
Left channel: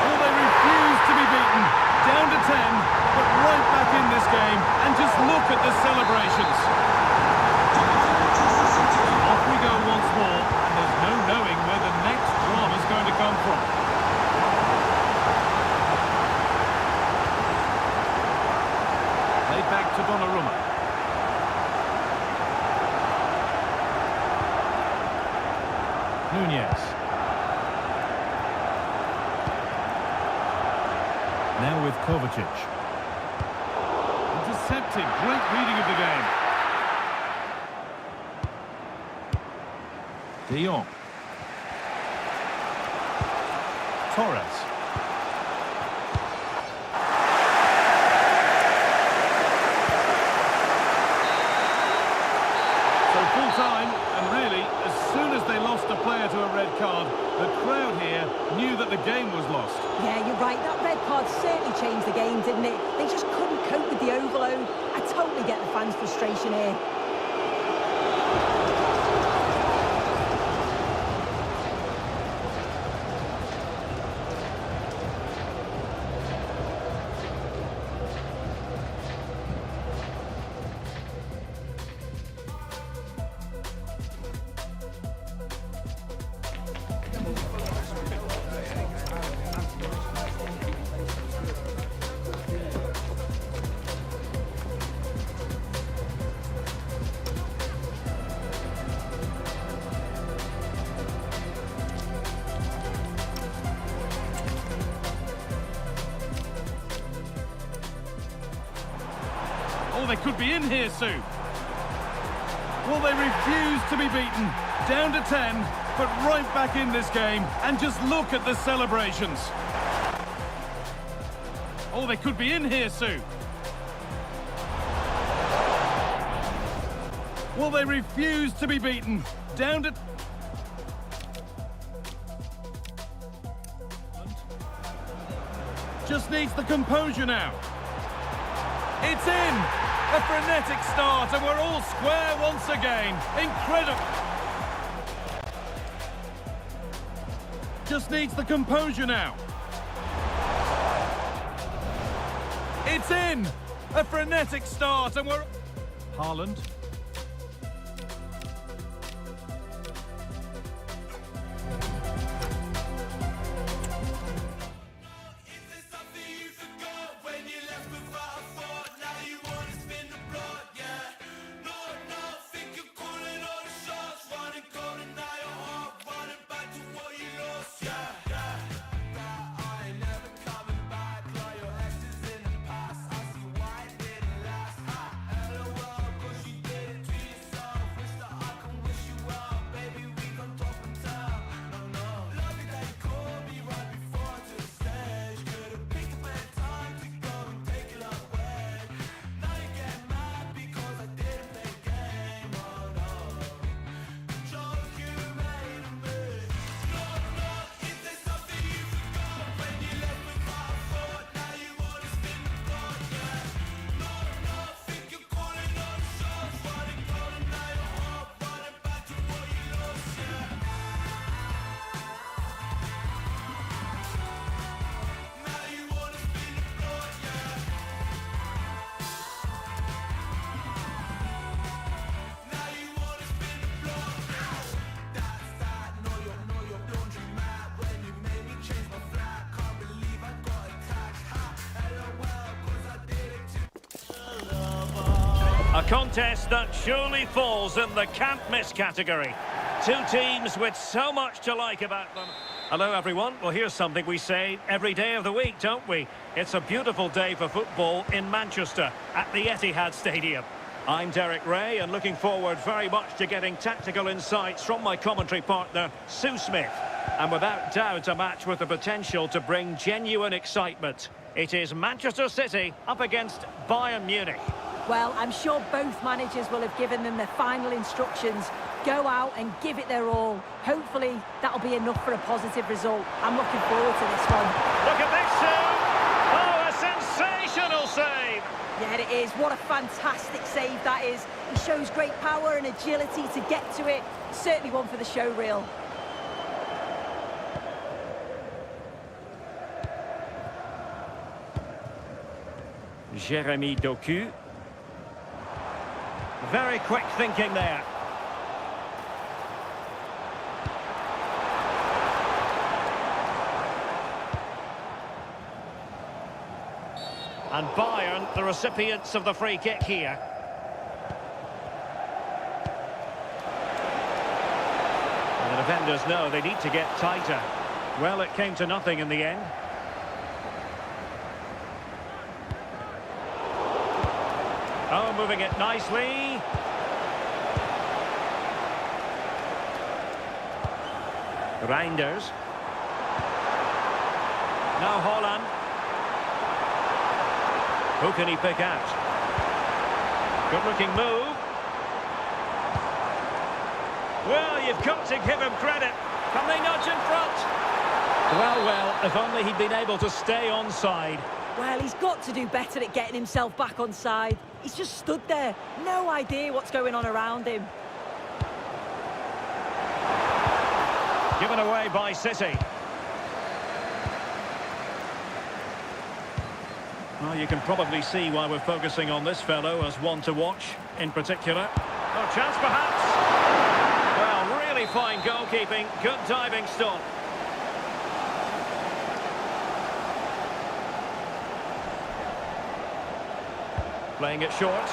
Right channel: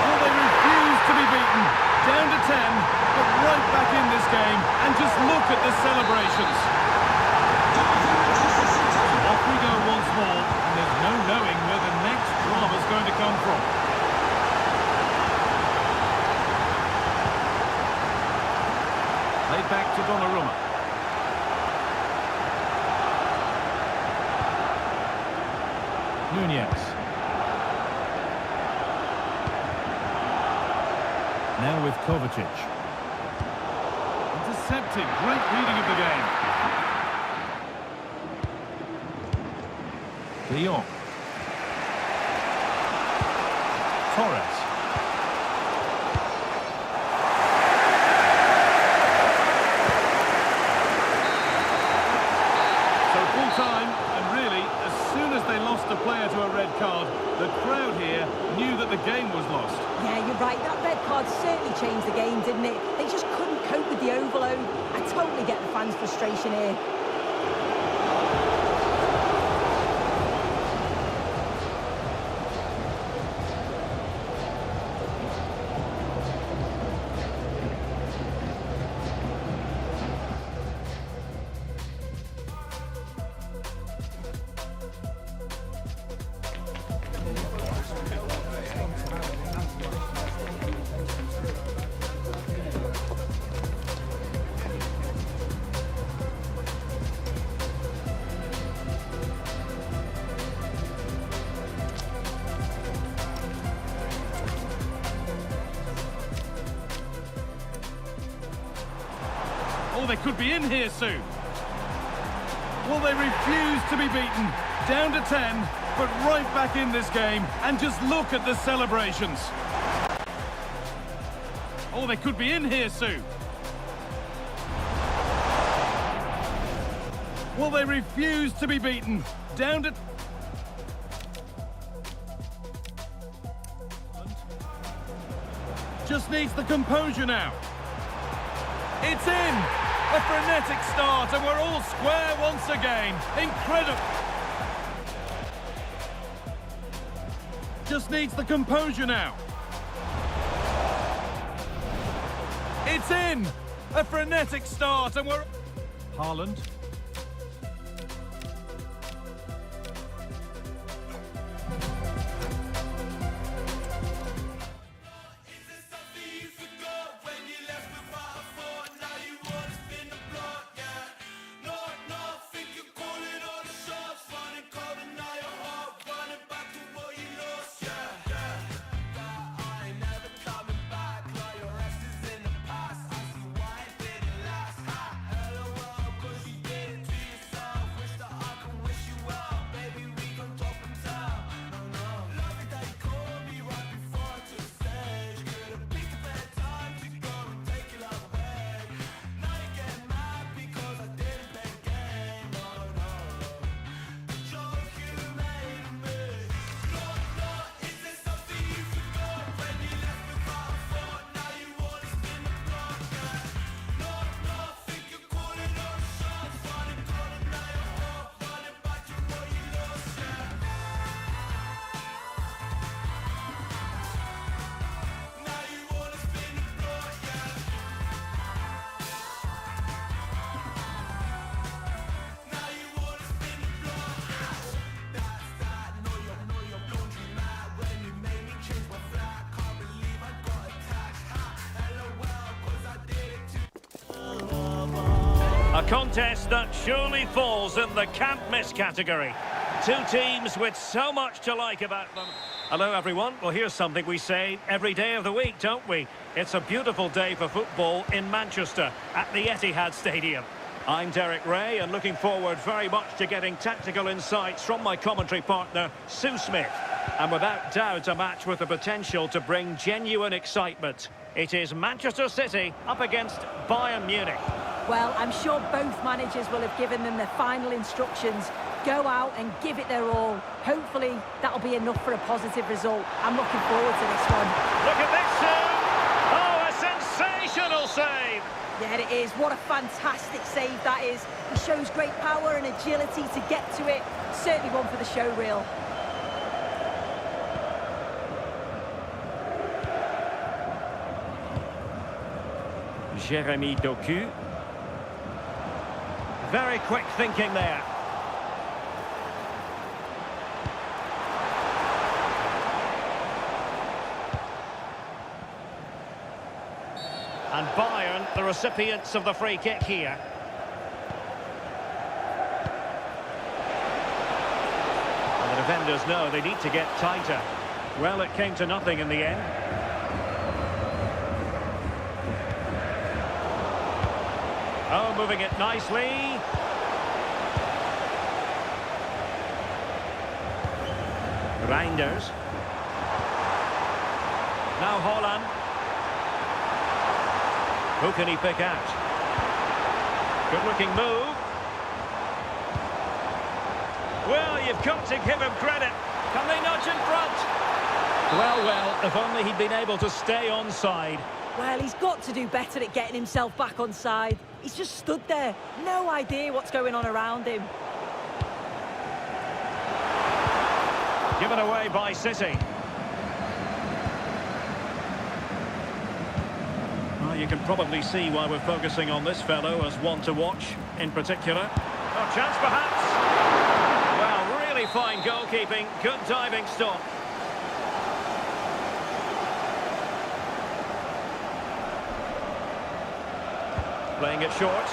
Well, they refuse to be beaten. Down to 10, but right back in this game. And just look at the celebrations. Off we go once more, and there's no knowing where the next drama's going to come from. Played back to Donnarumma. Nunez. Now with Kovacic. Intercepted. Great reading of the game. De Jong. Torres. So full time, and really, as soon as they lost a player to a red card, the crowd here knew that the game was lost. Yeah, you're right. That red card certainly changed the game, didn't it? They just couldn't cope with the overload. I totally get the fans' frustration here. Oh, they could be in here soon. Well, they refuse to be beaten. Down to 10, but right back in this game. And just look at the celebrations. Oh, they could be in here soon. Well, they refuse to be beaten. Down to... Just needs the composure now. It's in! A frenetic start, and we're all square once again. Incredible. Just needs the composure now. It's in! A frenetic start, and we're... Haaland. A contest that surely falls in the can't miss category. Two teams with so much to like about them. Hello everyone, well here's something we say every day of the week, don't we? It's a beautiful day for football in Manchester at the Etihad Stadium. I'm Derek Ray and looking forward very much to getting tactical insights from my commentary partner, Sue Smith. And without doubt a match with the potential to bring genuine excitement. It is Manchester City up against Bayern Munich. Well, I'm sure both managers will have given them their final instructions. Go out and give it their all. Hopefully, that'll be enough for a positive result. I'm looking forward to this one. Look at this, Sue! Oh, a sensational save! Yeah, it is. What a fantastic save that is. He shows great power and agility to get to it. Certainly one for the show reel. Jeremy Doku. Very quick thinking there. And Bayern, the recipients of the free kick here. And the defenders know they need to get tighter. Well, it came to nothing in the end. Oh, moving it nicely. Reinders. Now Holland. Who can he pick out? Good-looking move. Well, you've got to give him credit. Can they nudge in front? Well, if only he'd been able to stay onside. Well, he's got to do better at getting himself back on side. He's just stood there. No idea what's going on around him. Given away by City. Well, you can probably see why we're focusing on this fellow as one to watch in particular. Oh, chance perhaps. Well, really fine goalkeeping. Good diving stop. Playing it short.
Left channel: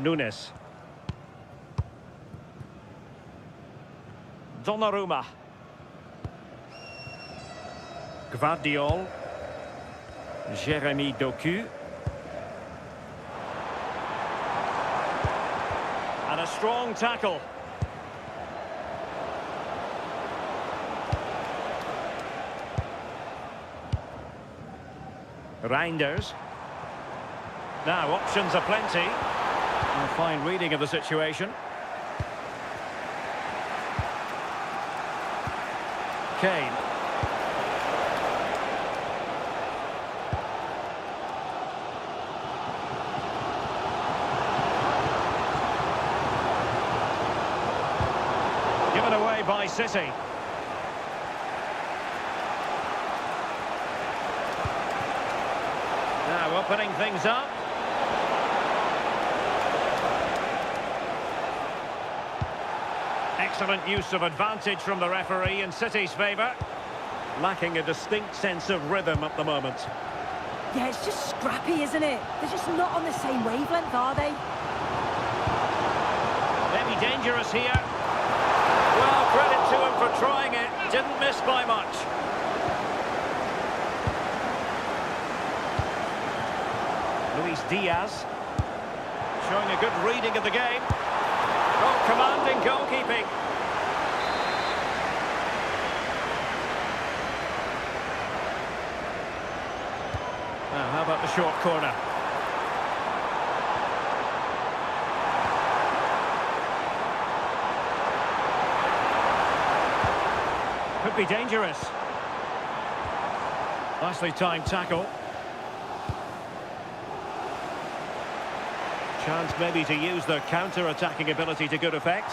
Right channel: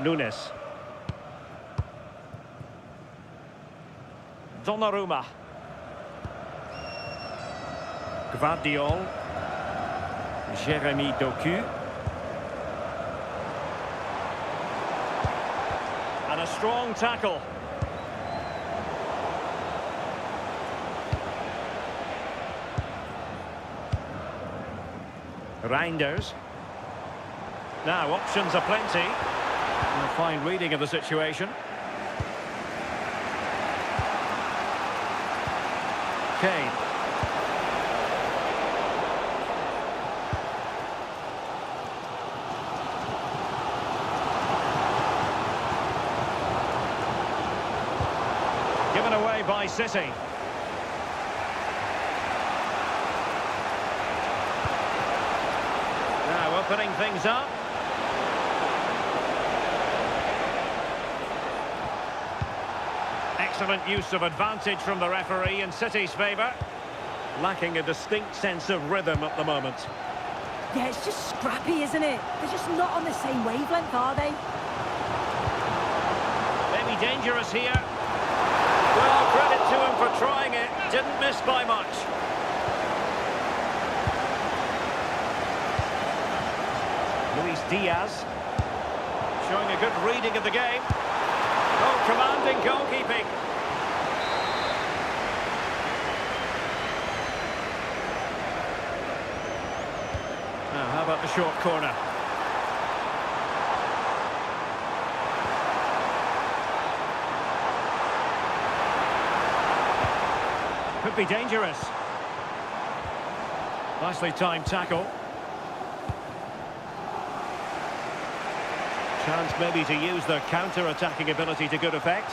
Nunes. Donnarumma. Gvardiol. Jeremy Doku. And a strong tackle. Reinders. Now, options are plenty. A fine reading of the situation. Kane. Given away by City. Now opening things up. Excellent use of advantage from the referee in City's favour. Lacking a distinct sense of rhythm at the moment. Yeah, it's just scrappy, isn't it? They're just not on the same wavelength, are they? Maybe dangerous here. Well, credit to him for trying it. Didn't miss by much. Luis Diaz. Showing a good reading of the game. Oh, commanding goalkeeping. Now, how about the short corner? Could be dangerous. Nicely timed tackle. Chance maybe to use their counter-attacking ability to good effect.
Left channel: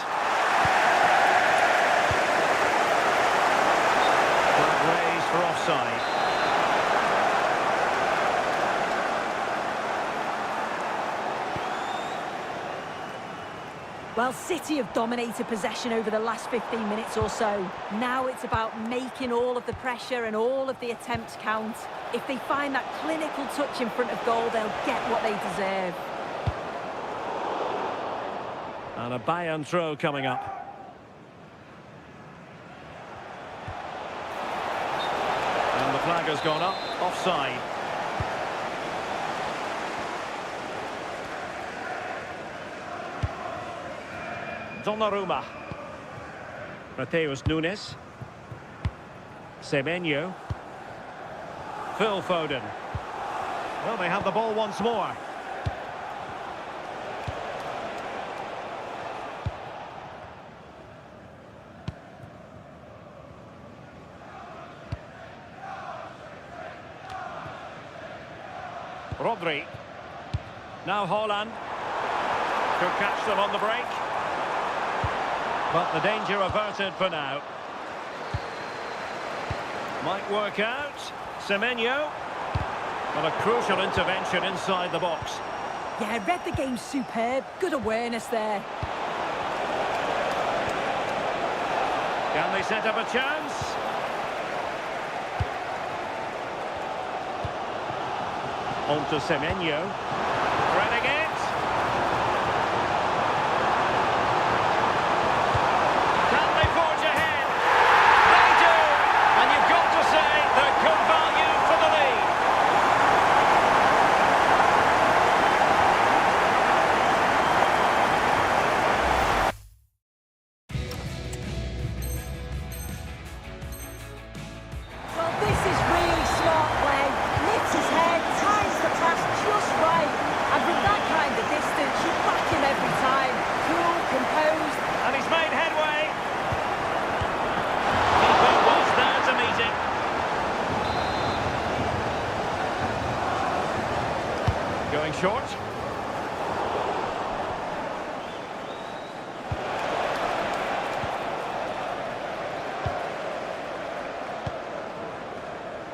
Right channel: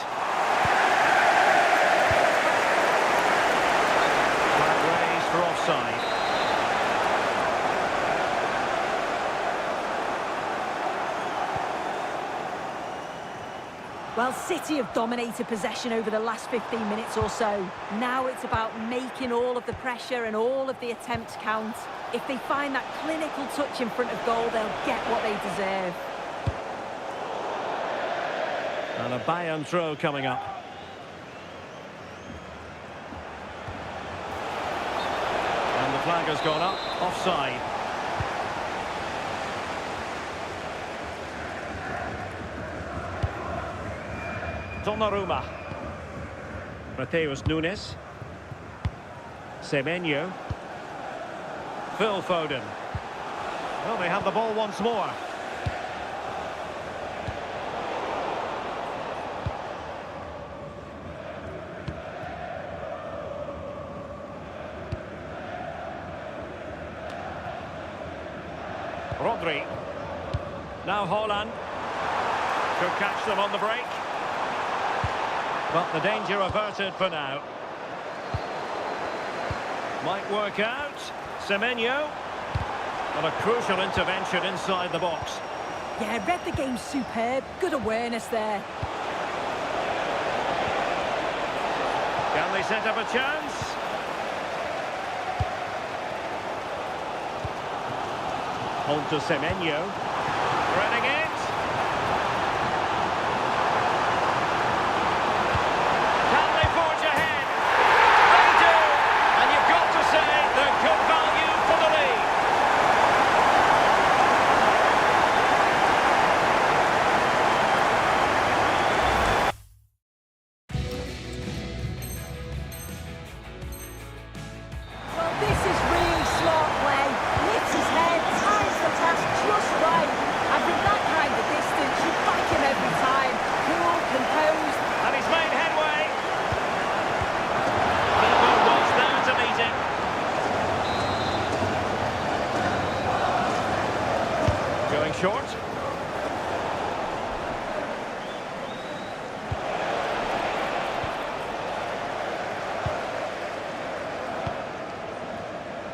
Flag raised for offside. Well, City have dominated possession over the last 15 minutes or so. Now it's about making all of the pressure and all of the attempts count. If they find that clinical touch in front of goal, they'll get what they deserve. And a Bayern throw coming up. And the flag has gone up, offside. Donnarumma. Mateus Nunes. Semenyo. Phil Foden. Well, they have the ball once more. Rodri. Now Haaland. Could catch them on the break. But the danger averted for now. Might work out. Semenyo. But a crucial intervention inside the box. Yeah, read the game superb. Good awareness there. Can they set up a chance? On to Semenyo. Threading it. Can they forge ahead? They do! And you've got to say they're good value for the lead. Well, this is really smart play. Lifts his head, times the pass just right. And from that kind of distance, you back him every time. Cool, composed. And he's made headway. Keeper was there to meet him. Going short.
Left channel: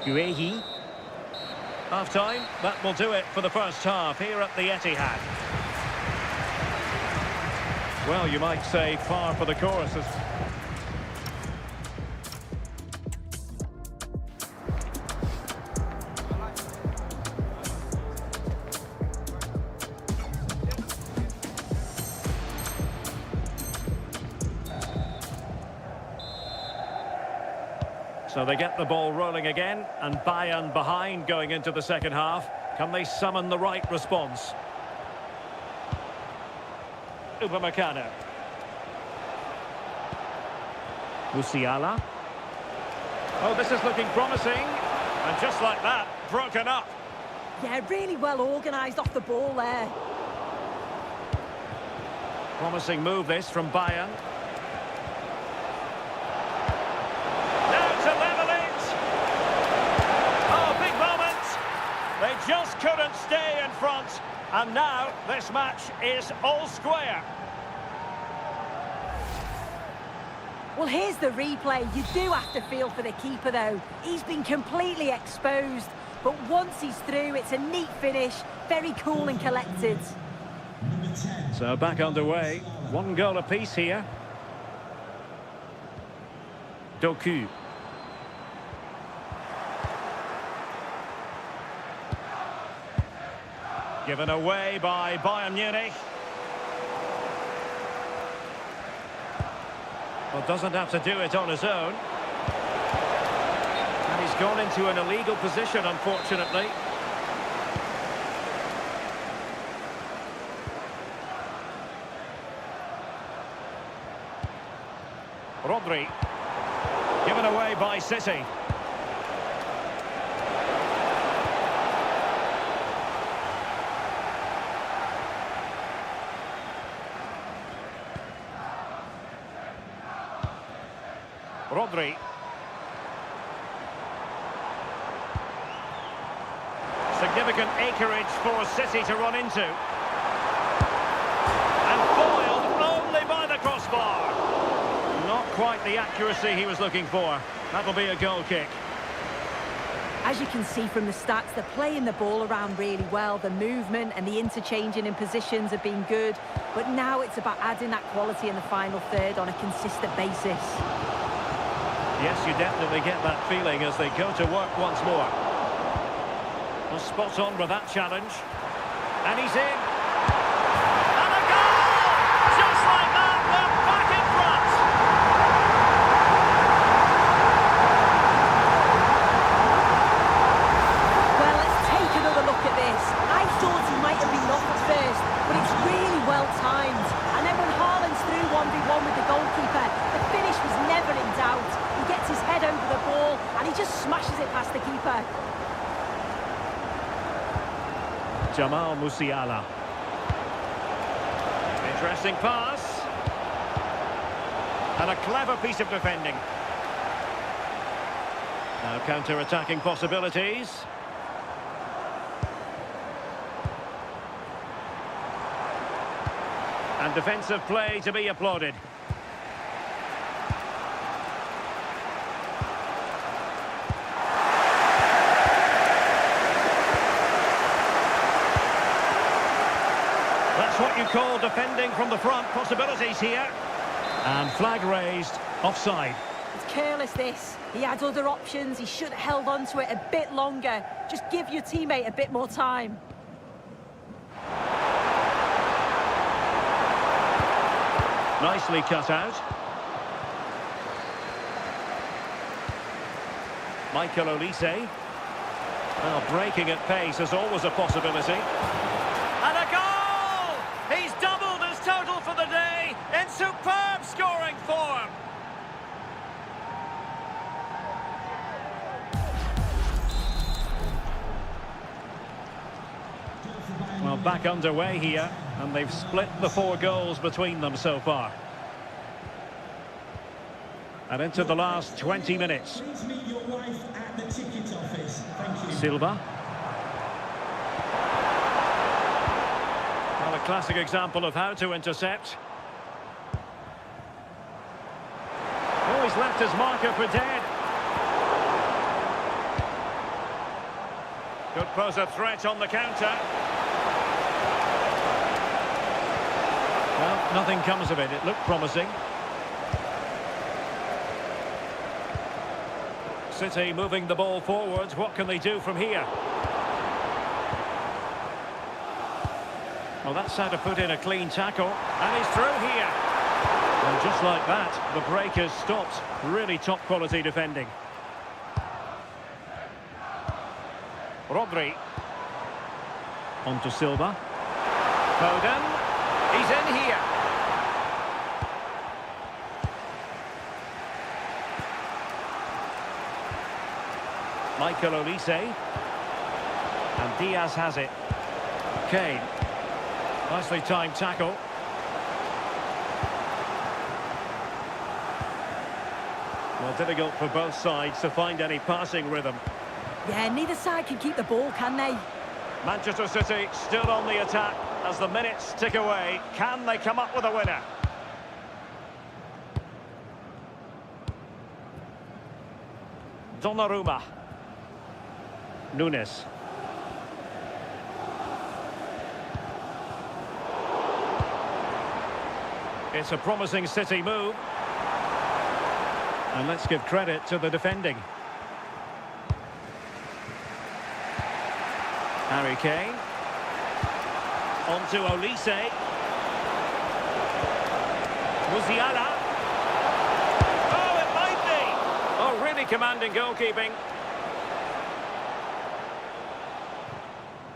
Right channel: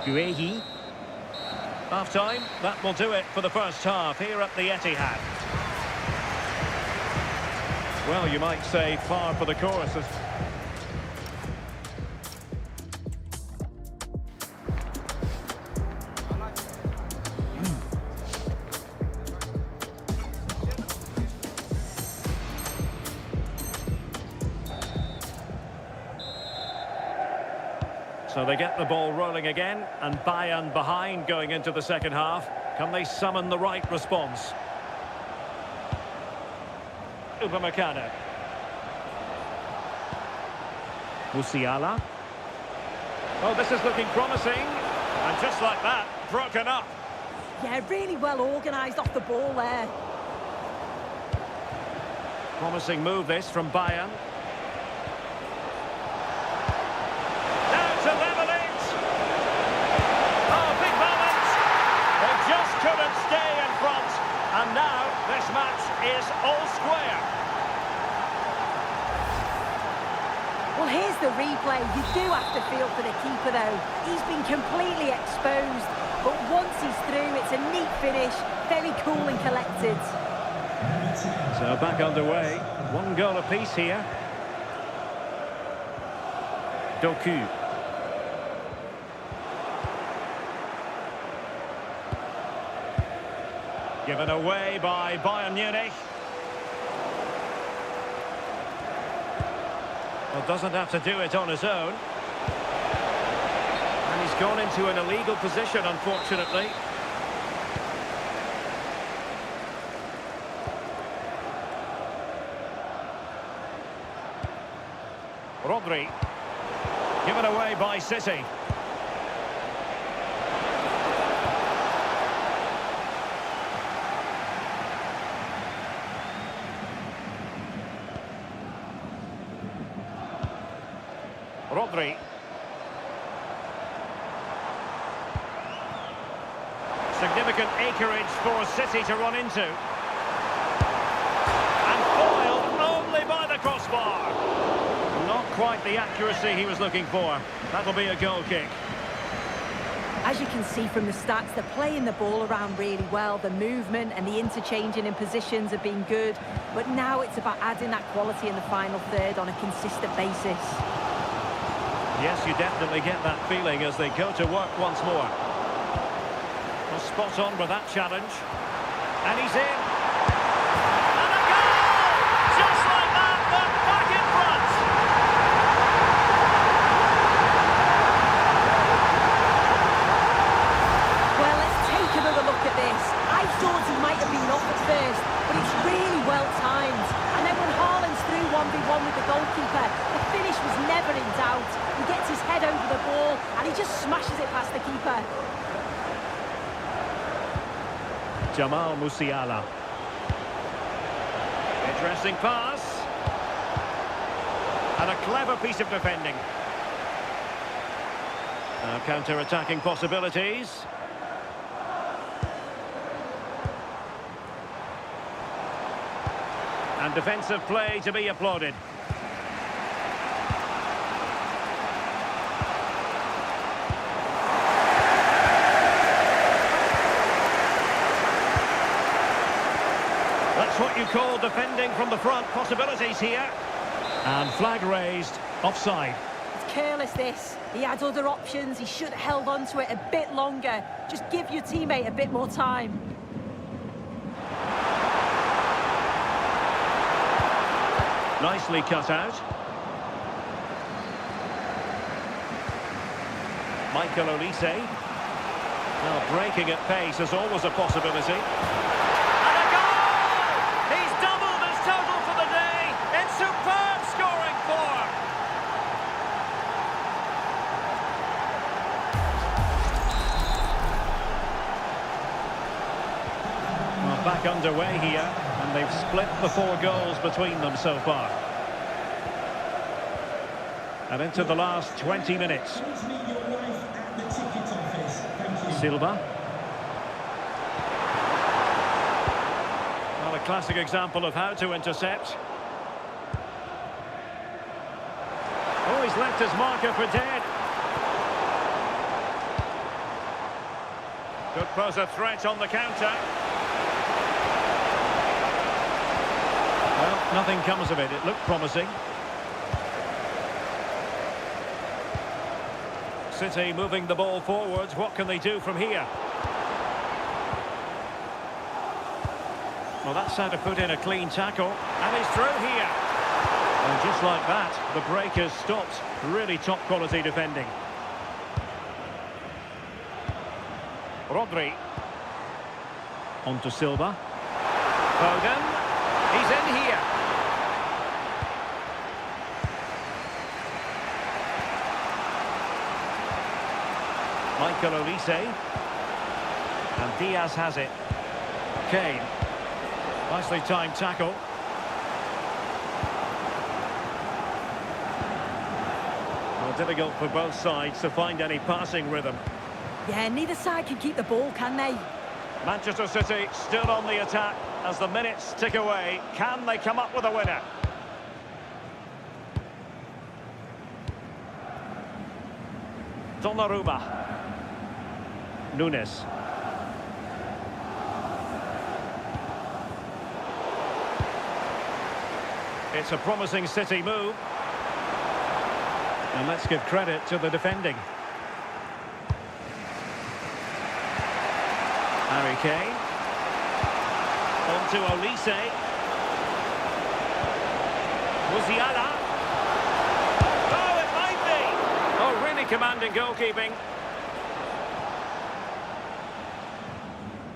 Guehi. Half-time, that will do it for the first half here at the Etihad. Well, you might say far for the course. So they get the ball rolling again, and Bayern behind going into the second half. Can they summon the right response? Upamecano. Musiala. Oh, this is looking promising. And just like that, broken up. Yeah, really well organised off the ball there. Promising move this from Bayern. Now to level it. Oh, big moment. They just couldn't stay in front. And now this match is all square. Well, here's the replay. You do have to feel for the keeper, though. He's been completely exposed. But once he's through, it's a neat finish. Very cool and collected. So back underway. 1 goal apiece here. Doku. Given away by Bayern Munich. Well, doesn't have to do it on his own. And he's gone into an illegal position, unfortunately. Rodri. Given away by City. Rodri. Significant acreage for City to run into. And foiled only by the crossbar. Not quite the accuracy he was looking for. That'll be a goal kick. As you can see from the stats, they're playing the ball around really well. The movement and the interchanging in positions have been good. But now it's about adding that quality in the final third on a consistent basis. Yes, you definitely get that feeling as they go to work once more. Well, spot on with that challenge. And he's in. And a goal! Just like that, they're back in front. Well, let's take another look at this. I thought he might have been off at first, but it's really well timed. And then when Haaland's through 1v1 with the goalkeeper, the finish was never in doubt. He gets his head over the ball and he just smashes it past the keeper. Jamal Musiala. Interesting pass. And a clever piece of defending. Now counter-attacking possibilities. And defensive play to be applauded. That's what you call defending from the front. Possibilities here. And flag raised. Offside. It's careless, this. He had other options. He should have held on to it a bit longer. Just give your teammate a bit more time. Nicely cut out. Michael Olise. Well, breaking at pace is always a possibility. And a goal! He's doubled his total for the day in superb scoring form. Well, back underway here, and they've split the 4 goals between them so far. And into the last 20 minutes. Please meet your wife at the ticket office. Thank you. Silva. Well, a classic example of how to intercept. Oh, he's left his marker for dead. Could pose a threat on the counter. Well, nothing comes of it. It looked promising. City moving the ball forwards. What can they do from here? Well, that's how to put in a clean tackle. And he's through here. And just like that, the break has stopped. Really top quality defending. Rodri. On to Silva. Foden. He's in here. Michael Olise. And Diaz has it. Kane. Nicely timed tackle. Well, difficult for both sides to find any passing rhythm. Yeah, neither side can keep the ball, can they? Manchester City still on the attack as the minutes tick away. Can they come up with a winner? Donnarumma. Nunes. It's a promising City move. And let's give credit to the defending. Harry Kane. On to Olise. Musiala. Oh, it might be. Oh, really commanding goalkeeping.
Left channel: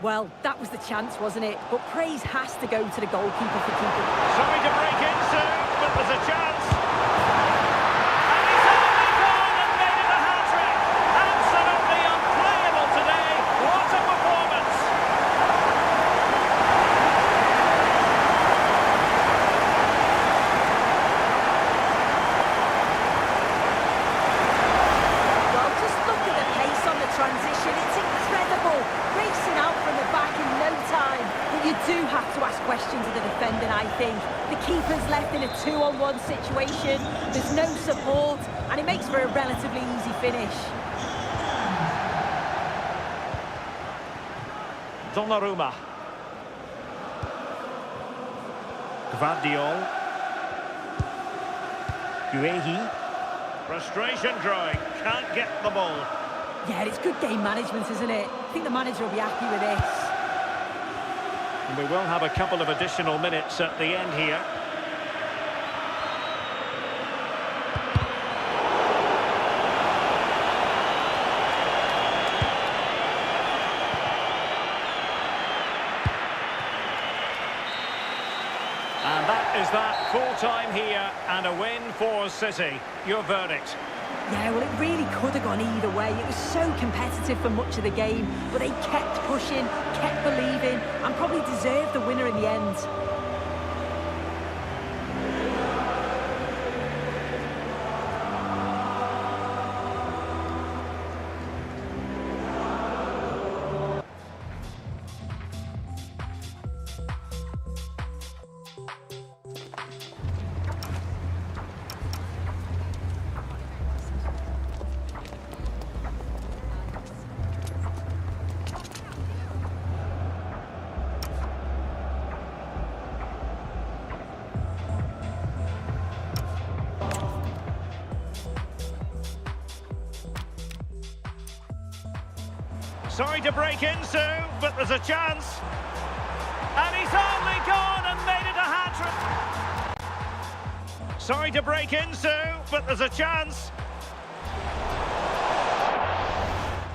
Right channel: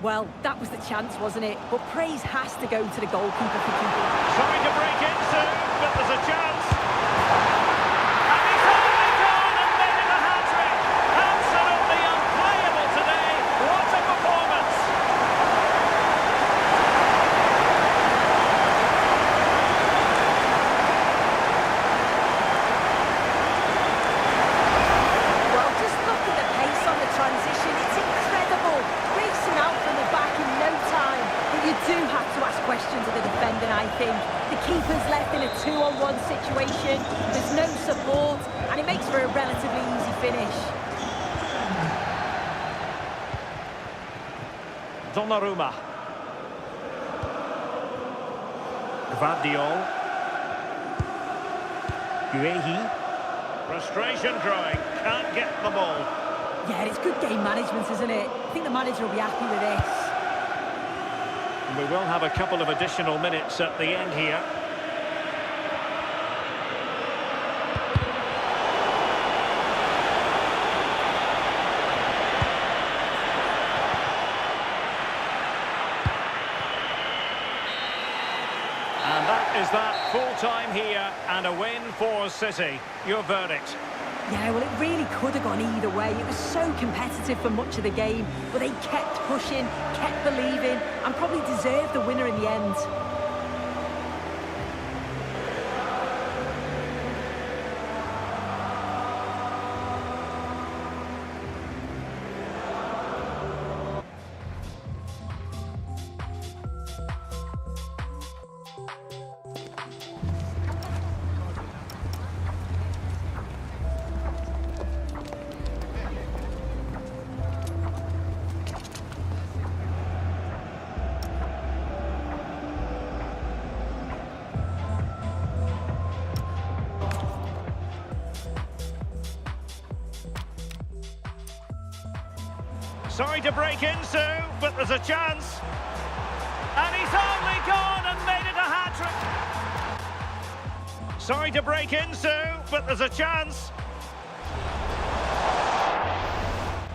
Well, that was the chance, wasn't it? But praise has to go to the goalkeeper for keeping. Sorry to break in soon, but there's a chance. And he's only gone and made it a hat-trick. Absolutely unplayable today. What a performance. Well, just look at the pace on the transition. It's incredible. Racing out from the back in no time. But you do have to ask questions of the defending, I think. The keeper's left in a 2-on-1 situation. There's no support, and it makes for a relatively easy finish. Donnarumma. Gvardiol. Guehi. Frustration growing, can't get the ball. Yeah, it's good game management, isn't it? I think the manager will be happy with this. And we will have a couple of additional minutes at the end here. And that is that, full time here and a win for City. Your verdict? Yeah, well, it really could have gone either way. It was so competitive for much of the game, but they kept pushing, kept believing, and probably deserved the winner in the end. Sorry to break in, Sue, but there's a chance. And he's only gone and made it a hat-trick. Sorry to break in, Sue, but there's a chance.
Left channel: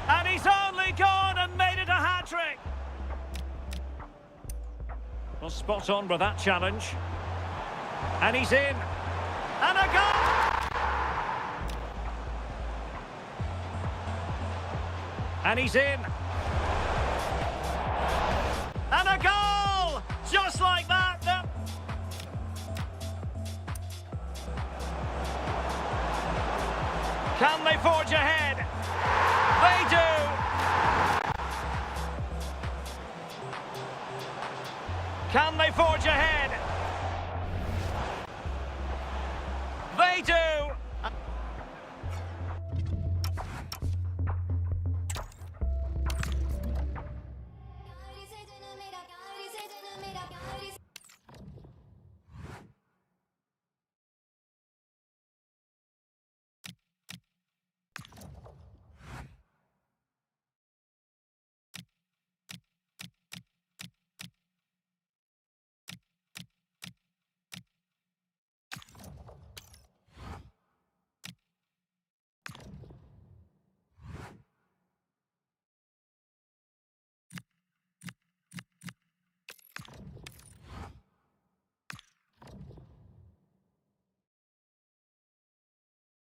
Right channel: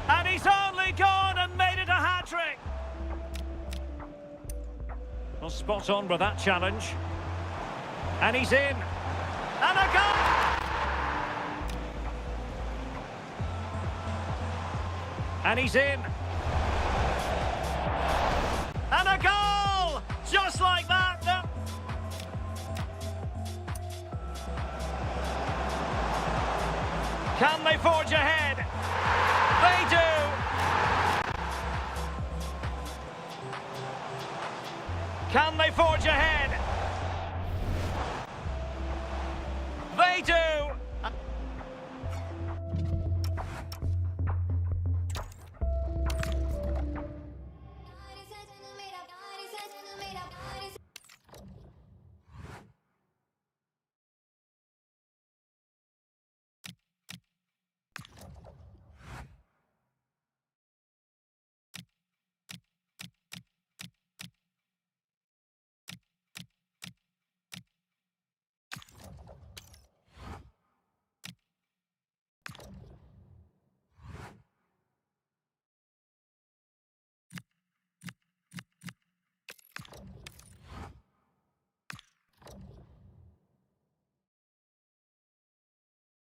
And he's only gone and made it a hat-trick. Well, spot on with that challenge. And he's in. And a goal! And he's in. And a goal! Just like that. Can they forge ahead? They do. Can they forge ahead? They do.